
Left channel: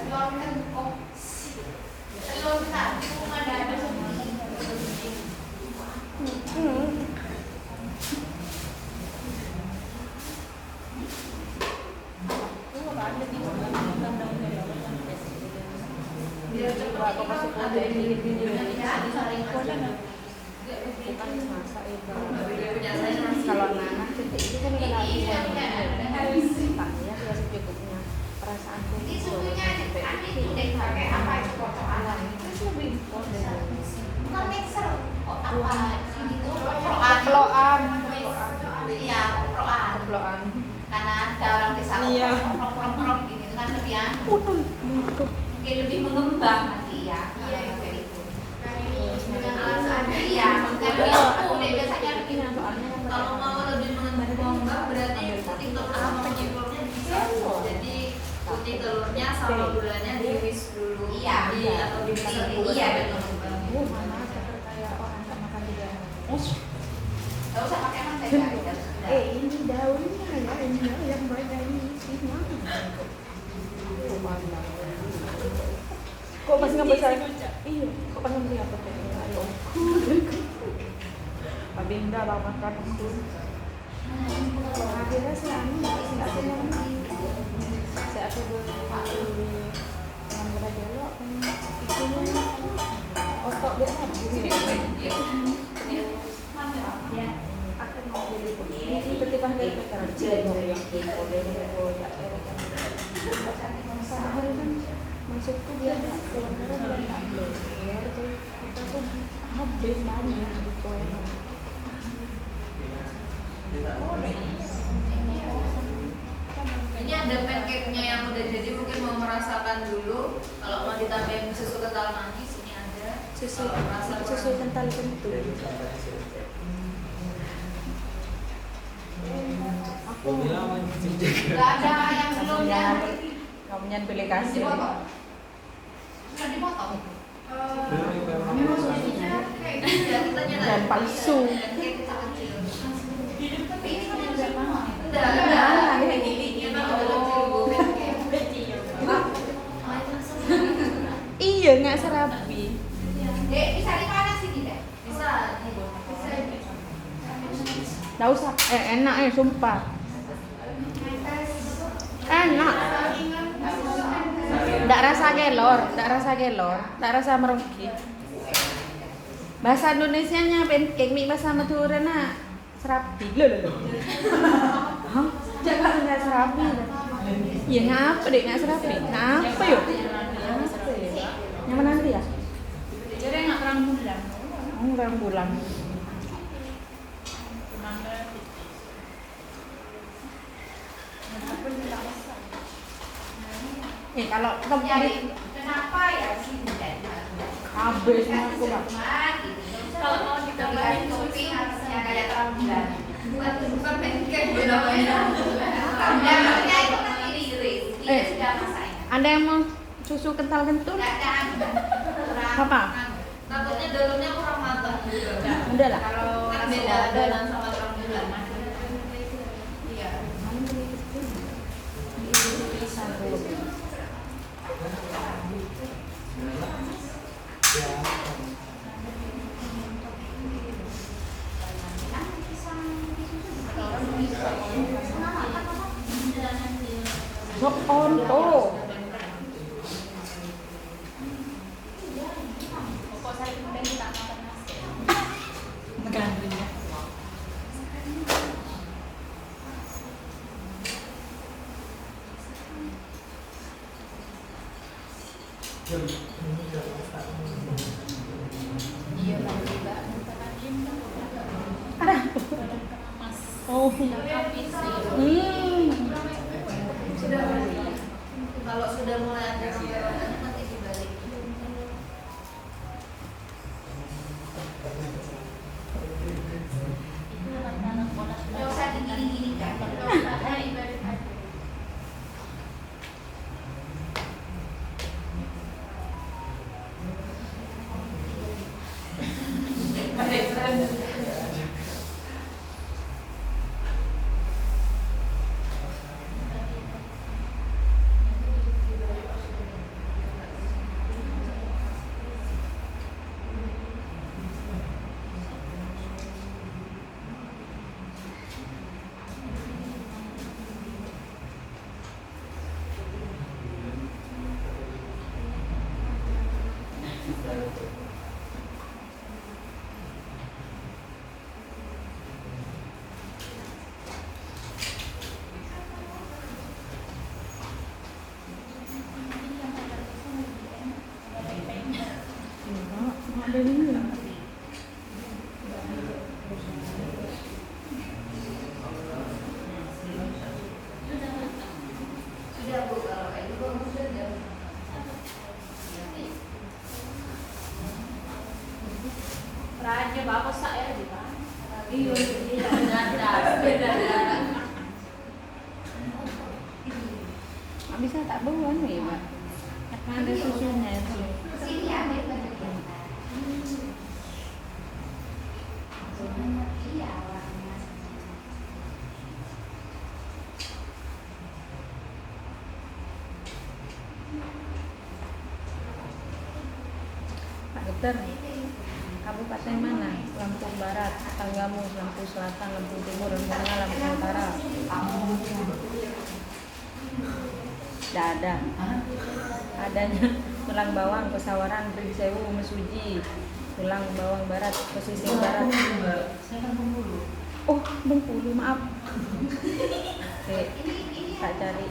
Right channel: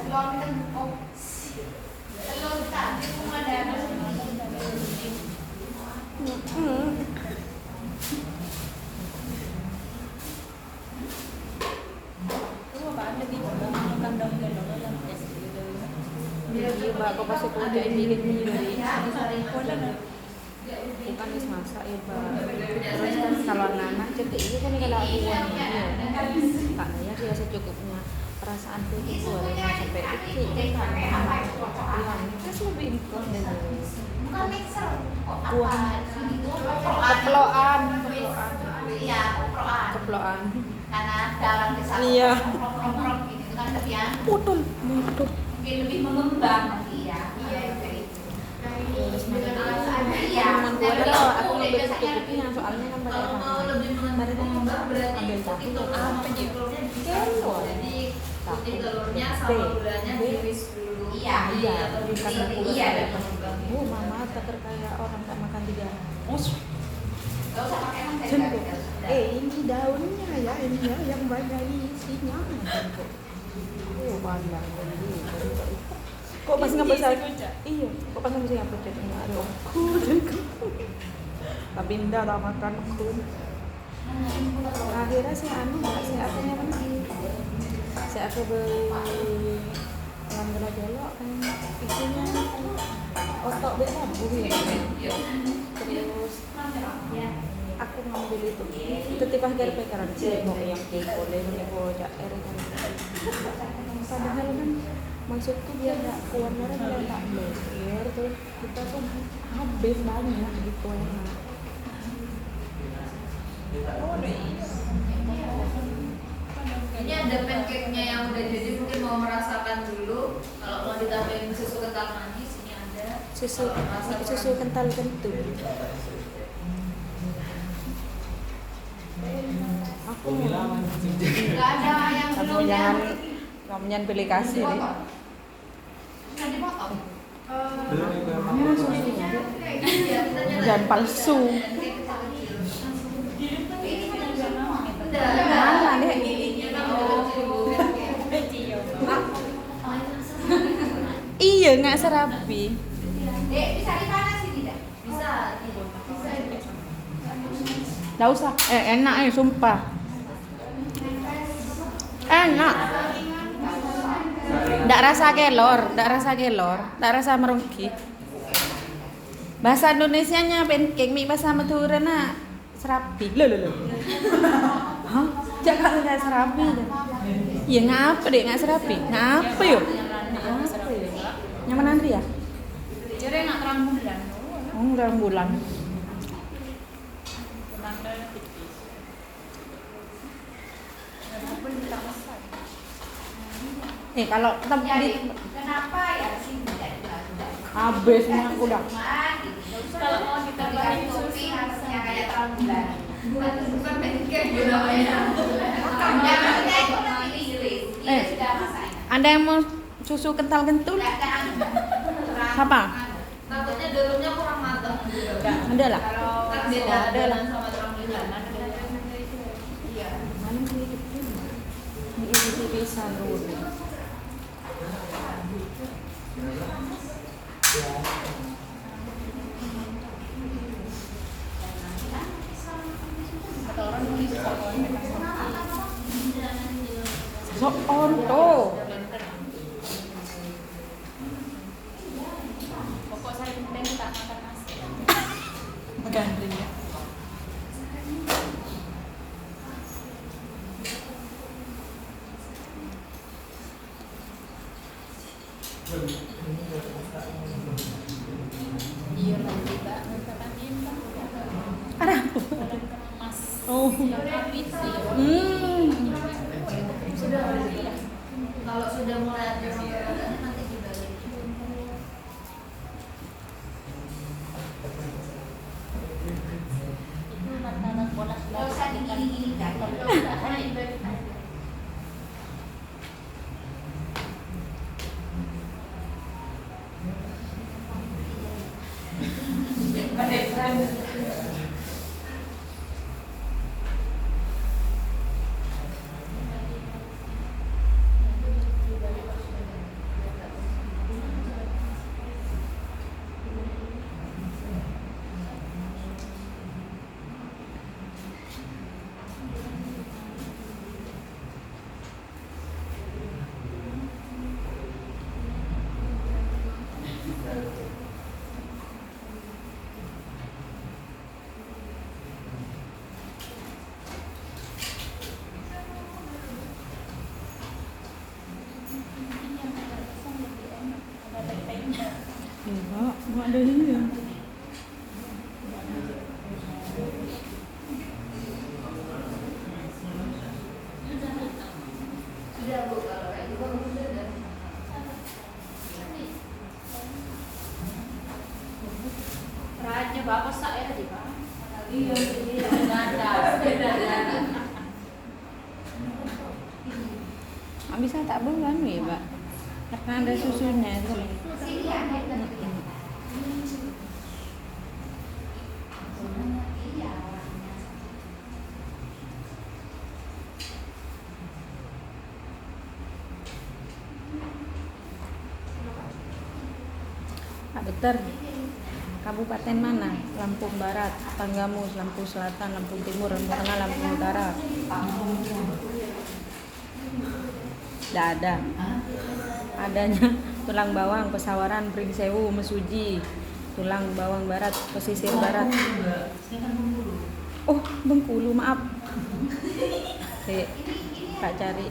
Telur kan, oh, telur tadi cuma ada. Biar cepat ini kan ada ada saringan. bukan masak ya Pak. Punya saya Kalau anak cetek itu kan kalau Iya, aku iya, ada. taknya dia secukupnya. Perasaanku Ini itu susunya cetek tadi itu itu deh pakai apa itu potongan. terus lebih impor deh. Bukan mixer, kok apa? Ini tuh koproan. Koploan. Iya, koproan. Koploan. Karena ada orang desa Iya. koprok gitu kan lebih Putul, putul. mungkin lebih mengembang nanti ya. Iya, kayak itu. dengan alat seadanya. Iya, tapi aku biasanya lebih Kalau mau lebih mengembang berarti putih telur sama putih telurnya bisa. Jadi putih telurnya sama gulanya diiris dulu. Iya, Atau di mixer dulu Iya, sampai betul. mengembang. Kayak orang tak makan juga. Gak usah pakai mentega. udah. Ini daunnya ya, ini ya, yang banyak isinya. Oh, banyak. Kok bisa ngebesar? Iya, kok kan bisa apa tadi? Abinda lah makan itu. Akhirnya si Ani, si ada yang si aku beli yang berapa itunya otak dia aku mau beli itu ketika harga kerja padahal kan maksudku dia nggak keluar dari air tuh kita tuh habis banyak gitu. Ini ada pancake-nya yang udah jadi, mungkin mau merasakan dulu. Kalau mau ditambahin susu kental manis, ini ada. Susu Kalau rasa susu kental kentul. Aku bilang mancing juga. Gak ada yang belum ya. Kamunya beli kasih. Dipotong. Bisa dipotong. Belum juga emang jadinya kayak gitu ya, kita nyalain. Dan palsu. Dan kayak kecil-kecil. Tapi ini kan yang semua. Enggak, kayak gini. Emang Oh, Iya nggak serapi. Dek, bisa dipanasin tidak? bisa, bisa. Nggak usah. Enak sumpah. Enak. Nggak rasa gelor, nggak rasa merugi. Bahasa Indonesianya pancake mie bahasa Madura nak serapi. Loh. Hah? Jangan nggak serapi. Ya ngapa deh nggak serapi? Ngapa yuk? Yang mana nanti ya? Jadi nggak terlalu mudah. Enggak bulan. Kalau kamu Jadi, kenapa ya sih tidak habis aku dah. Kalau mau ditambahin susu harusnya kayak rambulan. Bukan pancake bu namanya. Rambulannya itu kan iris. Dia sudah masak. Anda yang mau susu kental kentul? Tidak ada. Apa? Takutnya dalamnya kurang matang juga. Ada lah. Kalau Kan beda adonan sama terang bulan. Iya. Sok on tuh. Pokok saya kemudian kita makan nasi. Gandring ya. Iya, tapi enggak makan ini. Ada. Mas. Oh. Habis sih. Sudah kalau sudah mulai ada rodanya nanti dibalik. Itu makanan monas. Enggak usah digini-gini kan. Enggak usah. Nah, ibadah. Nggak ada ini ya. Sudah Bu, kalau kayak gitu sudah. Raja bapak saya di mana? Iya, beda. Nggak bisa tak buang ya, Pak. Karena ada susunya itu. Sini ya, dia bagi yang iya, warnanya. Pak Dokter, kabupaten mana? Lampung Barat, Tanggamus, Lampung Selatan, Lampung Timur, Lampung Tengah, Lampung Utara. Tidak ada. Adanya tulang bawang, Pesawaran, Prigisewu, Mesuji, tulang bawang barat, pesisir barat. Oh, Bengkulu, maaf. Tak cari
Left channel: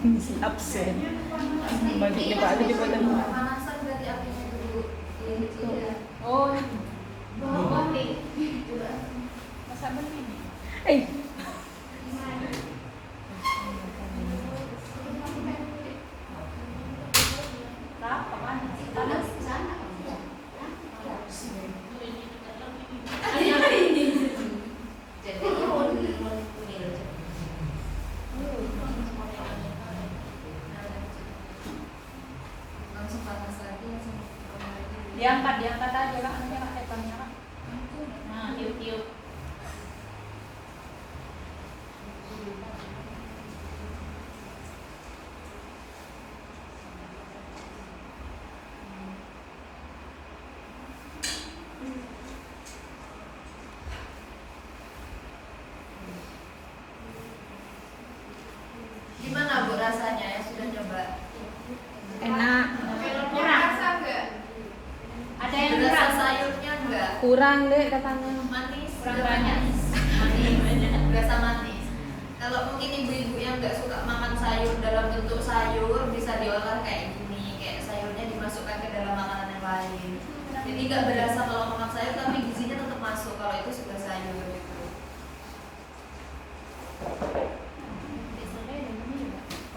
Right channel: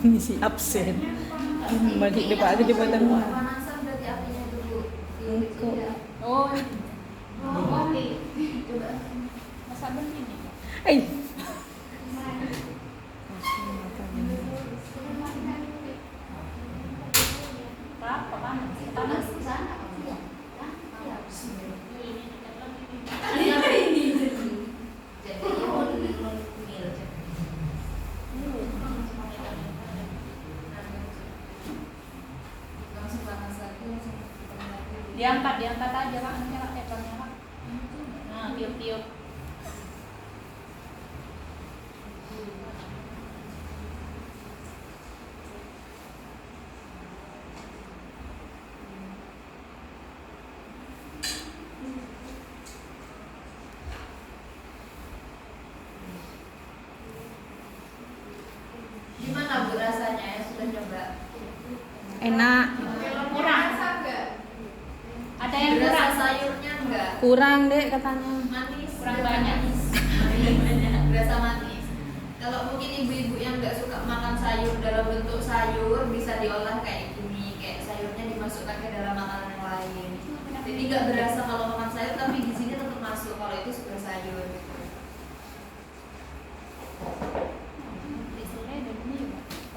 misi absen. Balik di Pak Kedipatan. Panasan berarti apinya dulu. Oh, Oke. Coba. masa begini. Panas di sana. Jadi mil. Langsung panas lagi langsung. Diangkat aja Kak, nyala ekornya. Nah, tiup-tiup. Gimana Bu rasanya ya sudah coba? Enak, Kurang. Rasa enggak? Ada yang Berasa kurang. sayurnya enggak? kurang deh katanya. Manis, Kurang udah banyak. manis, berasa manis. Kalau mungkin ibu-ibu yang nggak suka makan sayur dalam bentuk sayur bisa diolah kayak gini, kayak sayurnya dimasukkan ke dalam makanan yang lain. Jadi nggak berasa kalau makan sayur, tapi gizinya tetap masuk kalau itu sudah sayur. Gitu.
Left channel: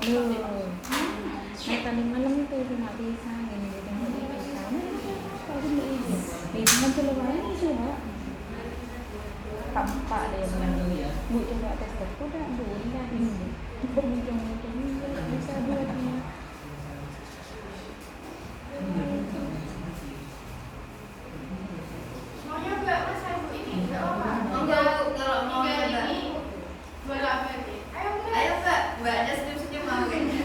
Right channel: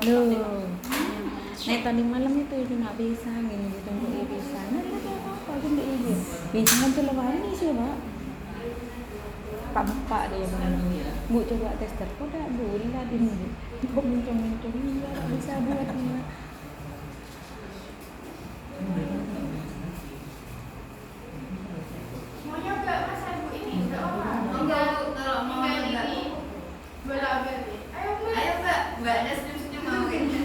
Duh, nih tadi malam itu udah nggak bisa gini gitu nggak bisa. Bisa aja loh kemarin sih Mbak. Tampak deh yang Bu coba tes tes udah dulu nggak ini. Muncul nggak bisa buatnya. Mau nyoba Mas Ibu ini? Enggak apa-apa. Enggak Bu, kalau mau Tinggal nyoba. ini bola berarti. Ayo Mbak. Ayo Mbak, Mbaknya senyum-senyum mau kayaknya.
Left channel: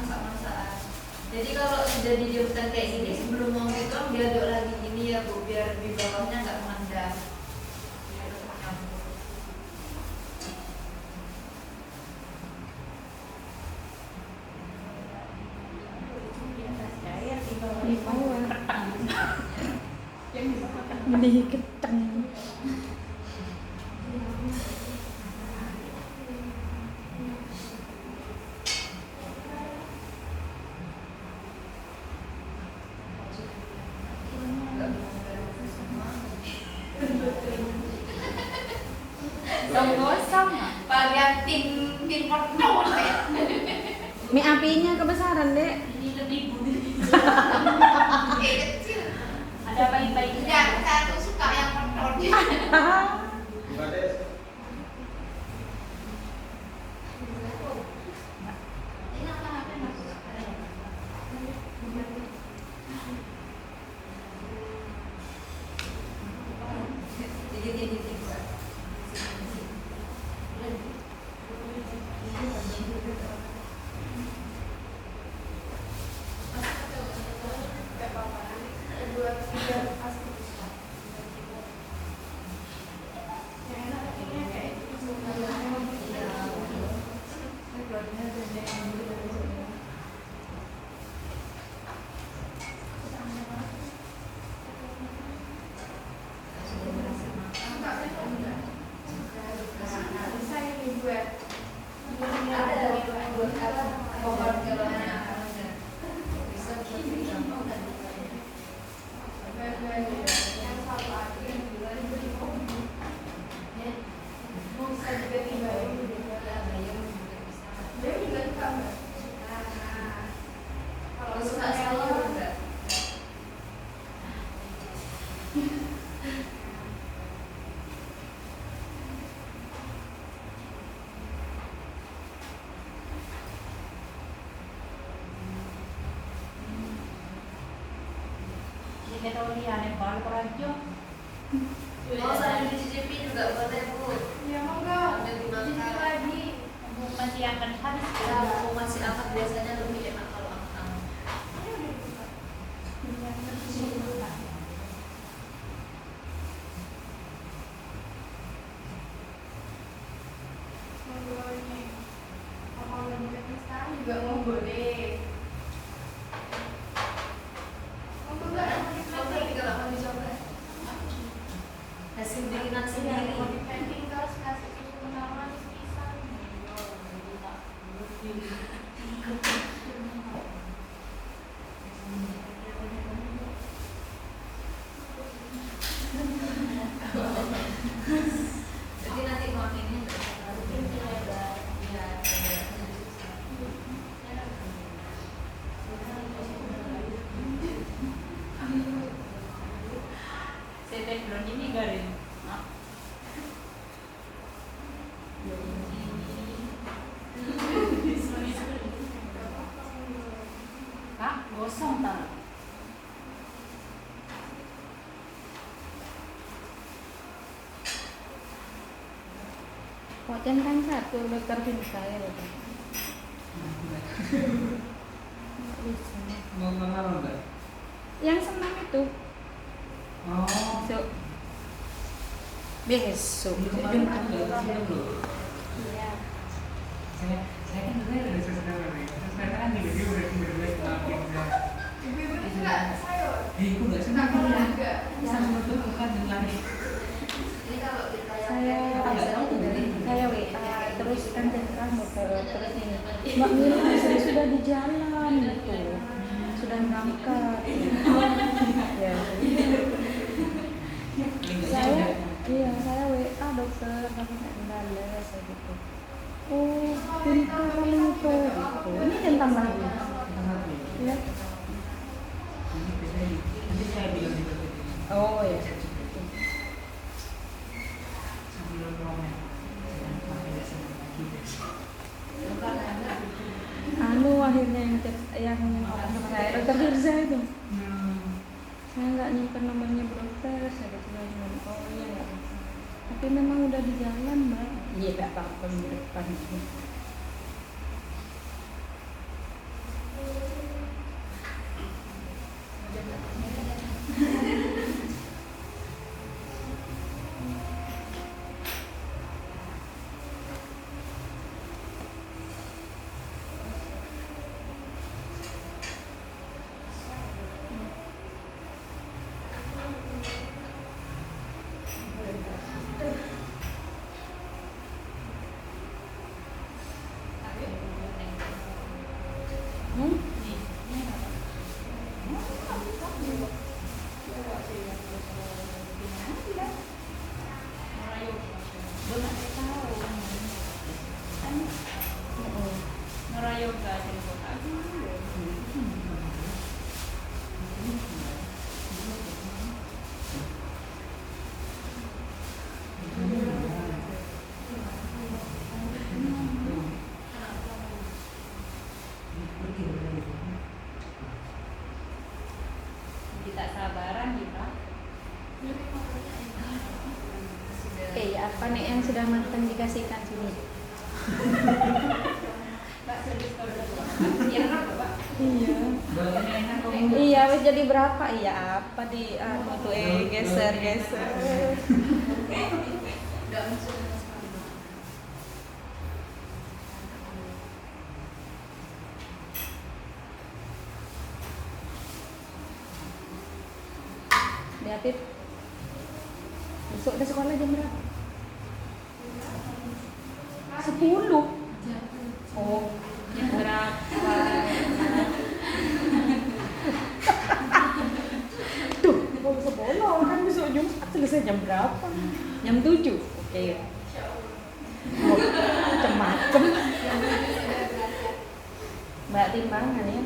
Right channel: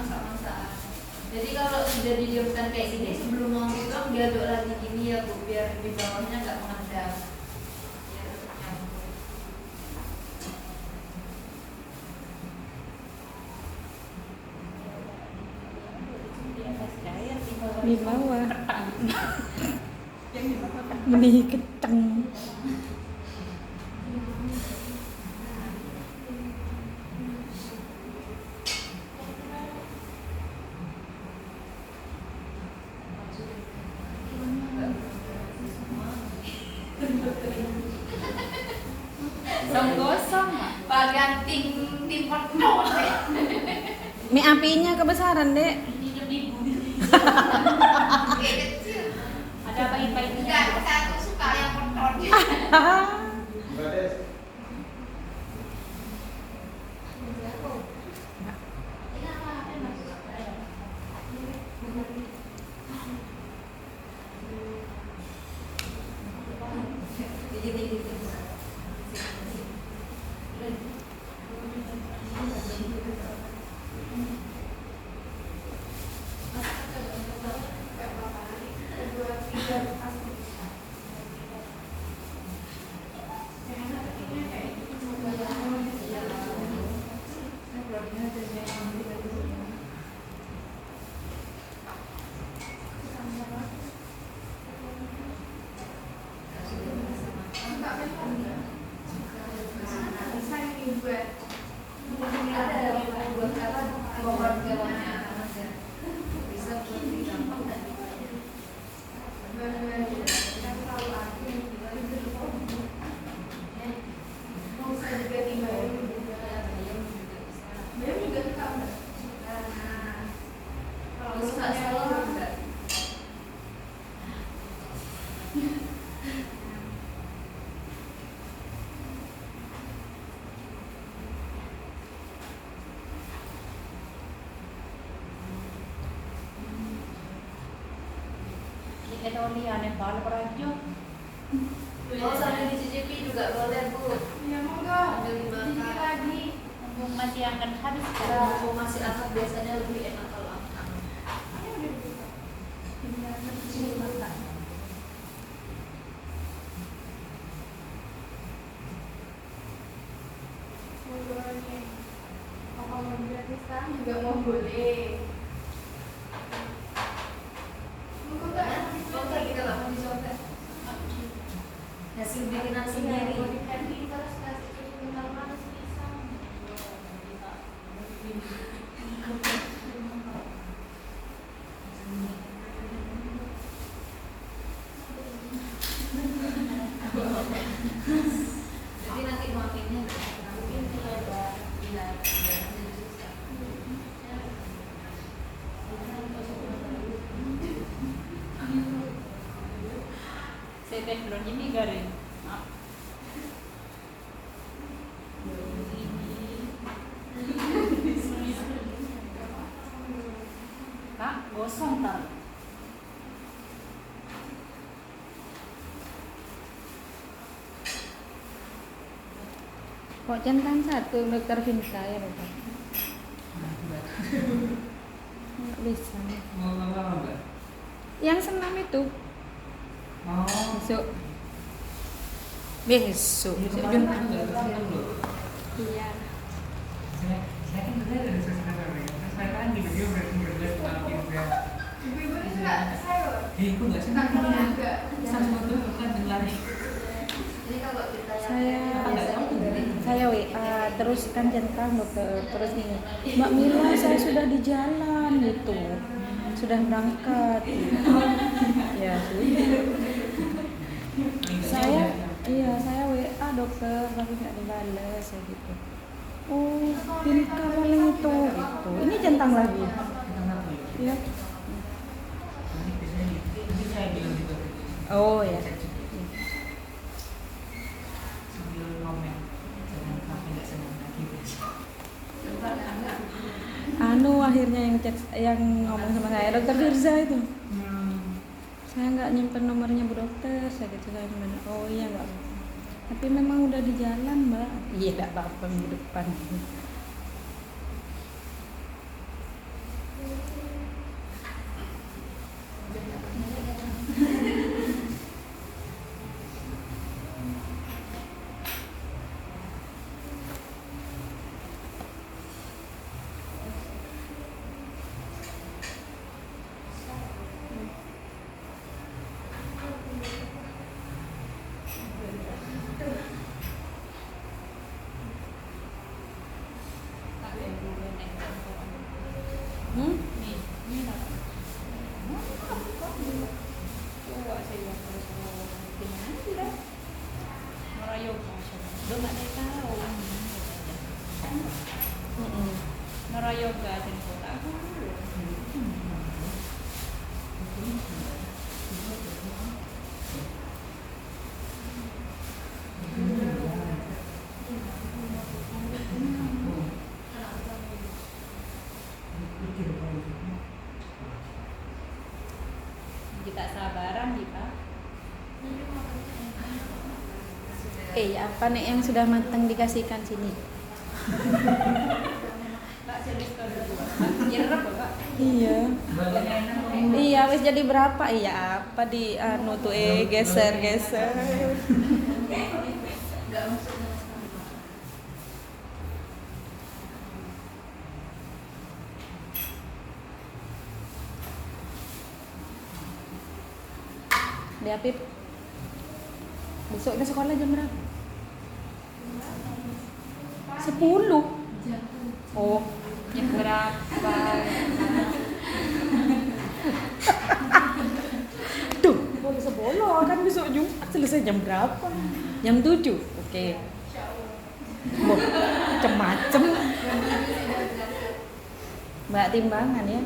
masak-masakan. Jadi kalau sudah didiamkan kayak gini sebelum mau ngitung diaduk lagi gini ya Bu, biar di bawahnya nggak mengendap. Biar tetap campur. Di bawah. Mending keteng. bagian tim penuh Mie apinya kebesaran, Dek. ini lebih kecil ada baik-baik enggak saya tuh suka yang penuh Ini aneh banget aja. Mau sambil dicicipi juga boleh Bu. Ya monggo. Sambil dimakan. Cicip lagi. Mumpung masih akan habis. Ya, mau masih hangat biasanya lebih enak kalau hangat. Juga mau boleh. Hasil bikinan sendiri. Jadi nanti makannya Saya belum ini garing. Kak, gosong tak? Kok kan satu dokter Vinsa ya, Dokter? Bisa. Yang senam itu besok. Besok. Saya kan juga ada sesuatu sekarang juga dia berbelas tapi juga ibu nggak senang ya sama tuh bukan dengar Ini kalau kita yang Saya biasanya dari saya terus kan centang dokter terus ini Mbak Mira sudah di jalan gitu sudah berangkat ya saya saya WA dokter tapi nggak dibalas saya gitu pintar itu gitu ini centang lagi ya jadi saya bilang gitu oh ya sambil romen jangan sampai nggak senang lagi akhirnya yang chat yang ngomong sama saya dokter Firza itu saya nggak nyimpen nomornya Bu Dokter saya bilang gimana oh iya nggak tapi memang udah di jalan Mbak iya nggak apa-apa minggu depan Hmm? Kita sabaran kita. Apa nih yang sudah matang dikasihkan sini? Iya. Iya, wis jadi berapa? Iya, apa di anu tuh geser. Enggak masuk. Di Apip. Besok udah sekolah jam berapa? 10. Oh, yang berapa? Tuh, mau bisa bolos kan besok Jumat selesai jam berapa? Jam 7. Oke. Macem-macem. Mbak timbangan ya.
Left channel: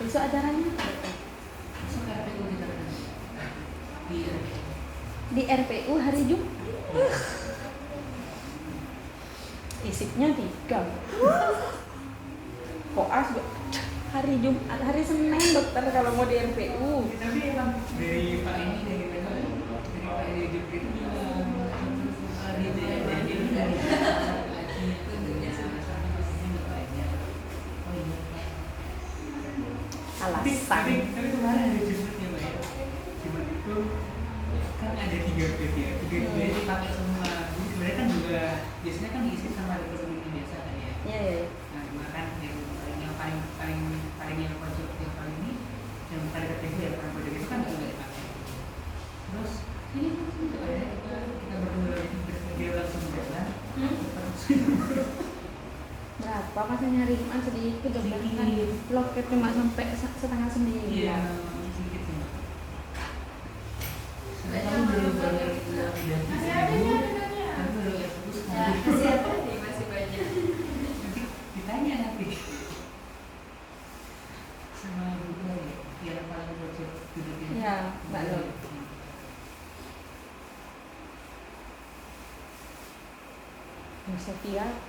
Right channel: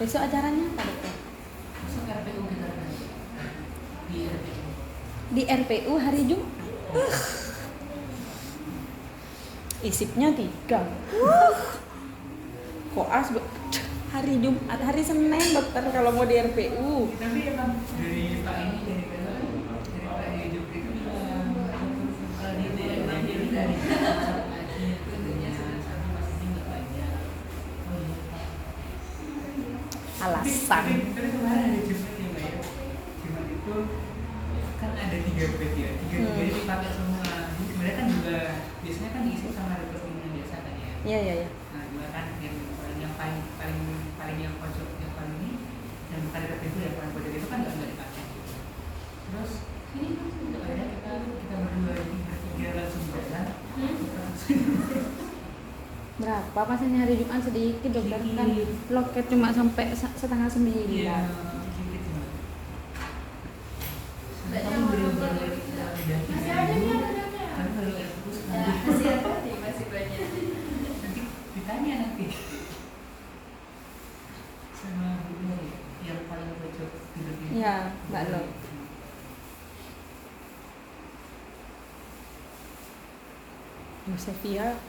Besok acaranya apa? Di RPU hari Jumat. Isipnya 3. Koas hari Jumat, hari Senin dokter kalau mau di RPU. Tapi emang dari Pak ini dari Pak Hidup itu dari Alasan. Tapi kemarin ada Jumat ya Mbak ya. Jumat itu kan ada 3 bag ya, 3 bag dipakai semua. Jadi sebenarnya kan juga biasanya kan diisi sama rekening biasa kan ya. Iya. Nah, cuma kan yang paling yang pojok yang paling ini yang tadi itu ya yang pojok itu kan nggak dipakai. Terus ini akhirnya kita berdua berpikir langsung jalan. Berapa masih hari Jumat sedikit dokter kan loket cuma sampai setengah 9. Iya, sedikit ya. Banyak Kan orang baru masih ada nih, kan baru terus Nah, masih ada nih, masih banyak. nanti ditanya nanti sama berdua ya yang paling pojok gitu-gitu. Iya, Mbak Lo. Yosefia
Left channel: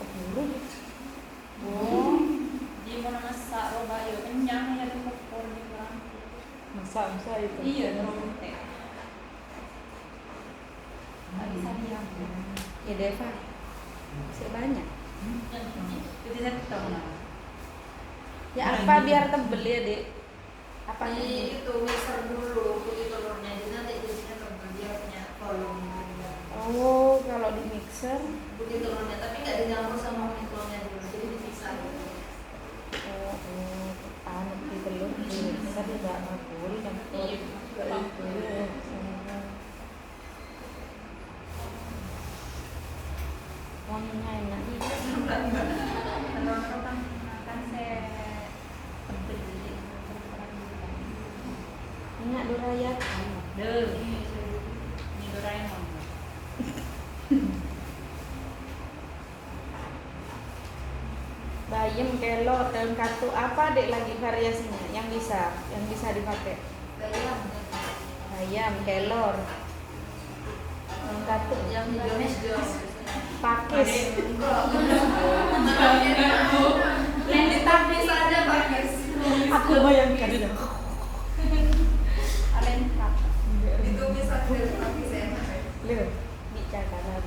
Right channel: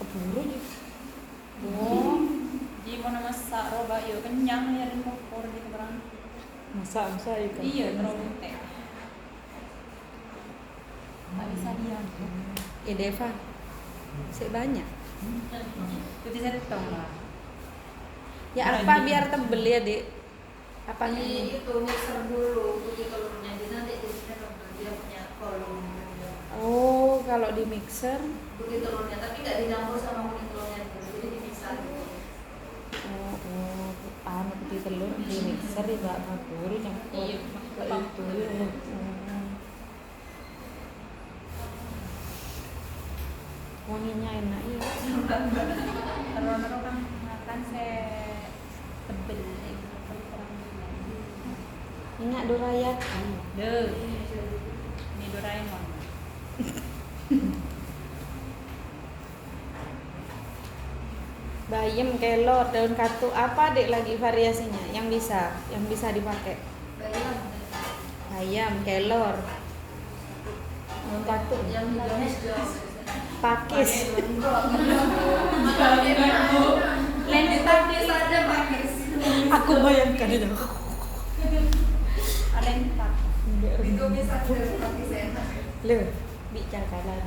keburu ya. Di mana masa roba yo kenyang ya di motor di berang. Masa itu. Iya, dong. Deva masih banyak. Jadi saya tahu. Ya apa biar tebel ya dek? Apa Ini itu mixer dulu putih telurnya, jadi nanti jadinya tebal, dia punya volume. Oh kalau di mixer. Putih telurnya, tapi nggak dicampur sama kuning telurnya dulu, jadi dipisah dulu. Di telur di mixer tidak boleh campur ke itu. Wanginya enak ya. Kalau orang makan saya tebel. Ingat Dorayat. Deh. Ini Doraemon. Bayam, kelor, daun katu apa dek lagi variasinya yang bisa dipakai? Bayam, kelor, daun katu, Yang hijaunya juga. pakis. Tapi saja pakis. Aku bayangkan itu. Ditumis aja pakis enak. Loh, bicara.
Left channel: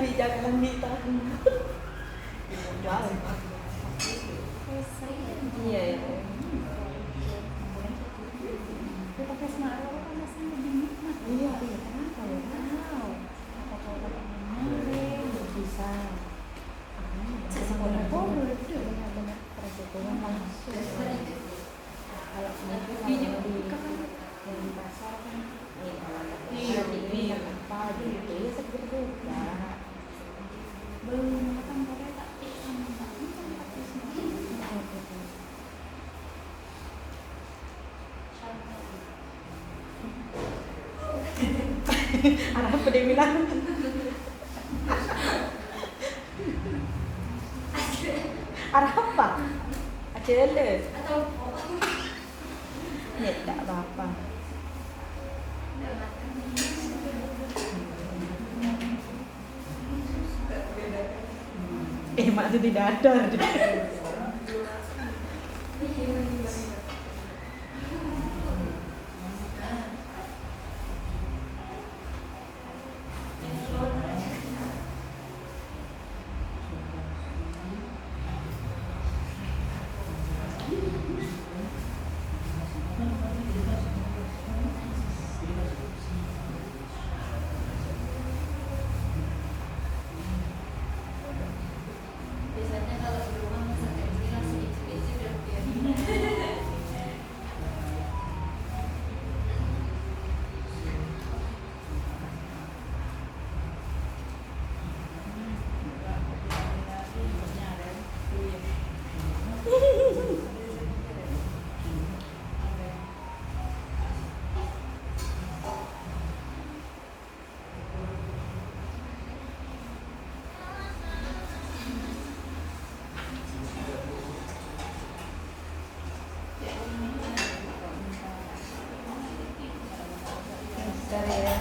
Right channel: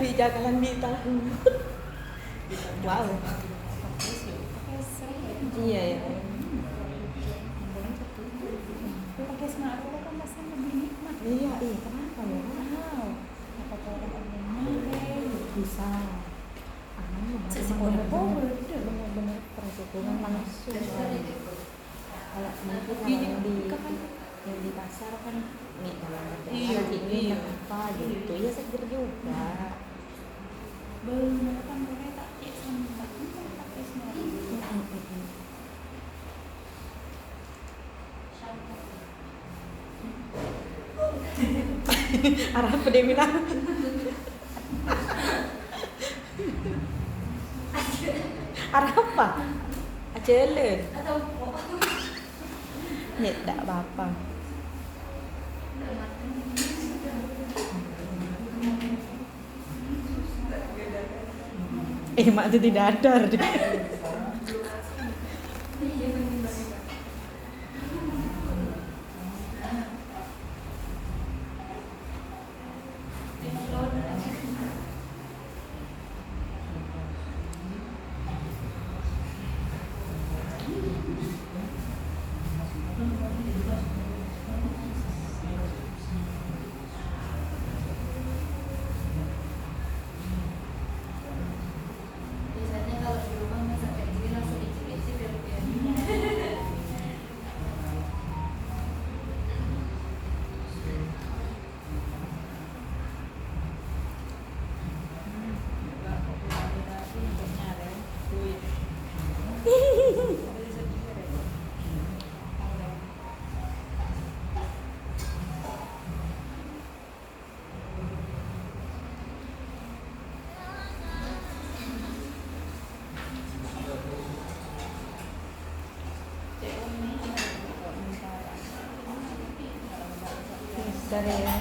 Bicara di tahun. Wow. Iya ya. Iya, bisa. Sesi benar-benar persetujuan langsung. Kalau nanti yang di pasar kan Arah apa dia bilang? Arah apa? Acele. Atau kok? Ya tak apa-apa. Mak itu tidak ada. Biasanya kalau di rumah masak kayak gini langsung icip-icip ya Bu ya. Bentar ya.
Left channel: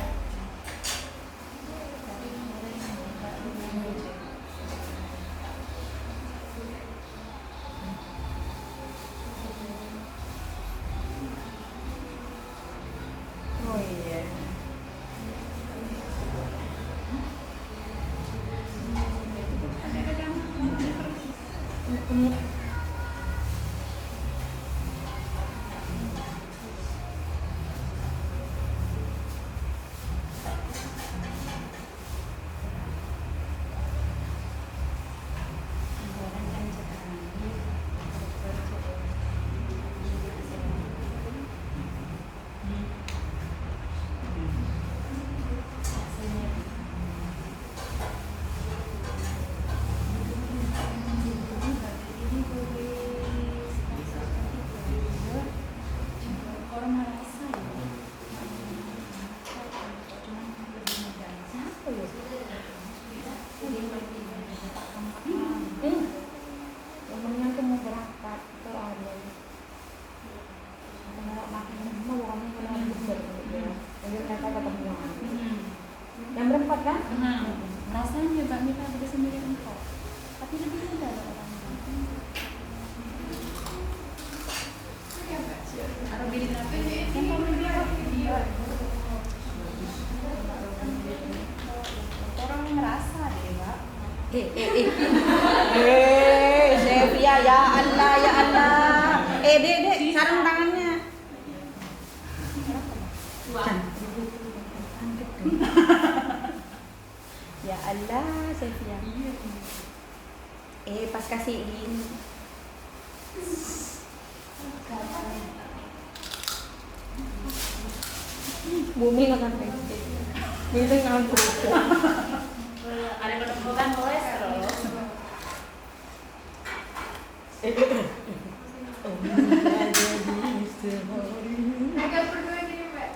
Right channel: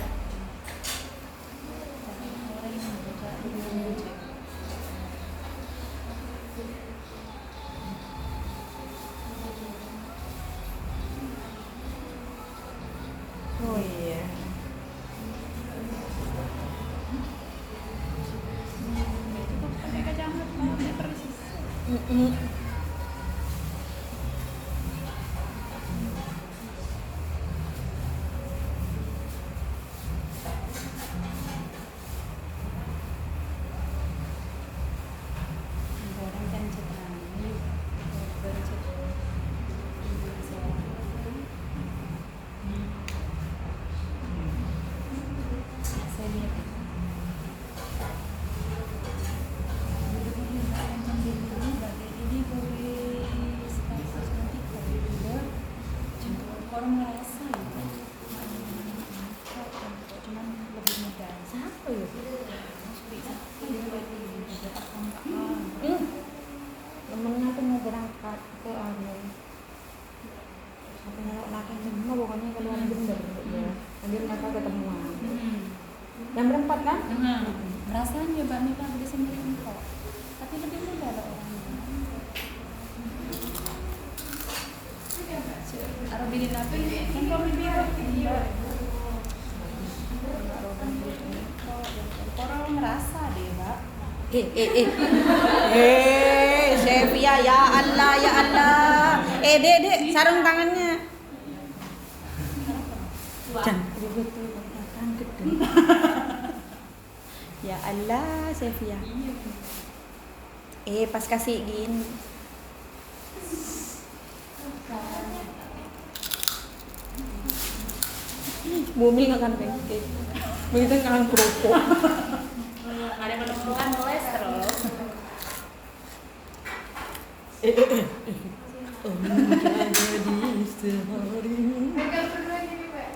Oh iya. Yang berempat kan? Rasanya Mbak Mita beli sendiri empok, tapi lebih mudah loh. Atau beli apa? Empok beli orang ngerasa deh Mbak. Sevia ya Allah ya Allah. Dek, sarung tangannya. Jangan ya Allah, Sevia. Pas kasih gini. Bumi nggak akan ribet. Begitu kan kerupuk. Ada penumpukan kolesterol. Menjadi sehari. Mereka berdua gini Mbak.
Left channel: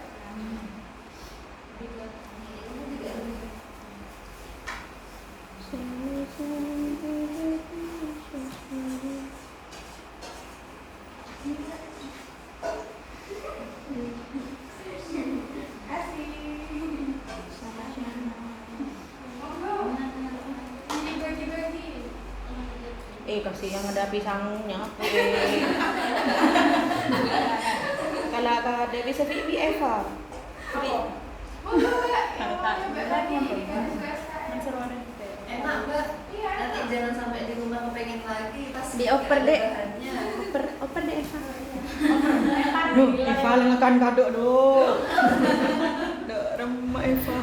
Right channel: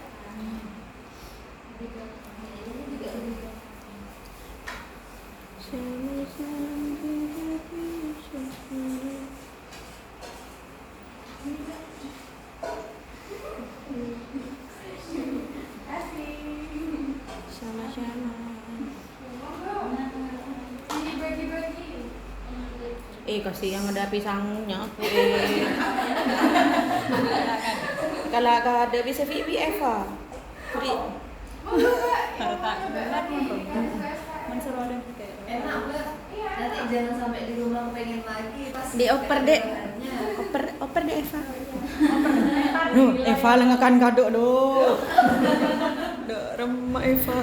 Kasih yang ada pisangnya. Kalau ada bisa Vivi Eva. Enak Mbak. Nanti jangan sampai di rumah pengen lagi pas Dioper deh. bahannya. Oper deh Eva. Duh, Eva lengakan kado doh. Dak remah Eva.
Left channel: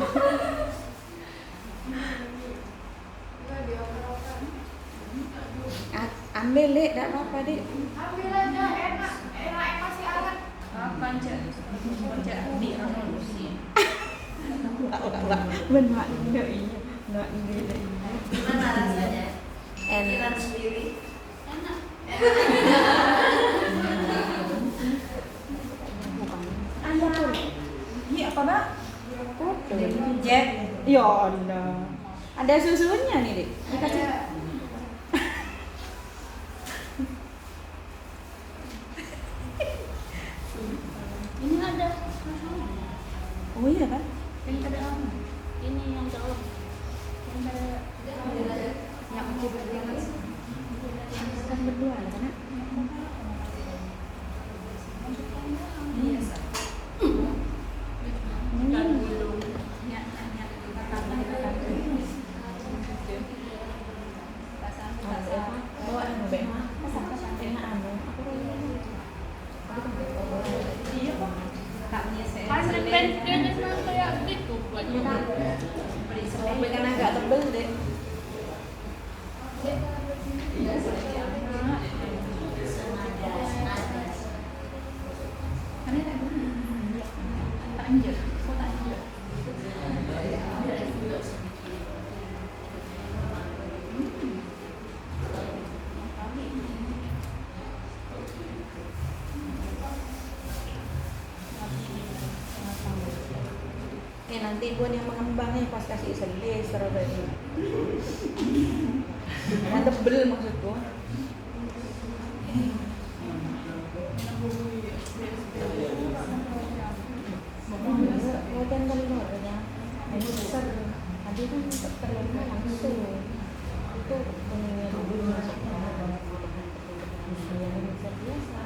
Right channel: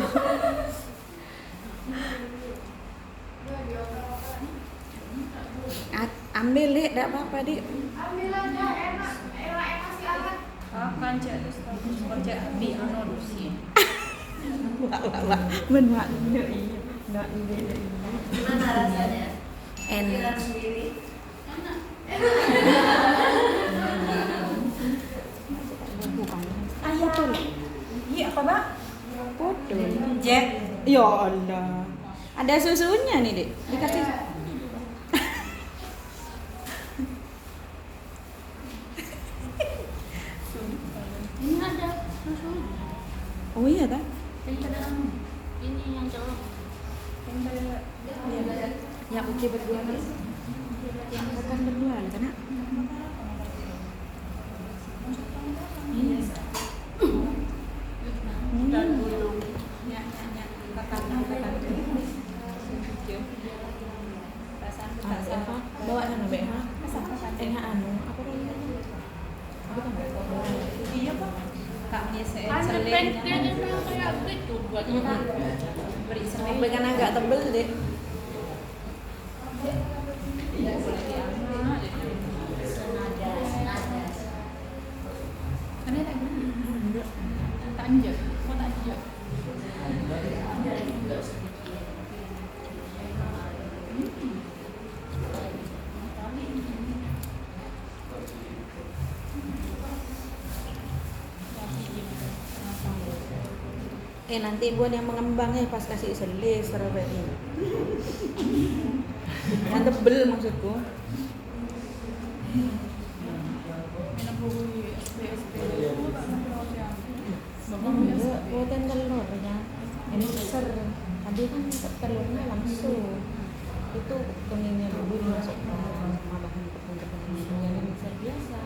Ambil dek, tak apa-apa dek. Ambil aja, enak masih hangat. Benar, iya. Nggak beda. Gimana rasanya? Enak. Kira sendiri. Enak. Ayah tuh. Iya apa Mbak? Jack. Ya Allah. Ada susunya nih, Dek. Dikasih. Ini ada. Oh iya kan? Ini ada kamu. Ini yang jauh. Ini ada. Yang oke berdua kan? Yang berdua kan? Bawa yang lebih enak anu. Iya kok. Kan pengennya kayak gitu buat beri sering. Dengan agak tebel deh. Nanti buat yang mengembangnya pas kasih selis serabetnya. Yang tebel maksudku. Buatan telurnya ini besar. Ada kan telurnya langsung. Itu kuningnya dulu masuk ke dalam. Yang besar biasa.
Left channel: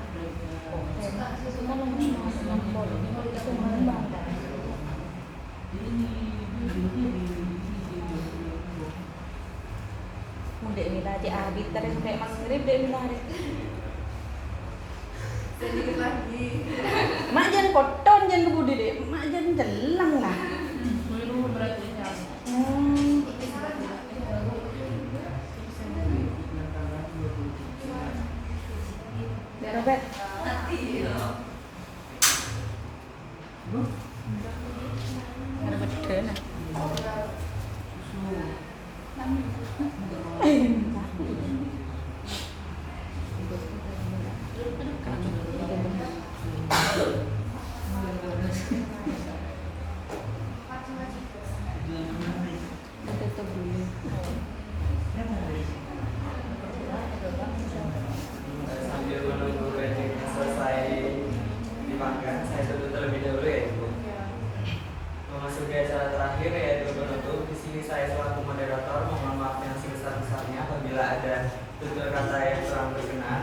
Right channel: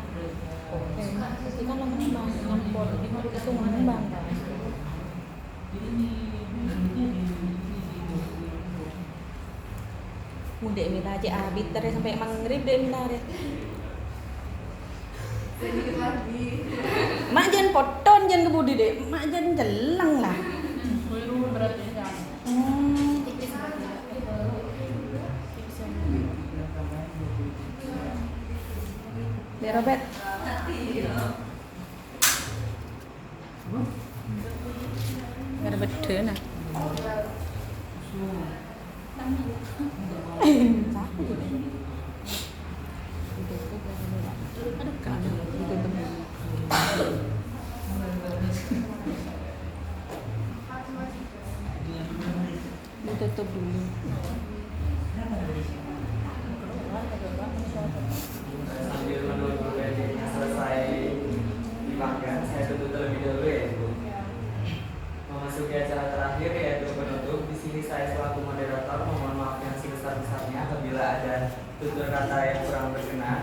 Itu kan yang langsung mengembang. Dek mila cek abit terus sampai maghrib dek mila dek. Sedikit lagi. Mak jangan poton jangan kebudi dek. Mak jangan jelang lah. Dek Robert. Ada betul nah. Tutup dulu. Sambil menunggu dagingnya selesai dimakan, saya tutup terlebih dahulu ya Ibu. Memasuki acara terakhir yaitu penutup. Di sini saya selaku moderator mohon maaf yang sebesar-besarnya apabila ada tutur kata yang kurang berkenan.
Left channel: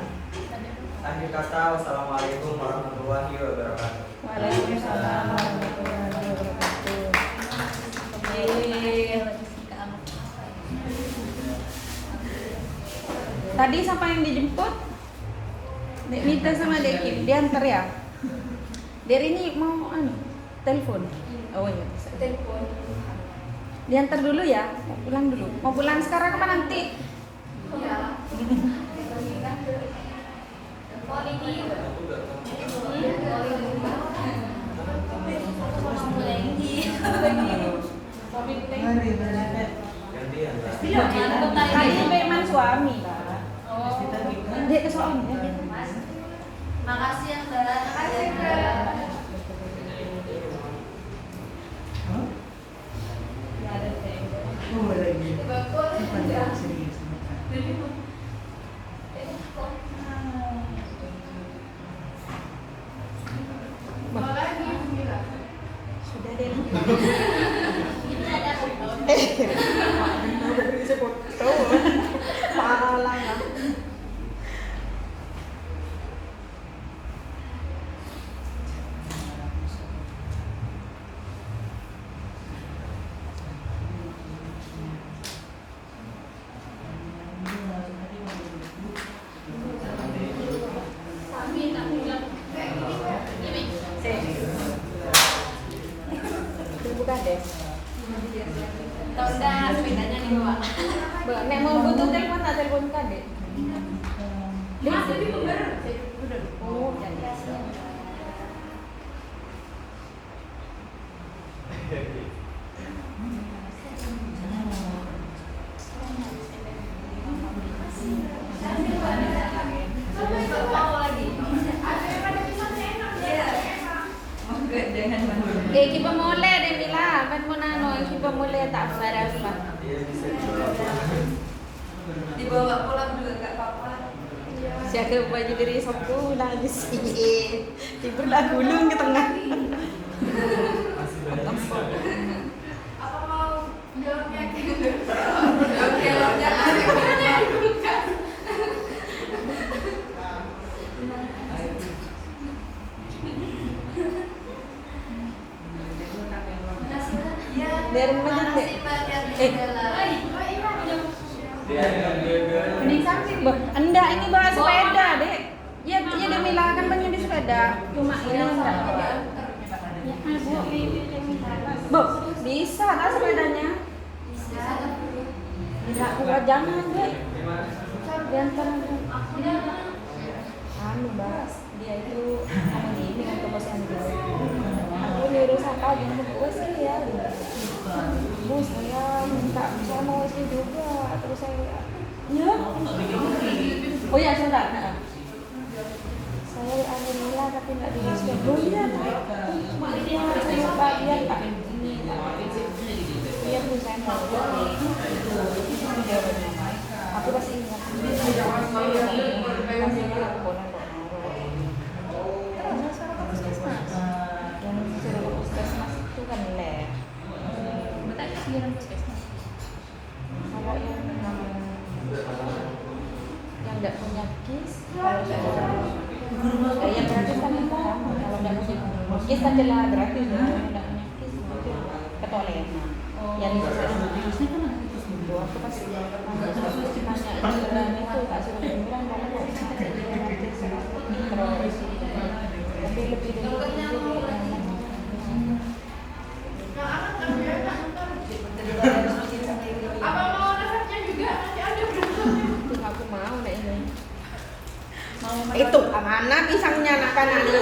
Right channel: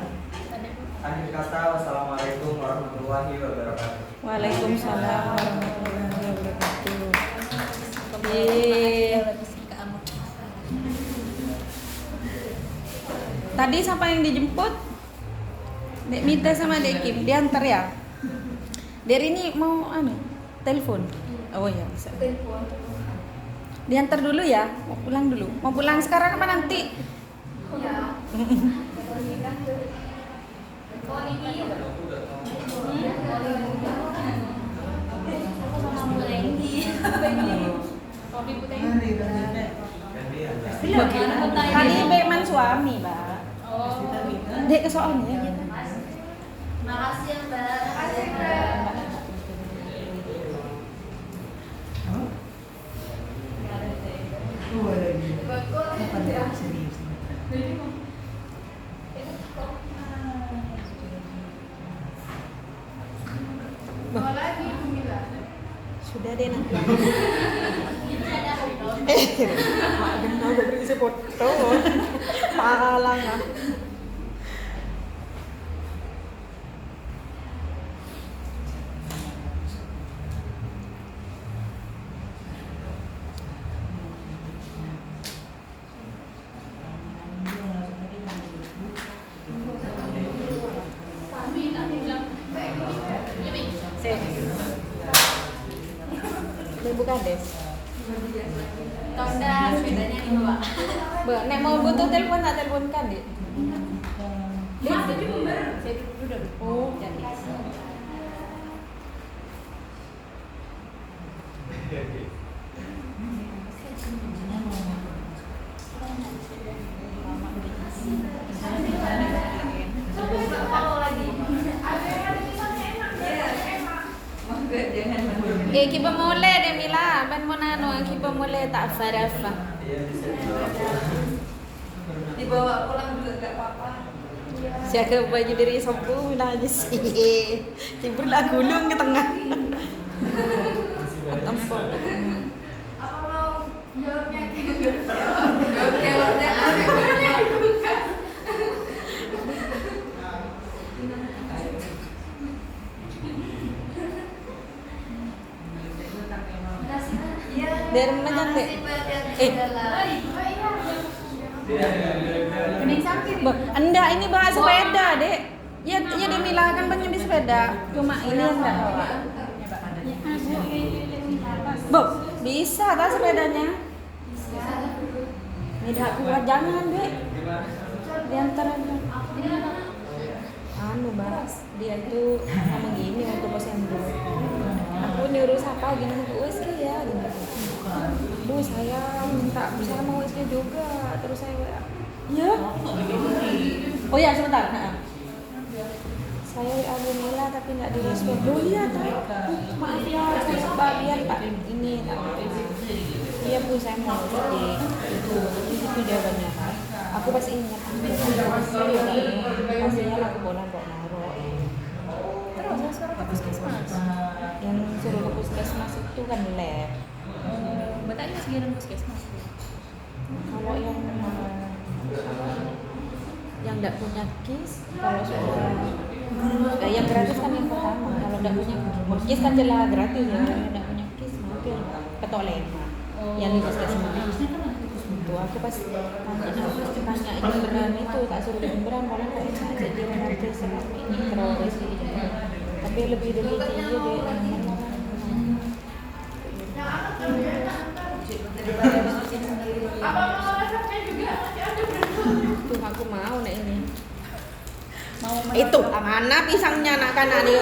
Akhir kata, wassalamualaikum warahmatullahi wabarakatuh. Waalaikumsalam warahmatullahi wabarakatuh. Tadi siapa yang dijemput? Dek Mita sama Dek Kim diantar ya? Dari ini mau telepon. Oh iya bisa. Telepon. Diantar dulu ya. Mau pulang dulu. Mau pulang sekarang apa nanti? Iya. Kali memang suami lah. Dia kesoalnya. Makasih ya Mbak. Makasih Mbak. Sudah deh nanti. Udah bisa foto. Alang. Bukan deh. Kalau udah sepedanya dibawa. Nek mau butuh telepon tak telepon kan dek? Mas, tapi bener. Oh, kita mulai deh Mila, ben mulai tak verify. Iya bisa dibawa pulang. Dibawa pulang juga nggak apa-apa. Jaga baju diri satu aja sih. Ibu lah gulung ke tengah. Apa mau jawabnya gitu? Jawabnya akhirnya bukan. Dari mana nanti? Dia dengan gagal. Enggak, ini bahas sepeda, Dek. Ya, dia Demila kan pengen di sepeda. Cuma ya enggak. Bu, bisa tak sepedanya? Enggak kuat jangan, Dek. Diantar bahas dia itu begini waktu bosan dulu. Aku nyuruh siapa gini bos ya, bos saya minta saya mau WC juga, terus saya ya, oh ya saudara, saya WA Mila tapi nggak direspon. Oh iya, cuma dia saya bagian pak ini, dia pun saya mau pergi itu jawabannya. Aku pasti ingat yang suruh puskesmas itu kan lab. Kalau yang tidak punya KIS, kalau sudah yang gratis kan yang pertama. Kalau tidak punya KIS kan jelas gratis ya. Yang tidak punya KIS mungkin ketolak yang di puskesmas. Itu aku pas tanya itu tak suruh liburan malah kok jadi gratis terus tapi lebih dari itu dia Apa mau resepnya juga? Nanti ada berikutnya. itu aku mau nek ini itu mana pisangnya nak kan ada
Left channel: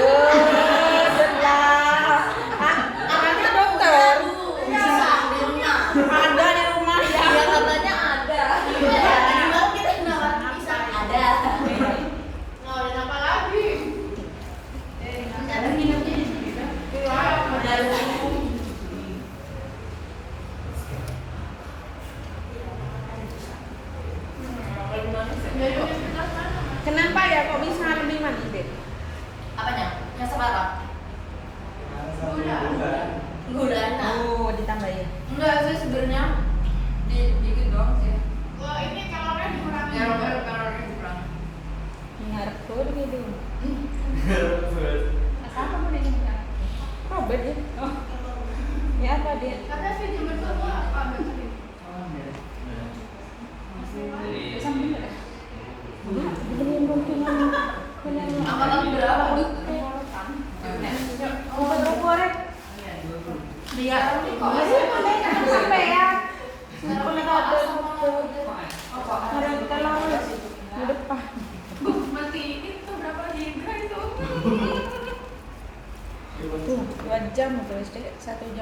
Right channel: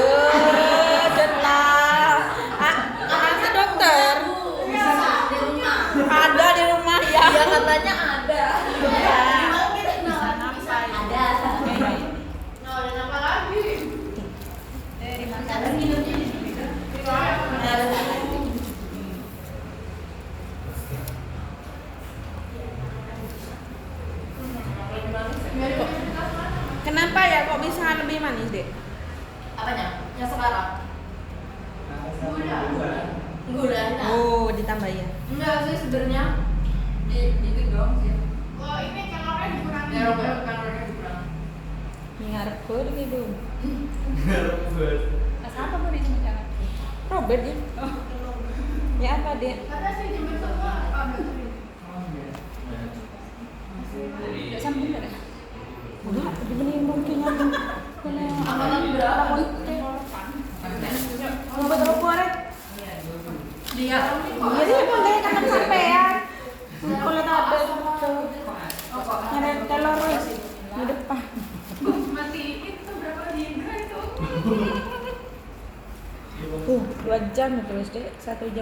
ada dokter ada di rumah ya Katanya ada. Ada. Nah, dan apa lagi? kenapa ya kok bisa lebih manis deh Apanya? Yang sekarang? Gula. oh ditambahin Enggak sih sebenarnya dikit doang sih. Wah ini kalorinya dikurangi. Ya kalorinya dikurangi. ngarep tuh gitu Apa mau dicinta? Robert ya ya apa dia Karena sih jember semua ada. dibeliin mungkin Amalan berapa? Dia kok sampai ya apa? ada telur di depan Masih itu berapa giga itu? tuh 2 jam terus deh 1 jam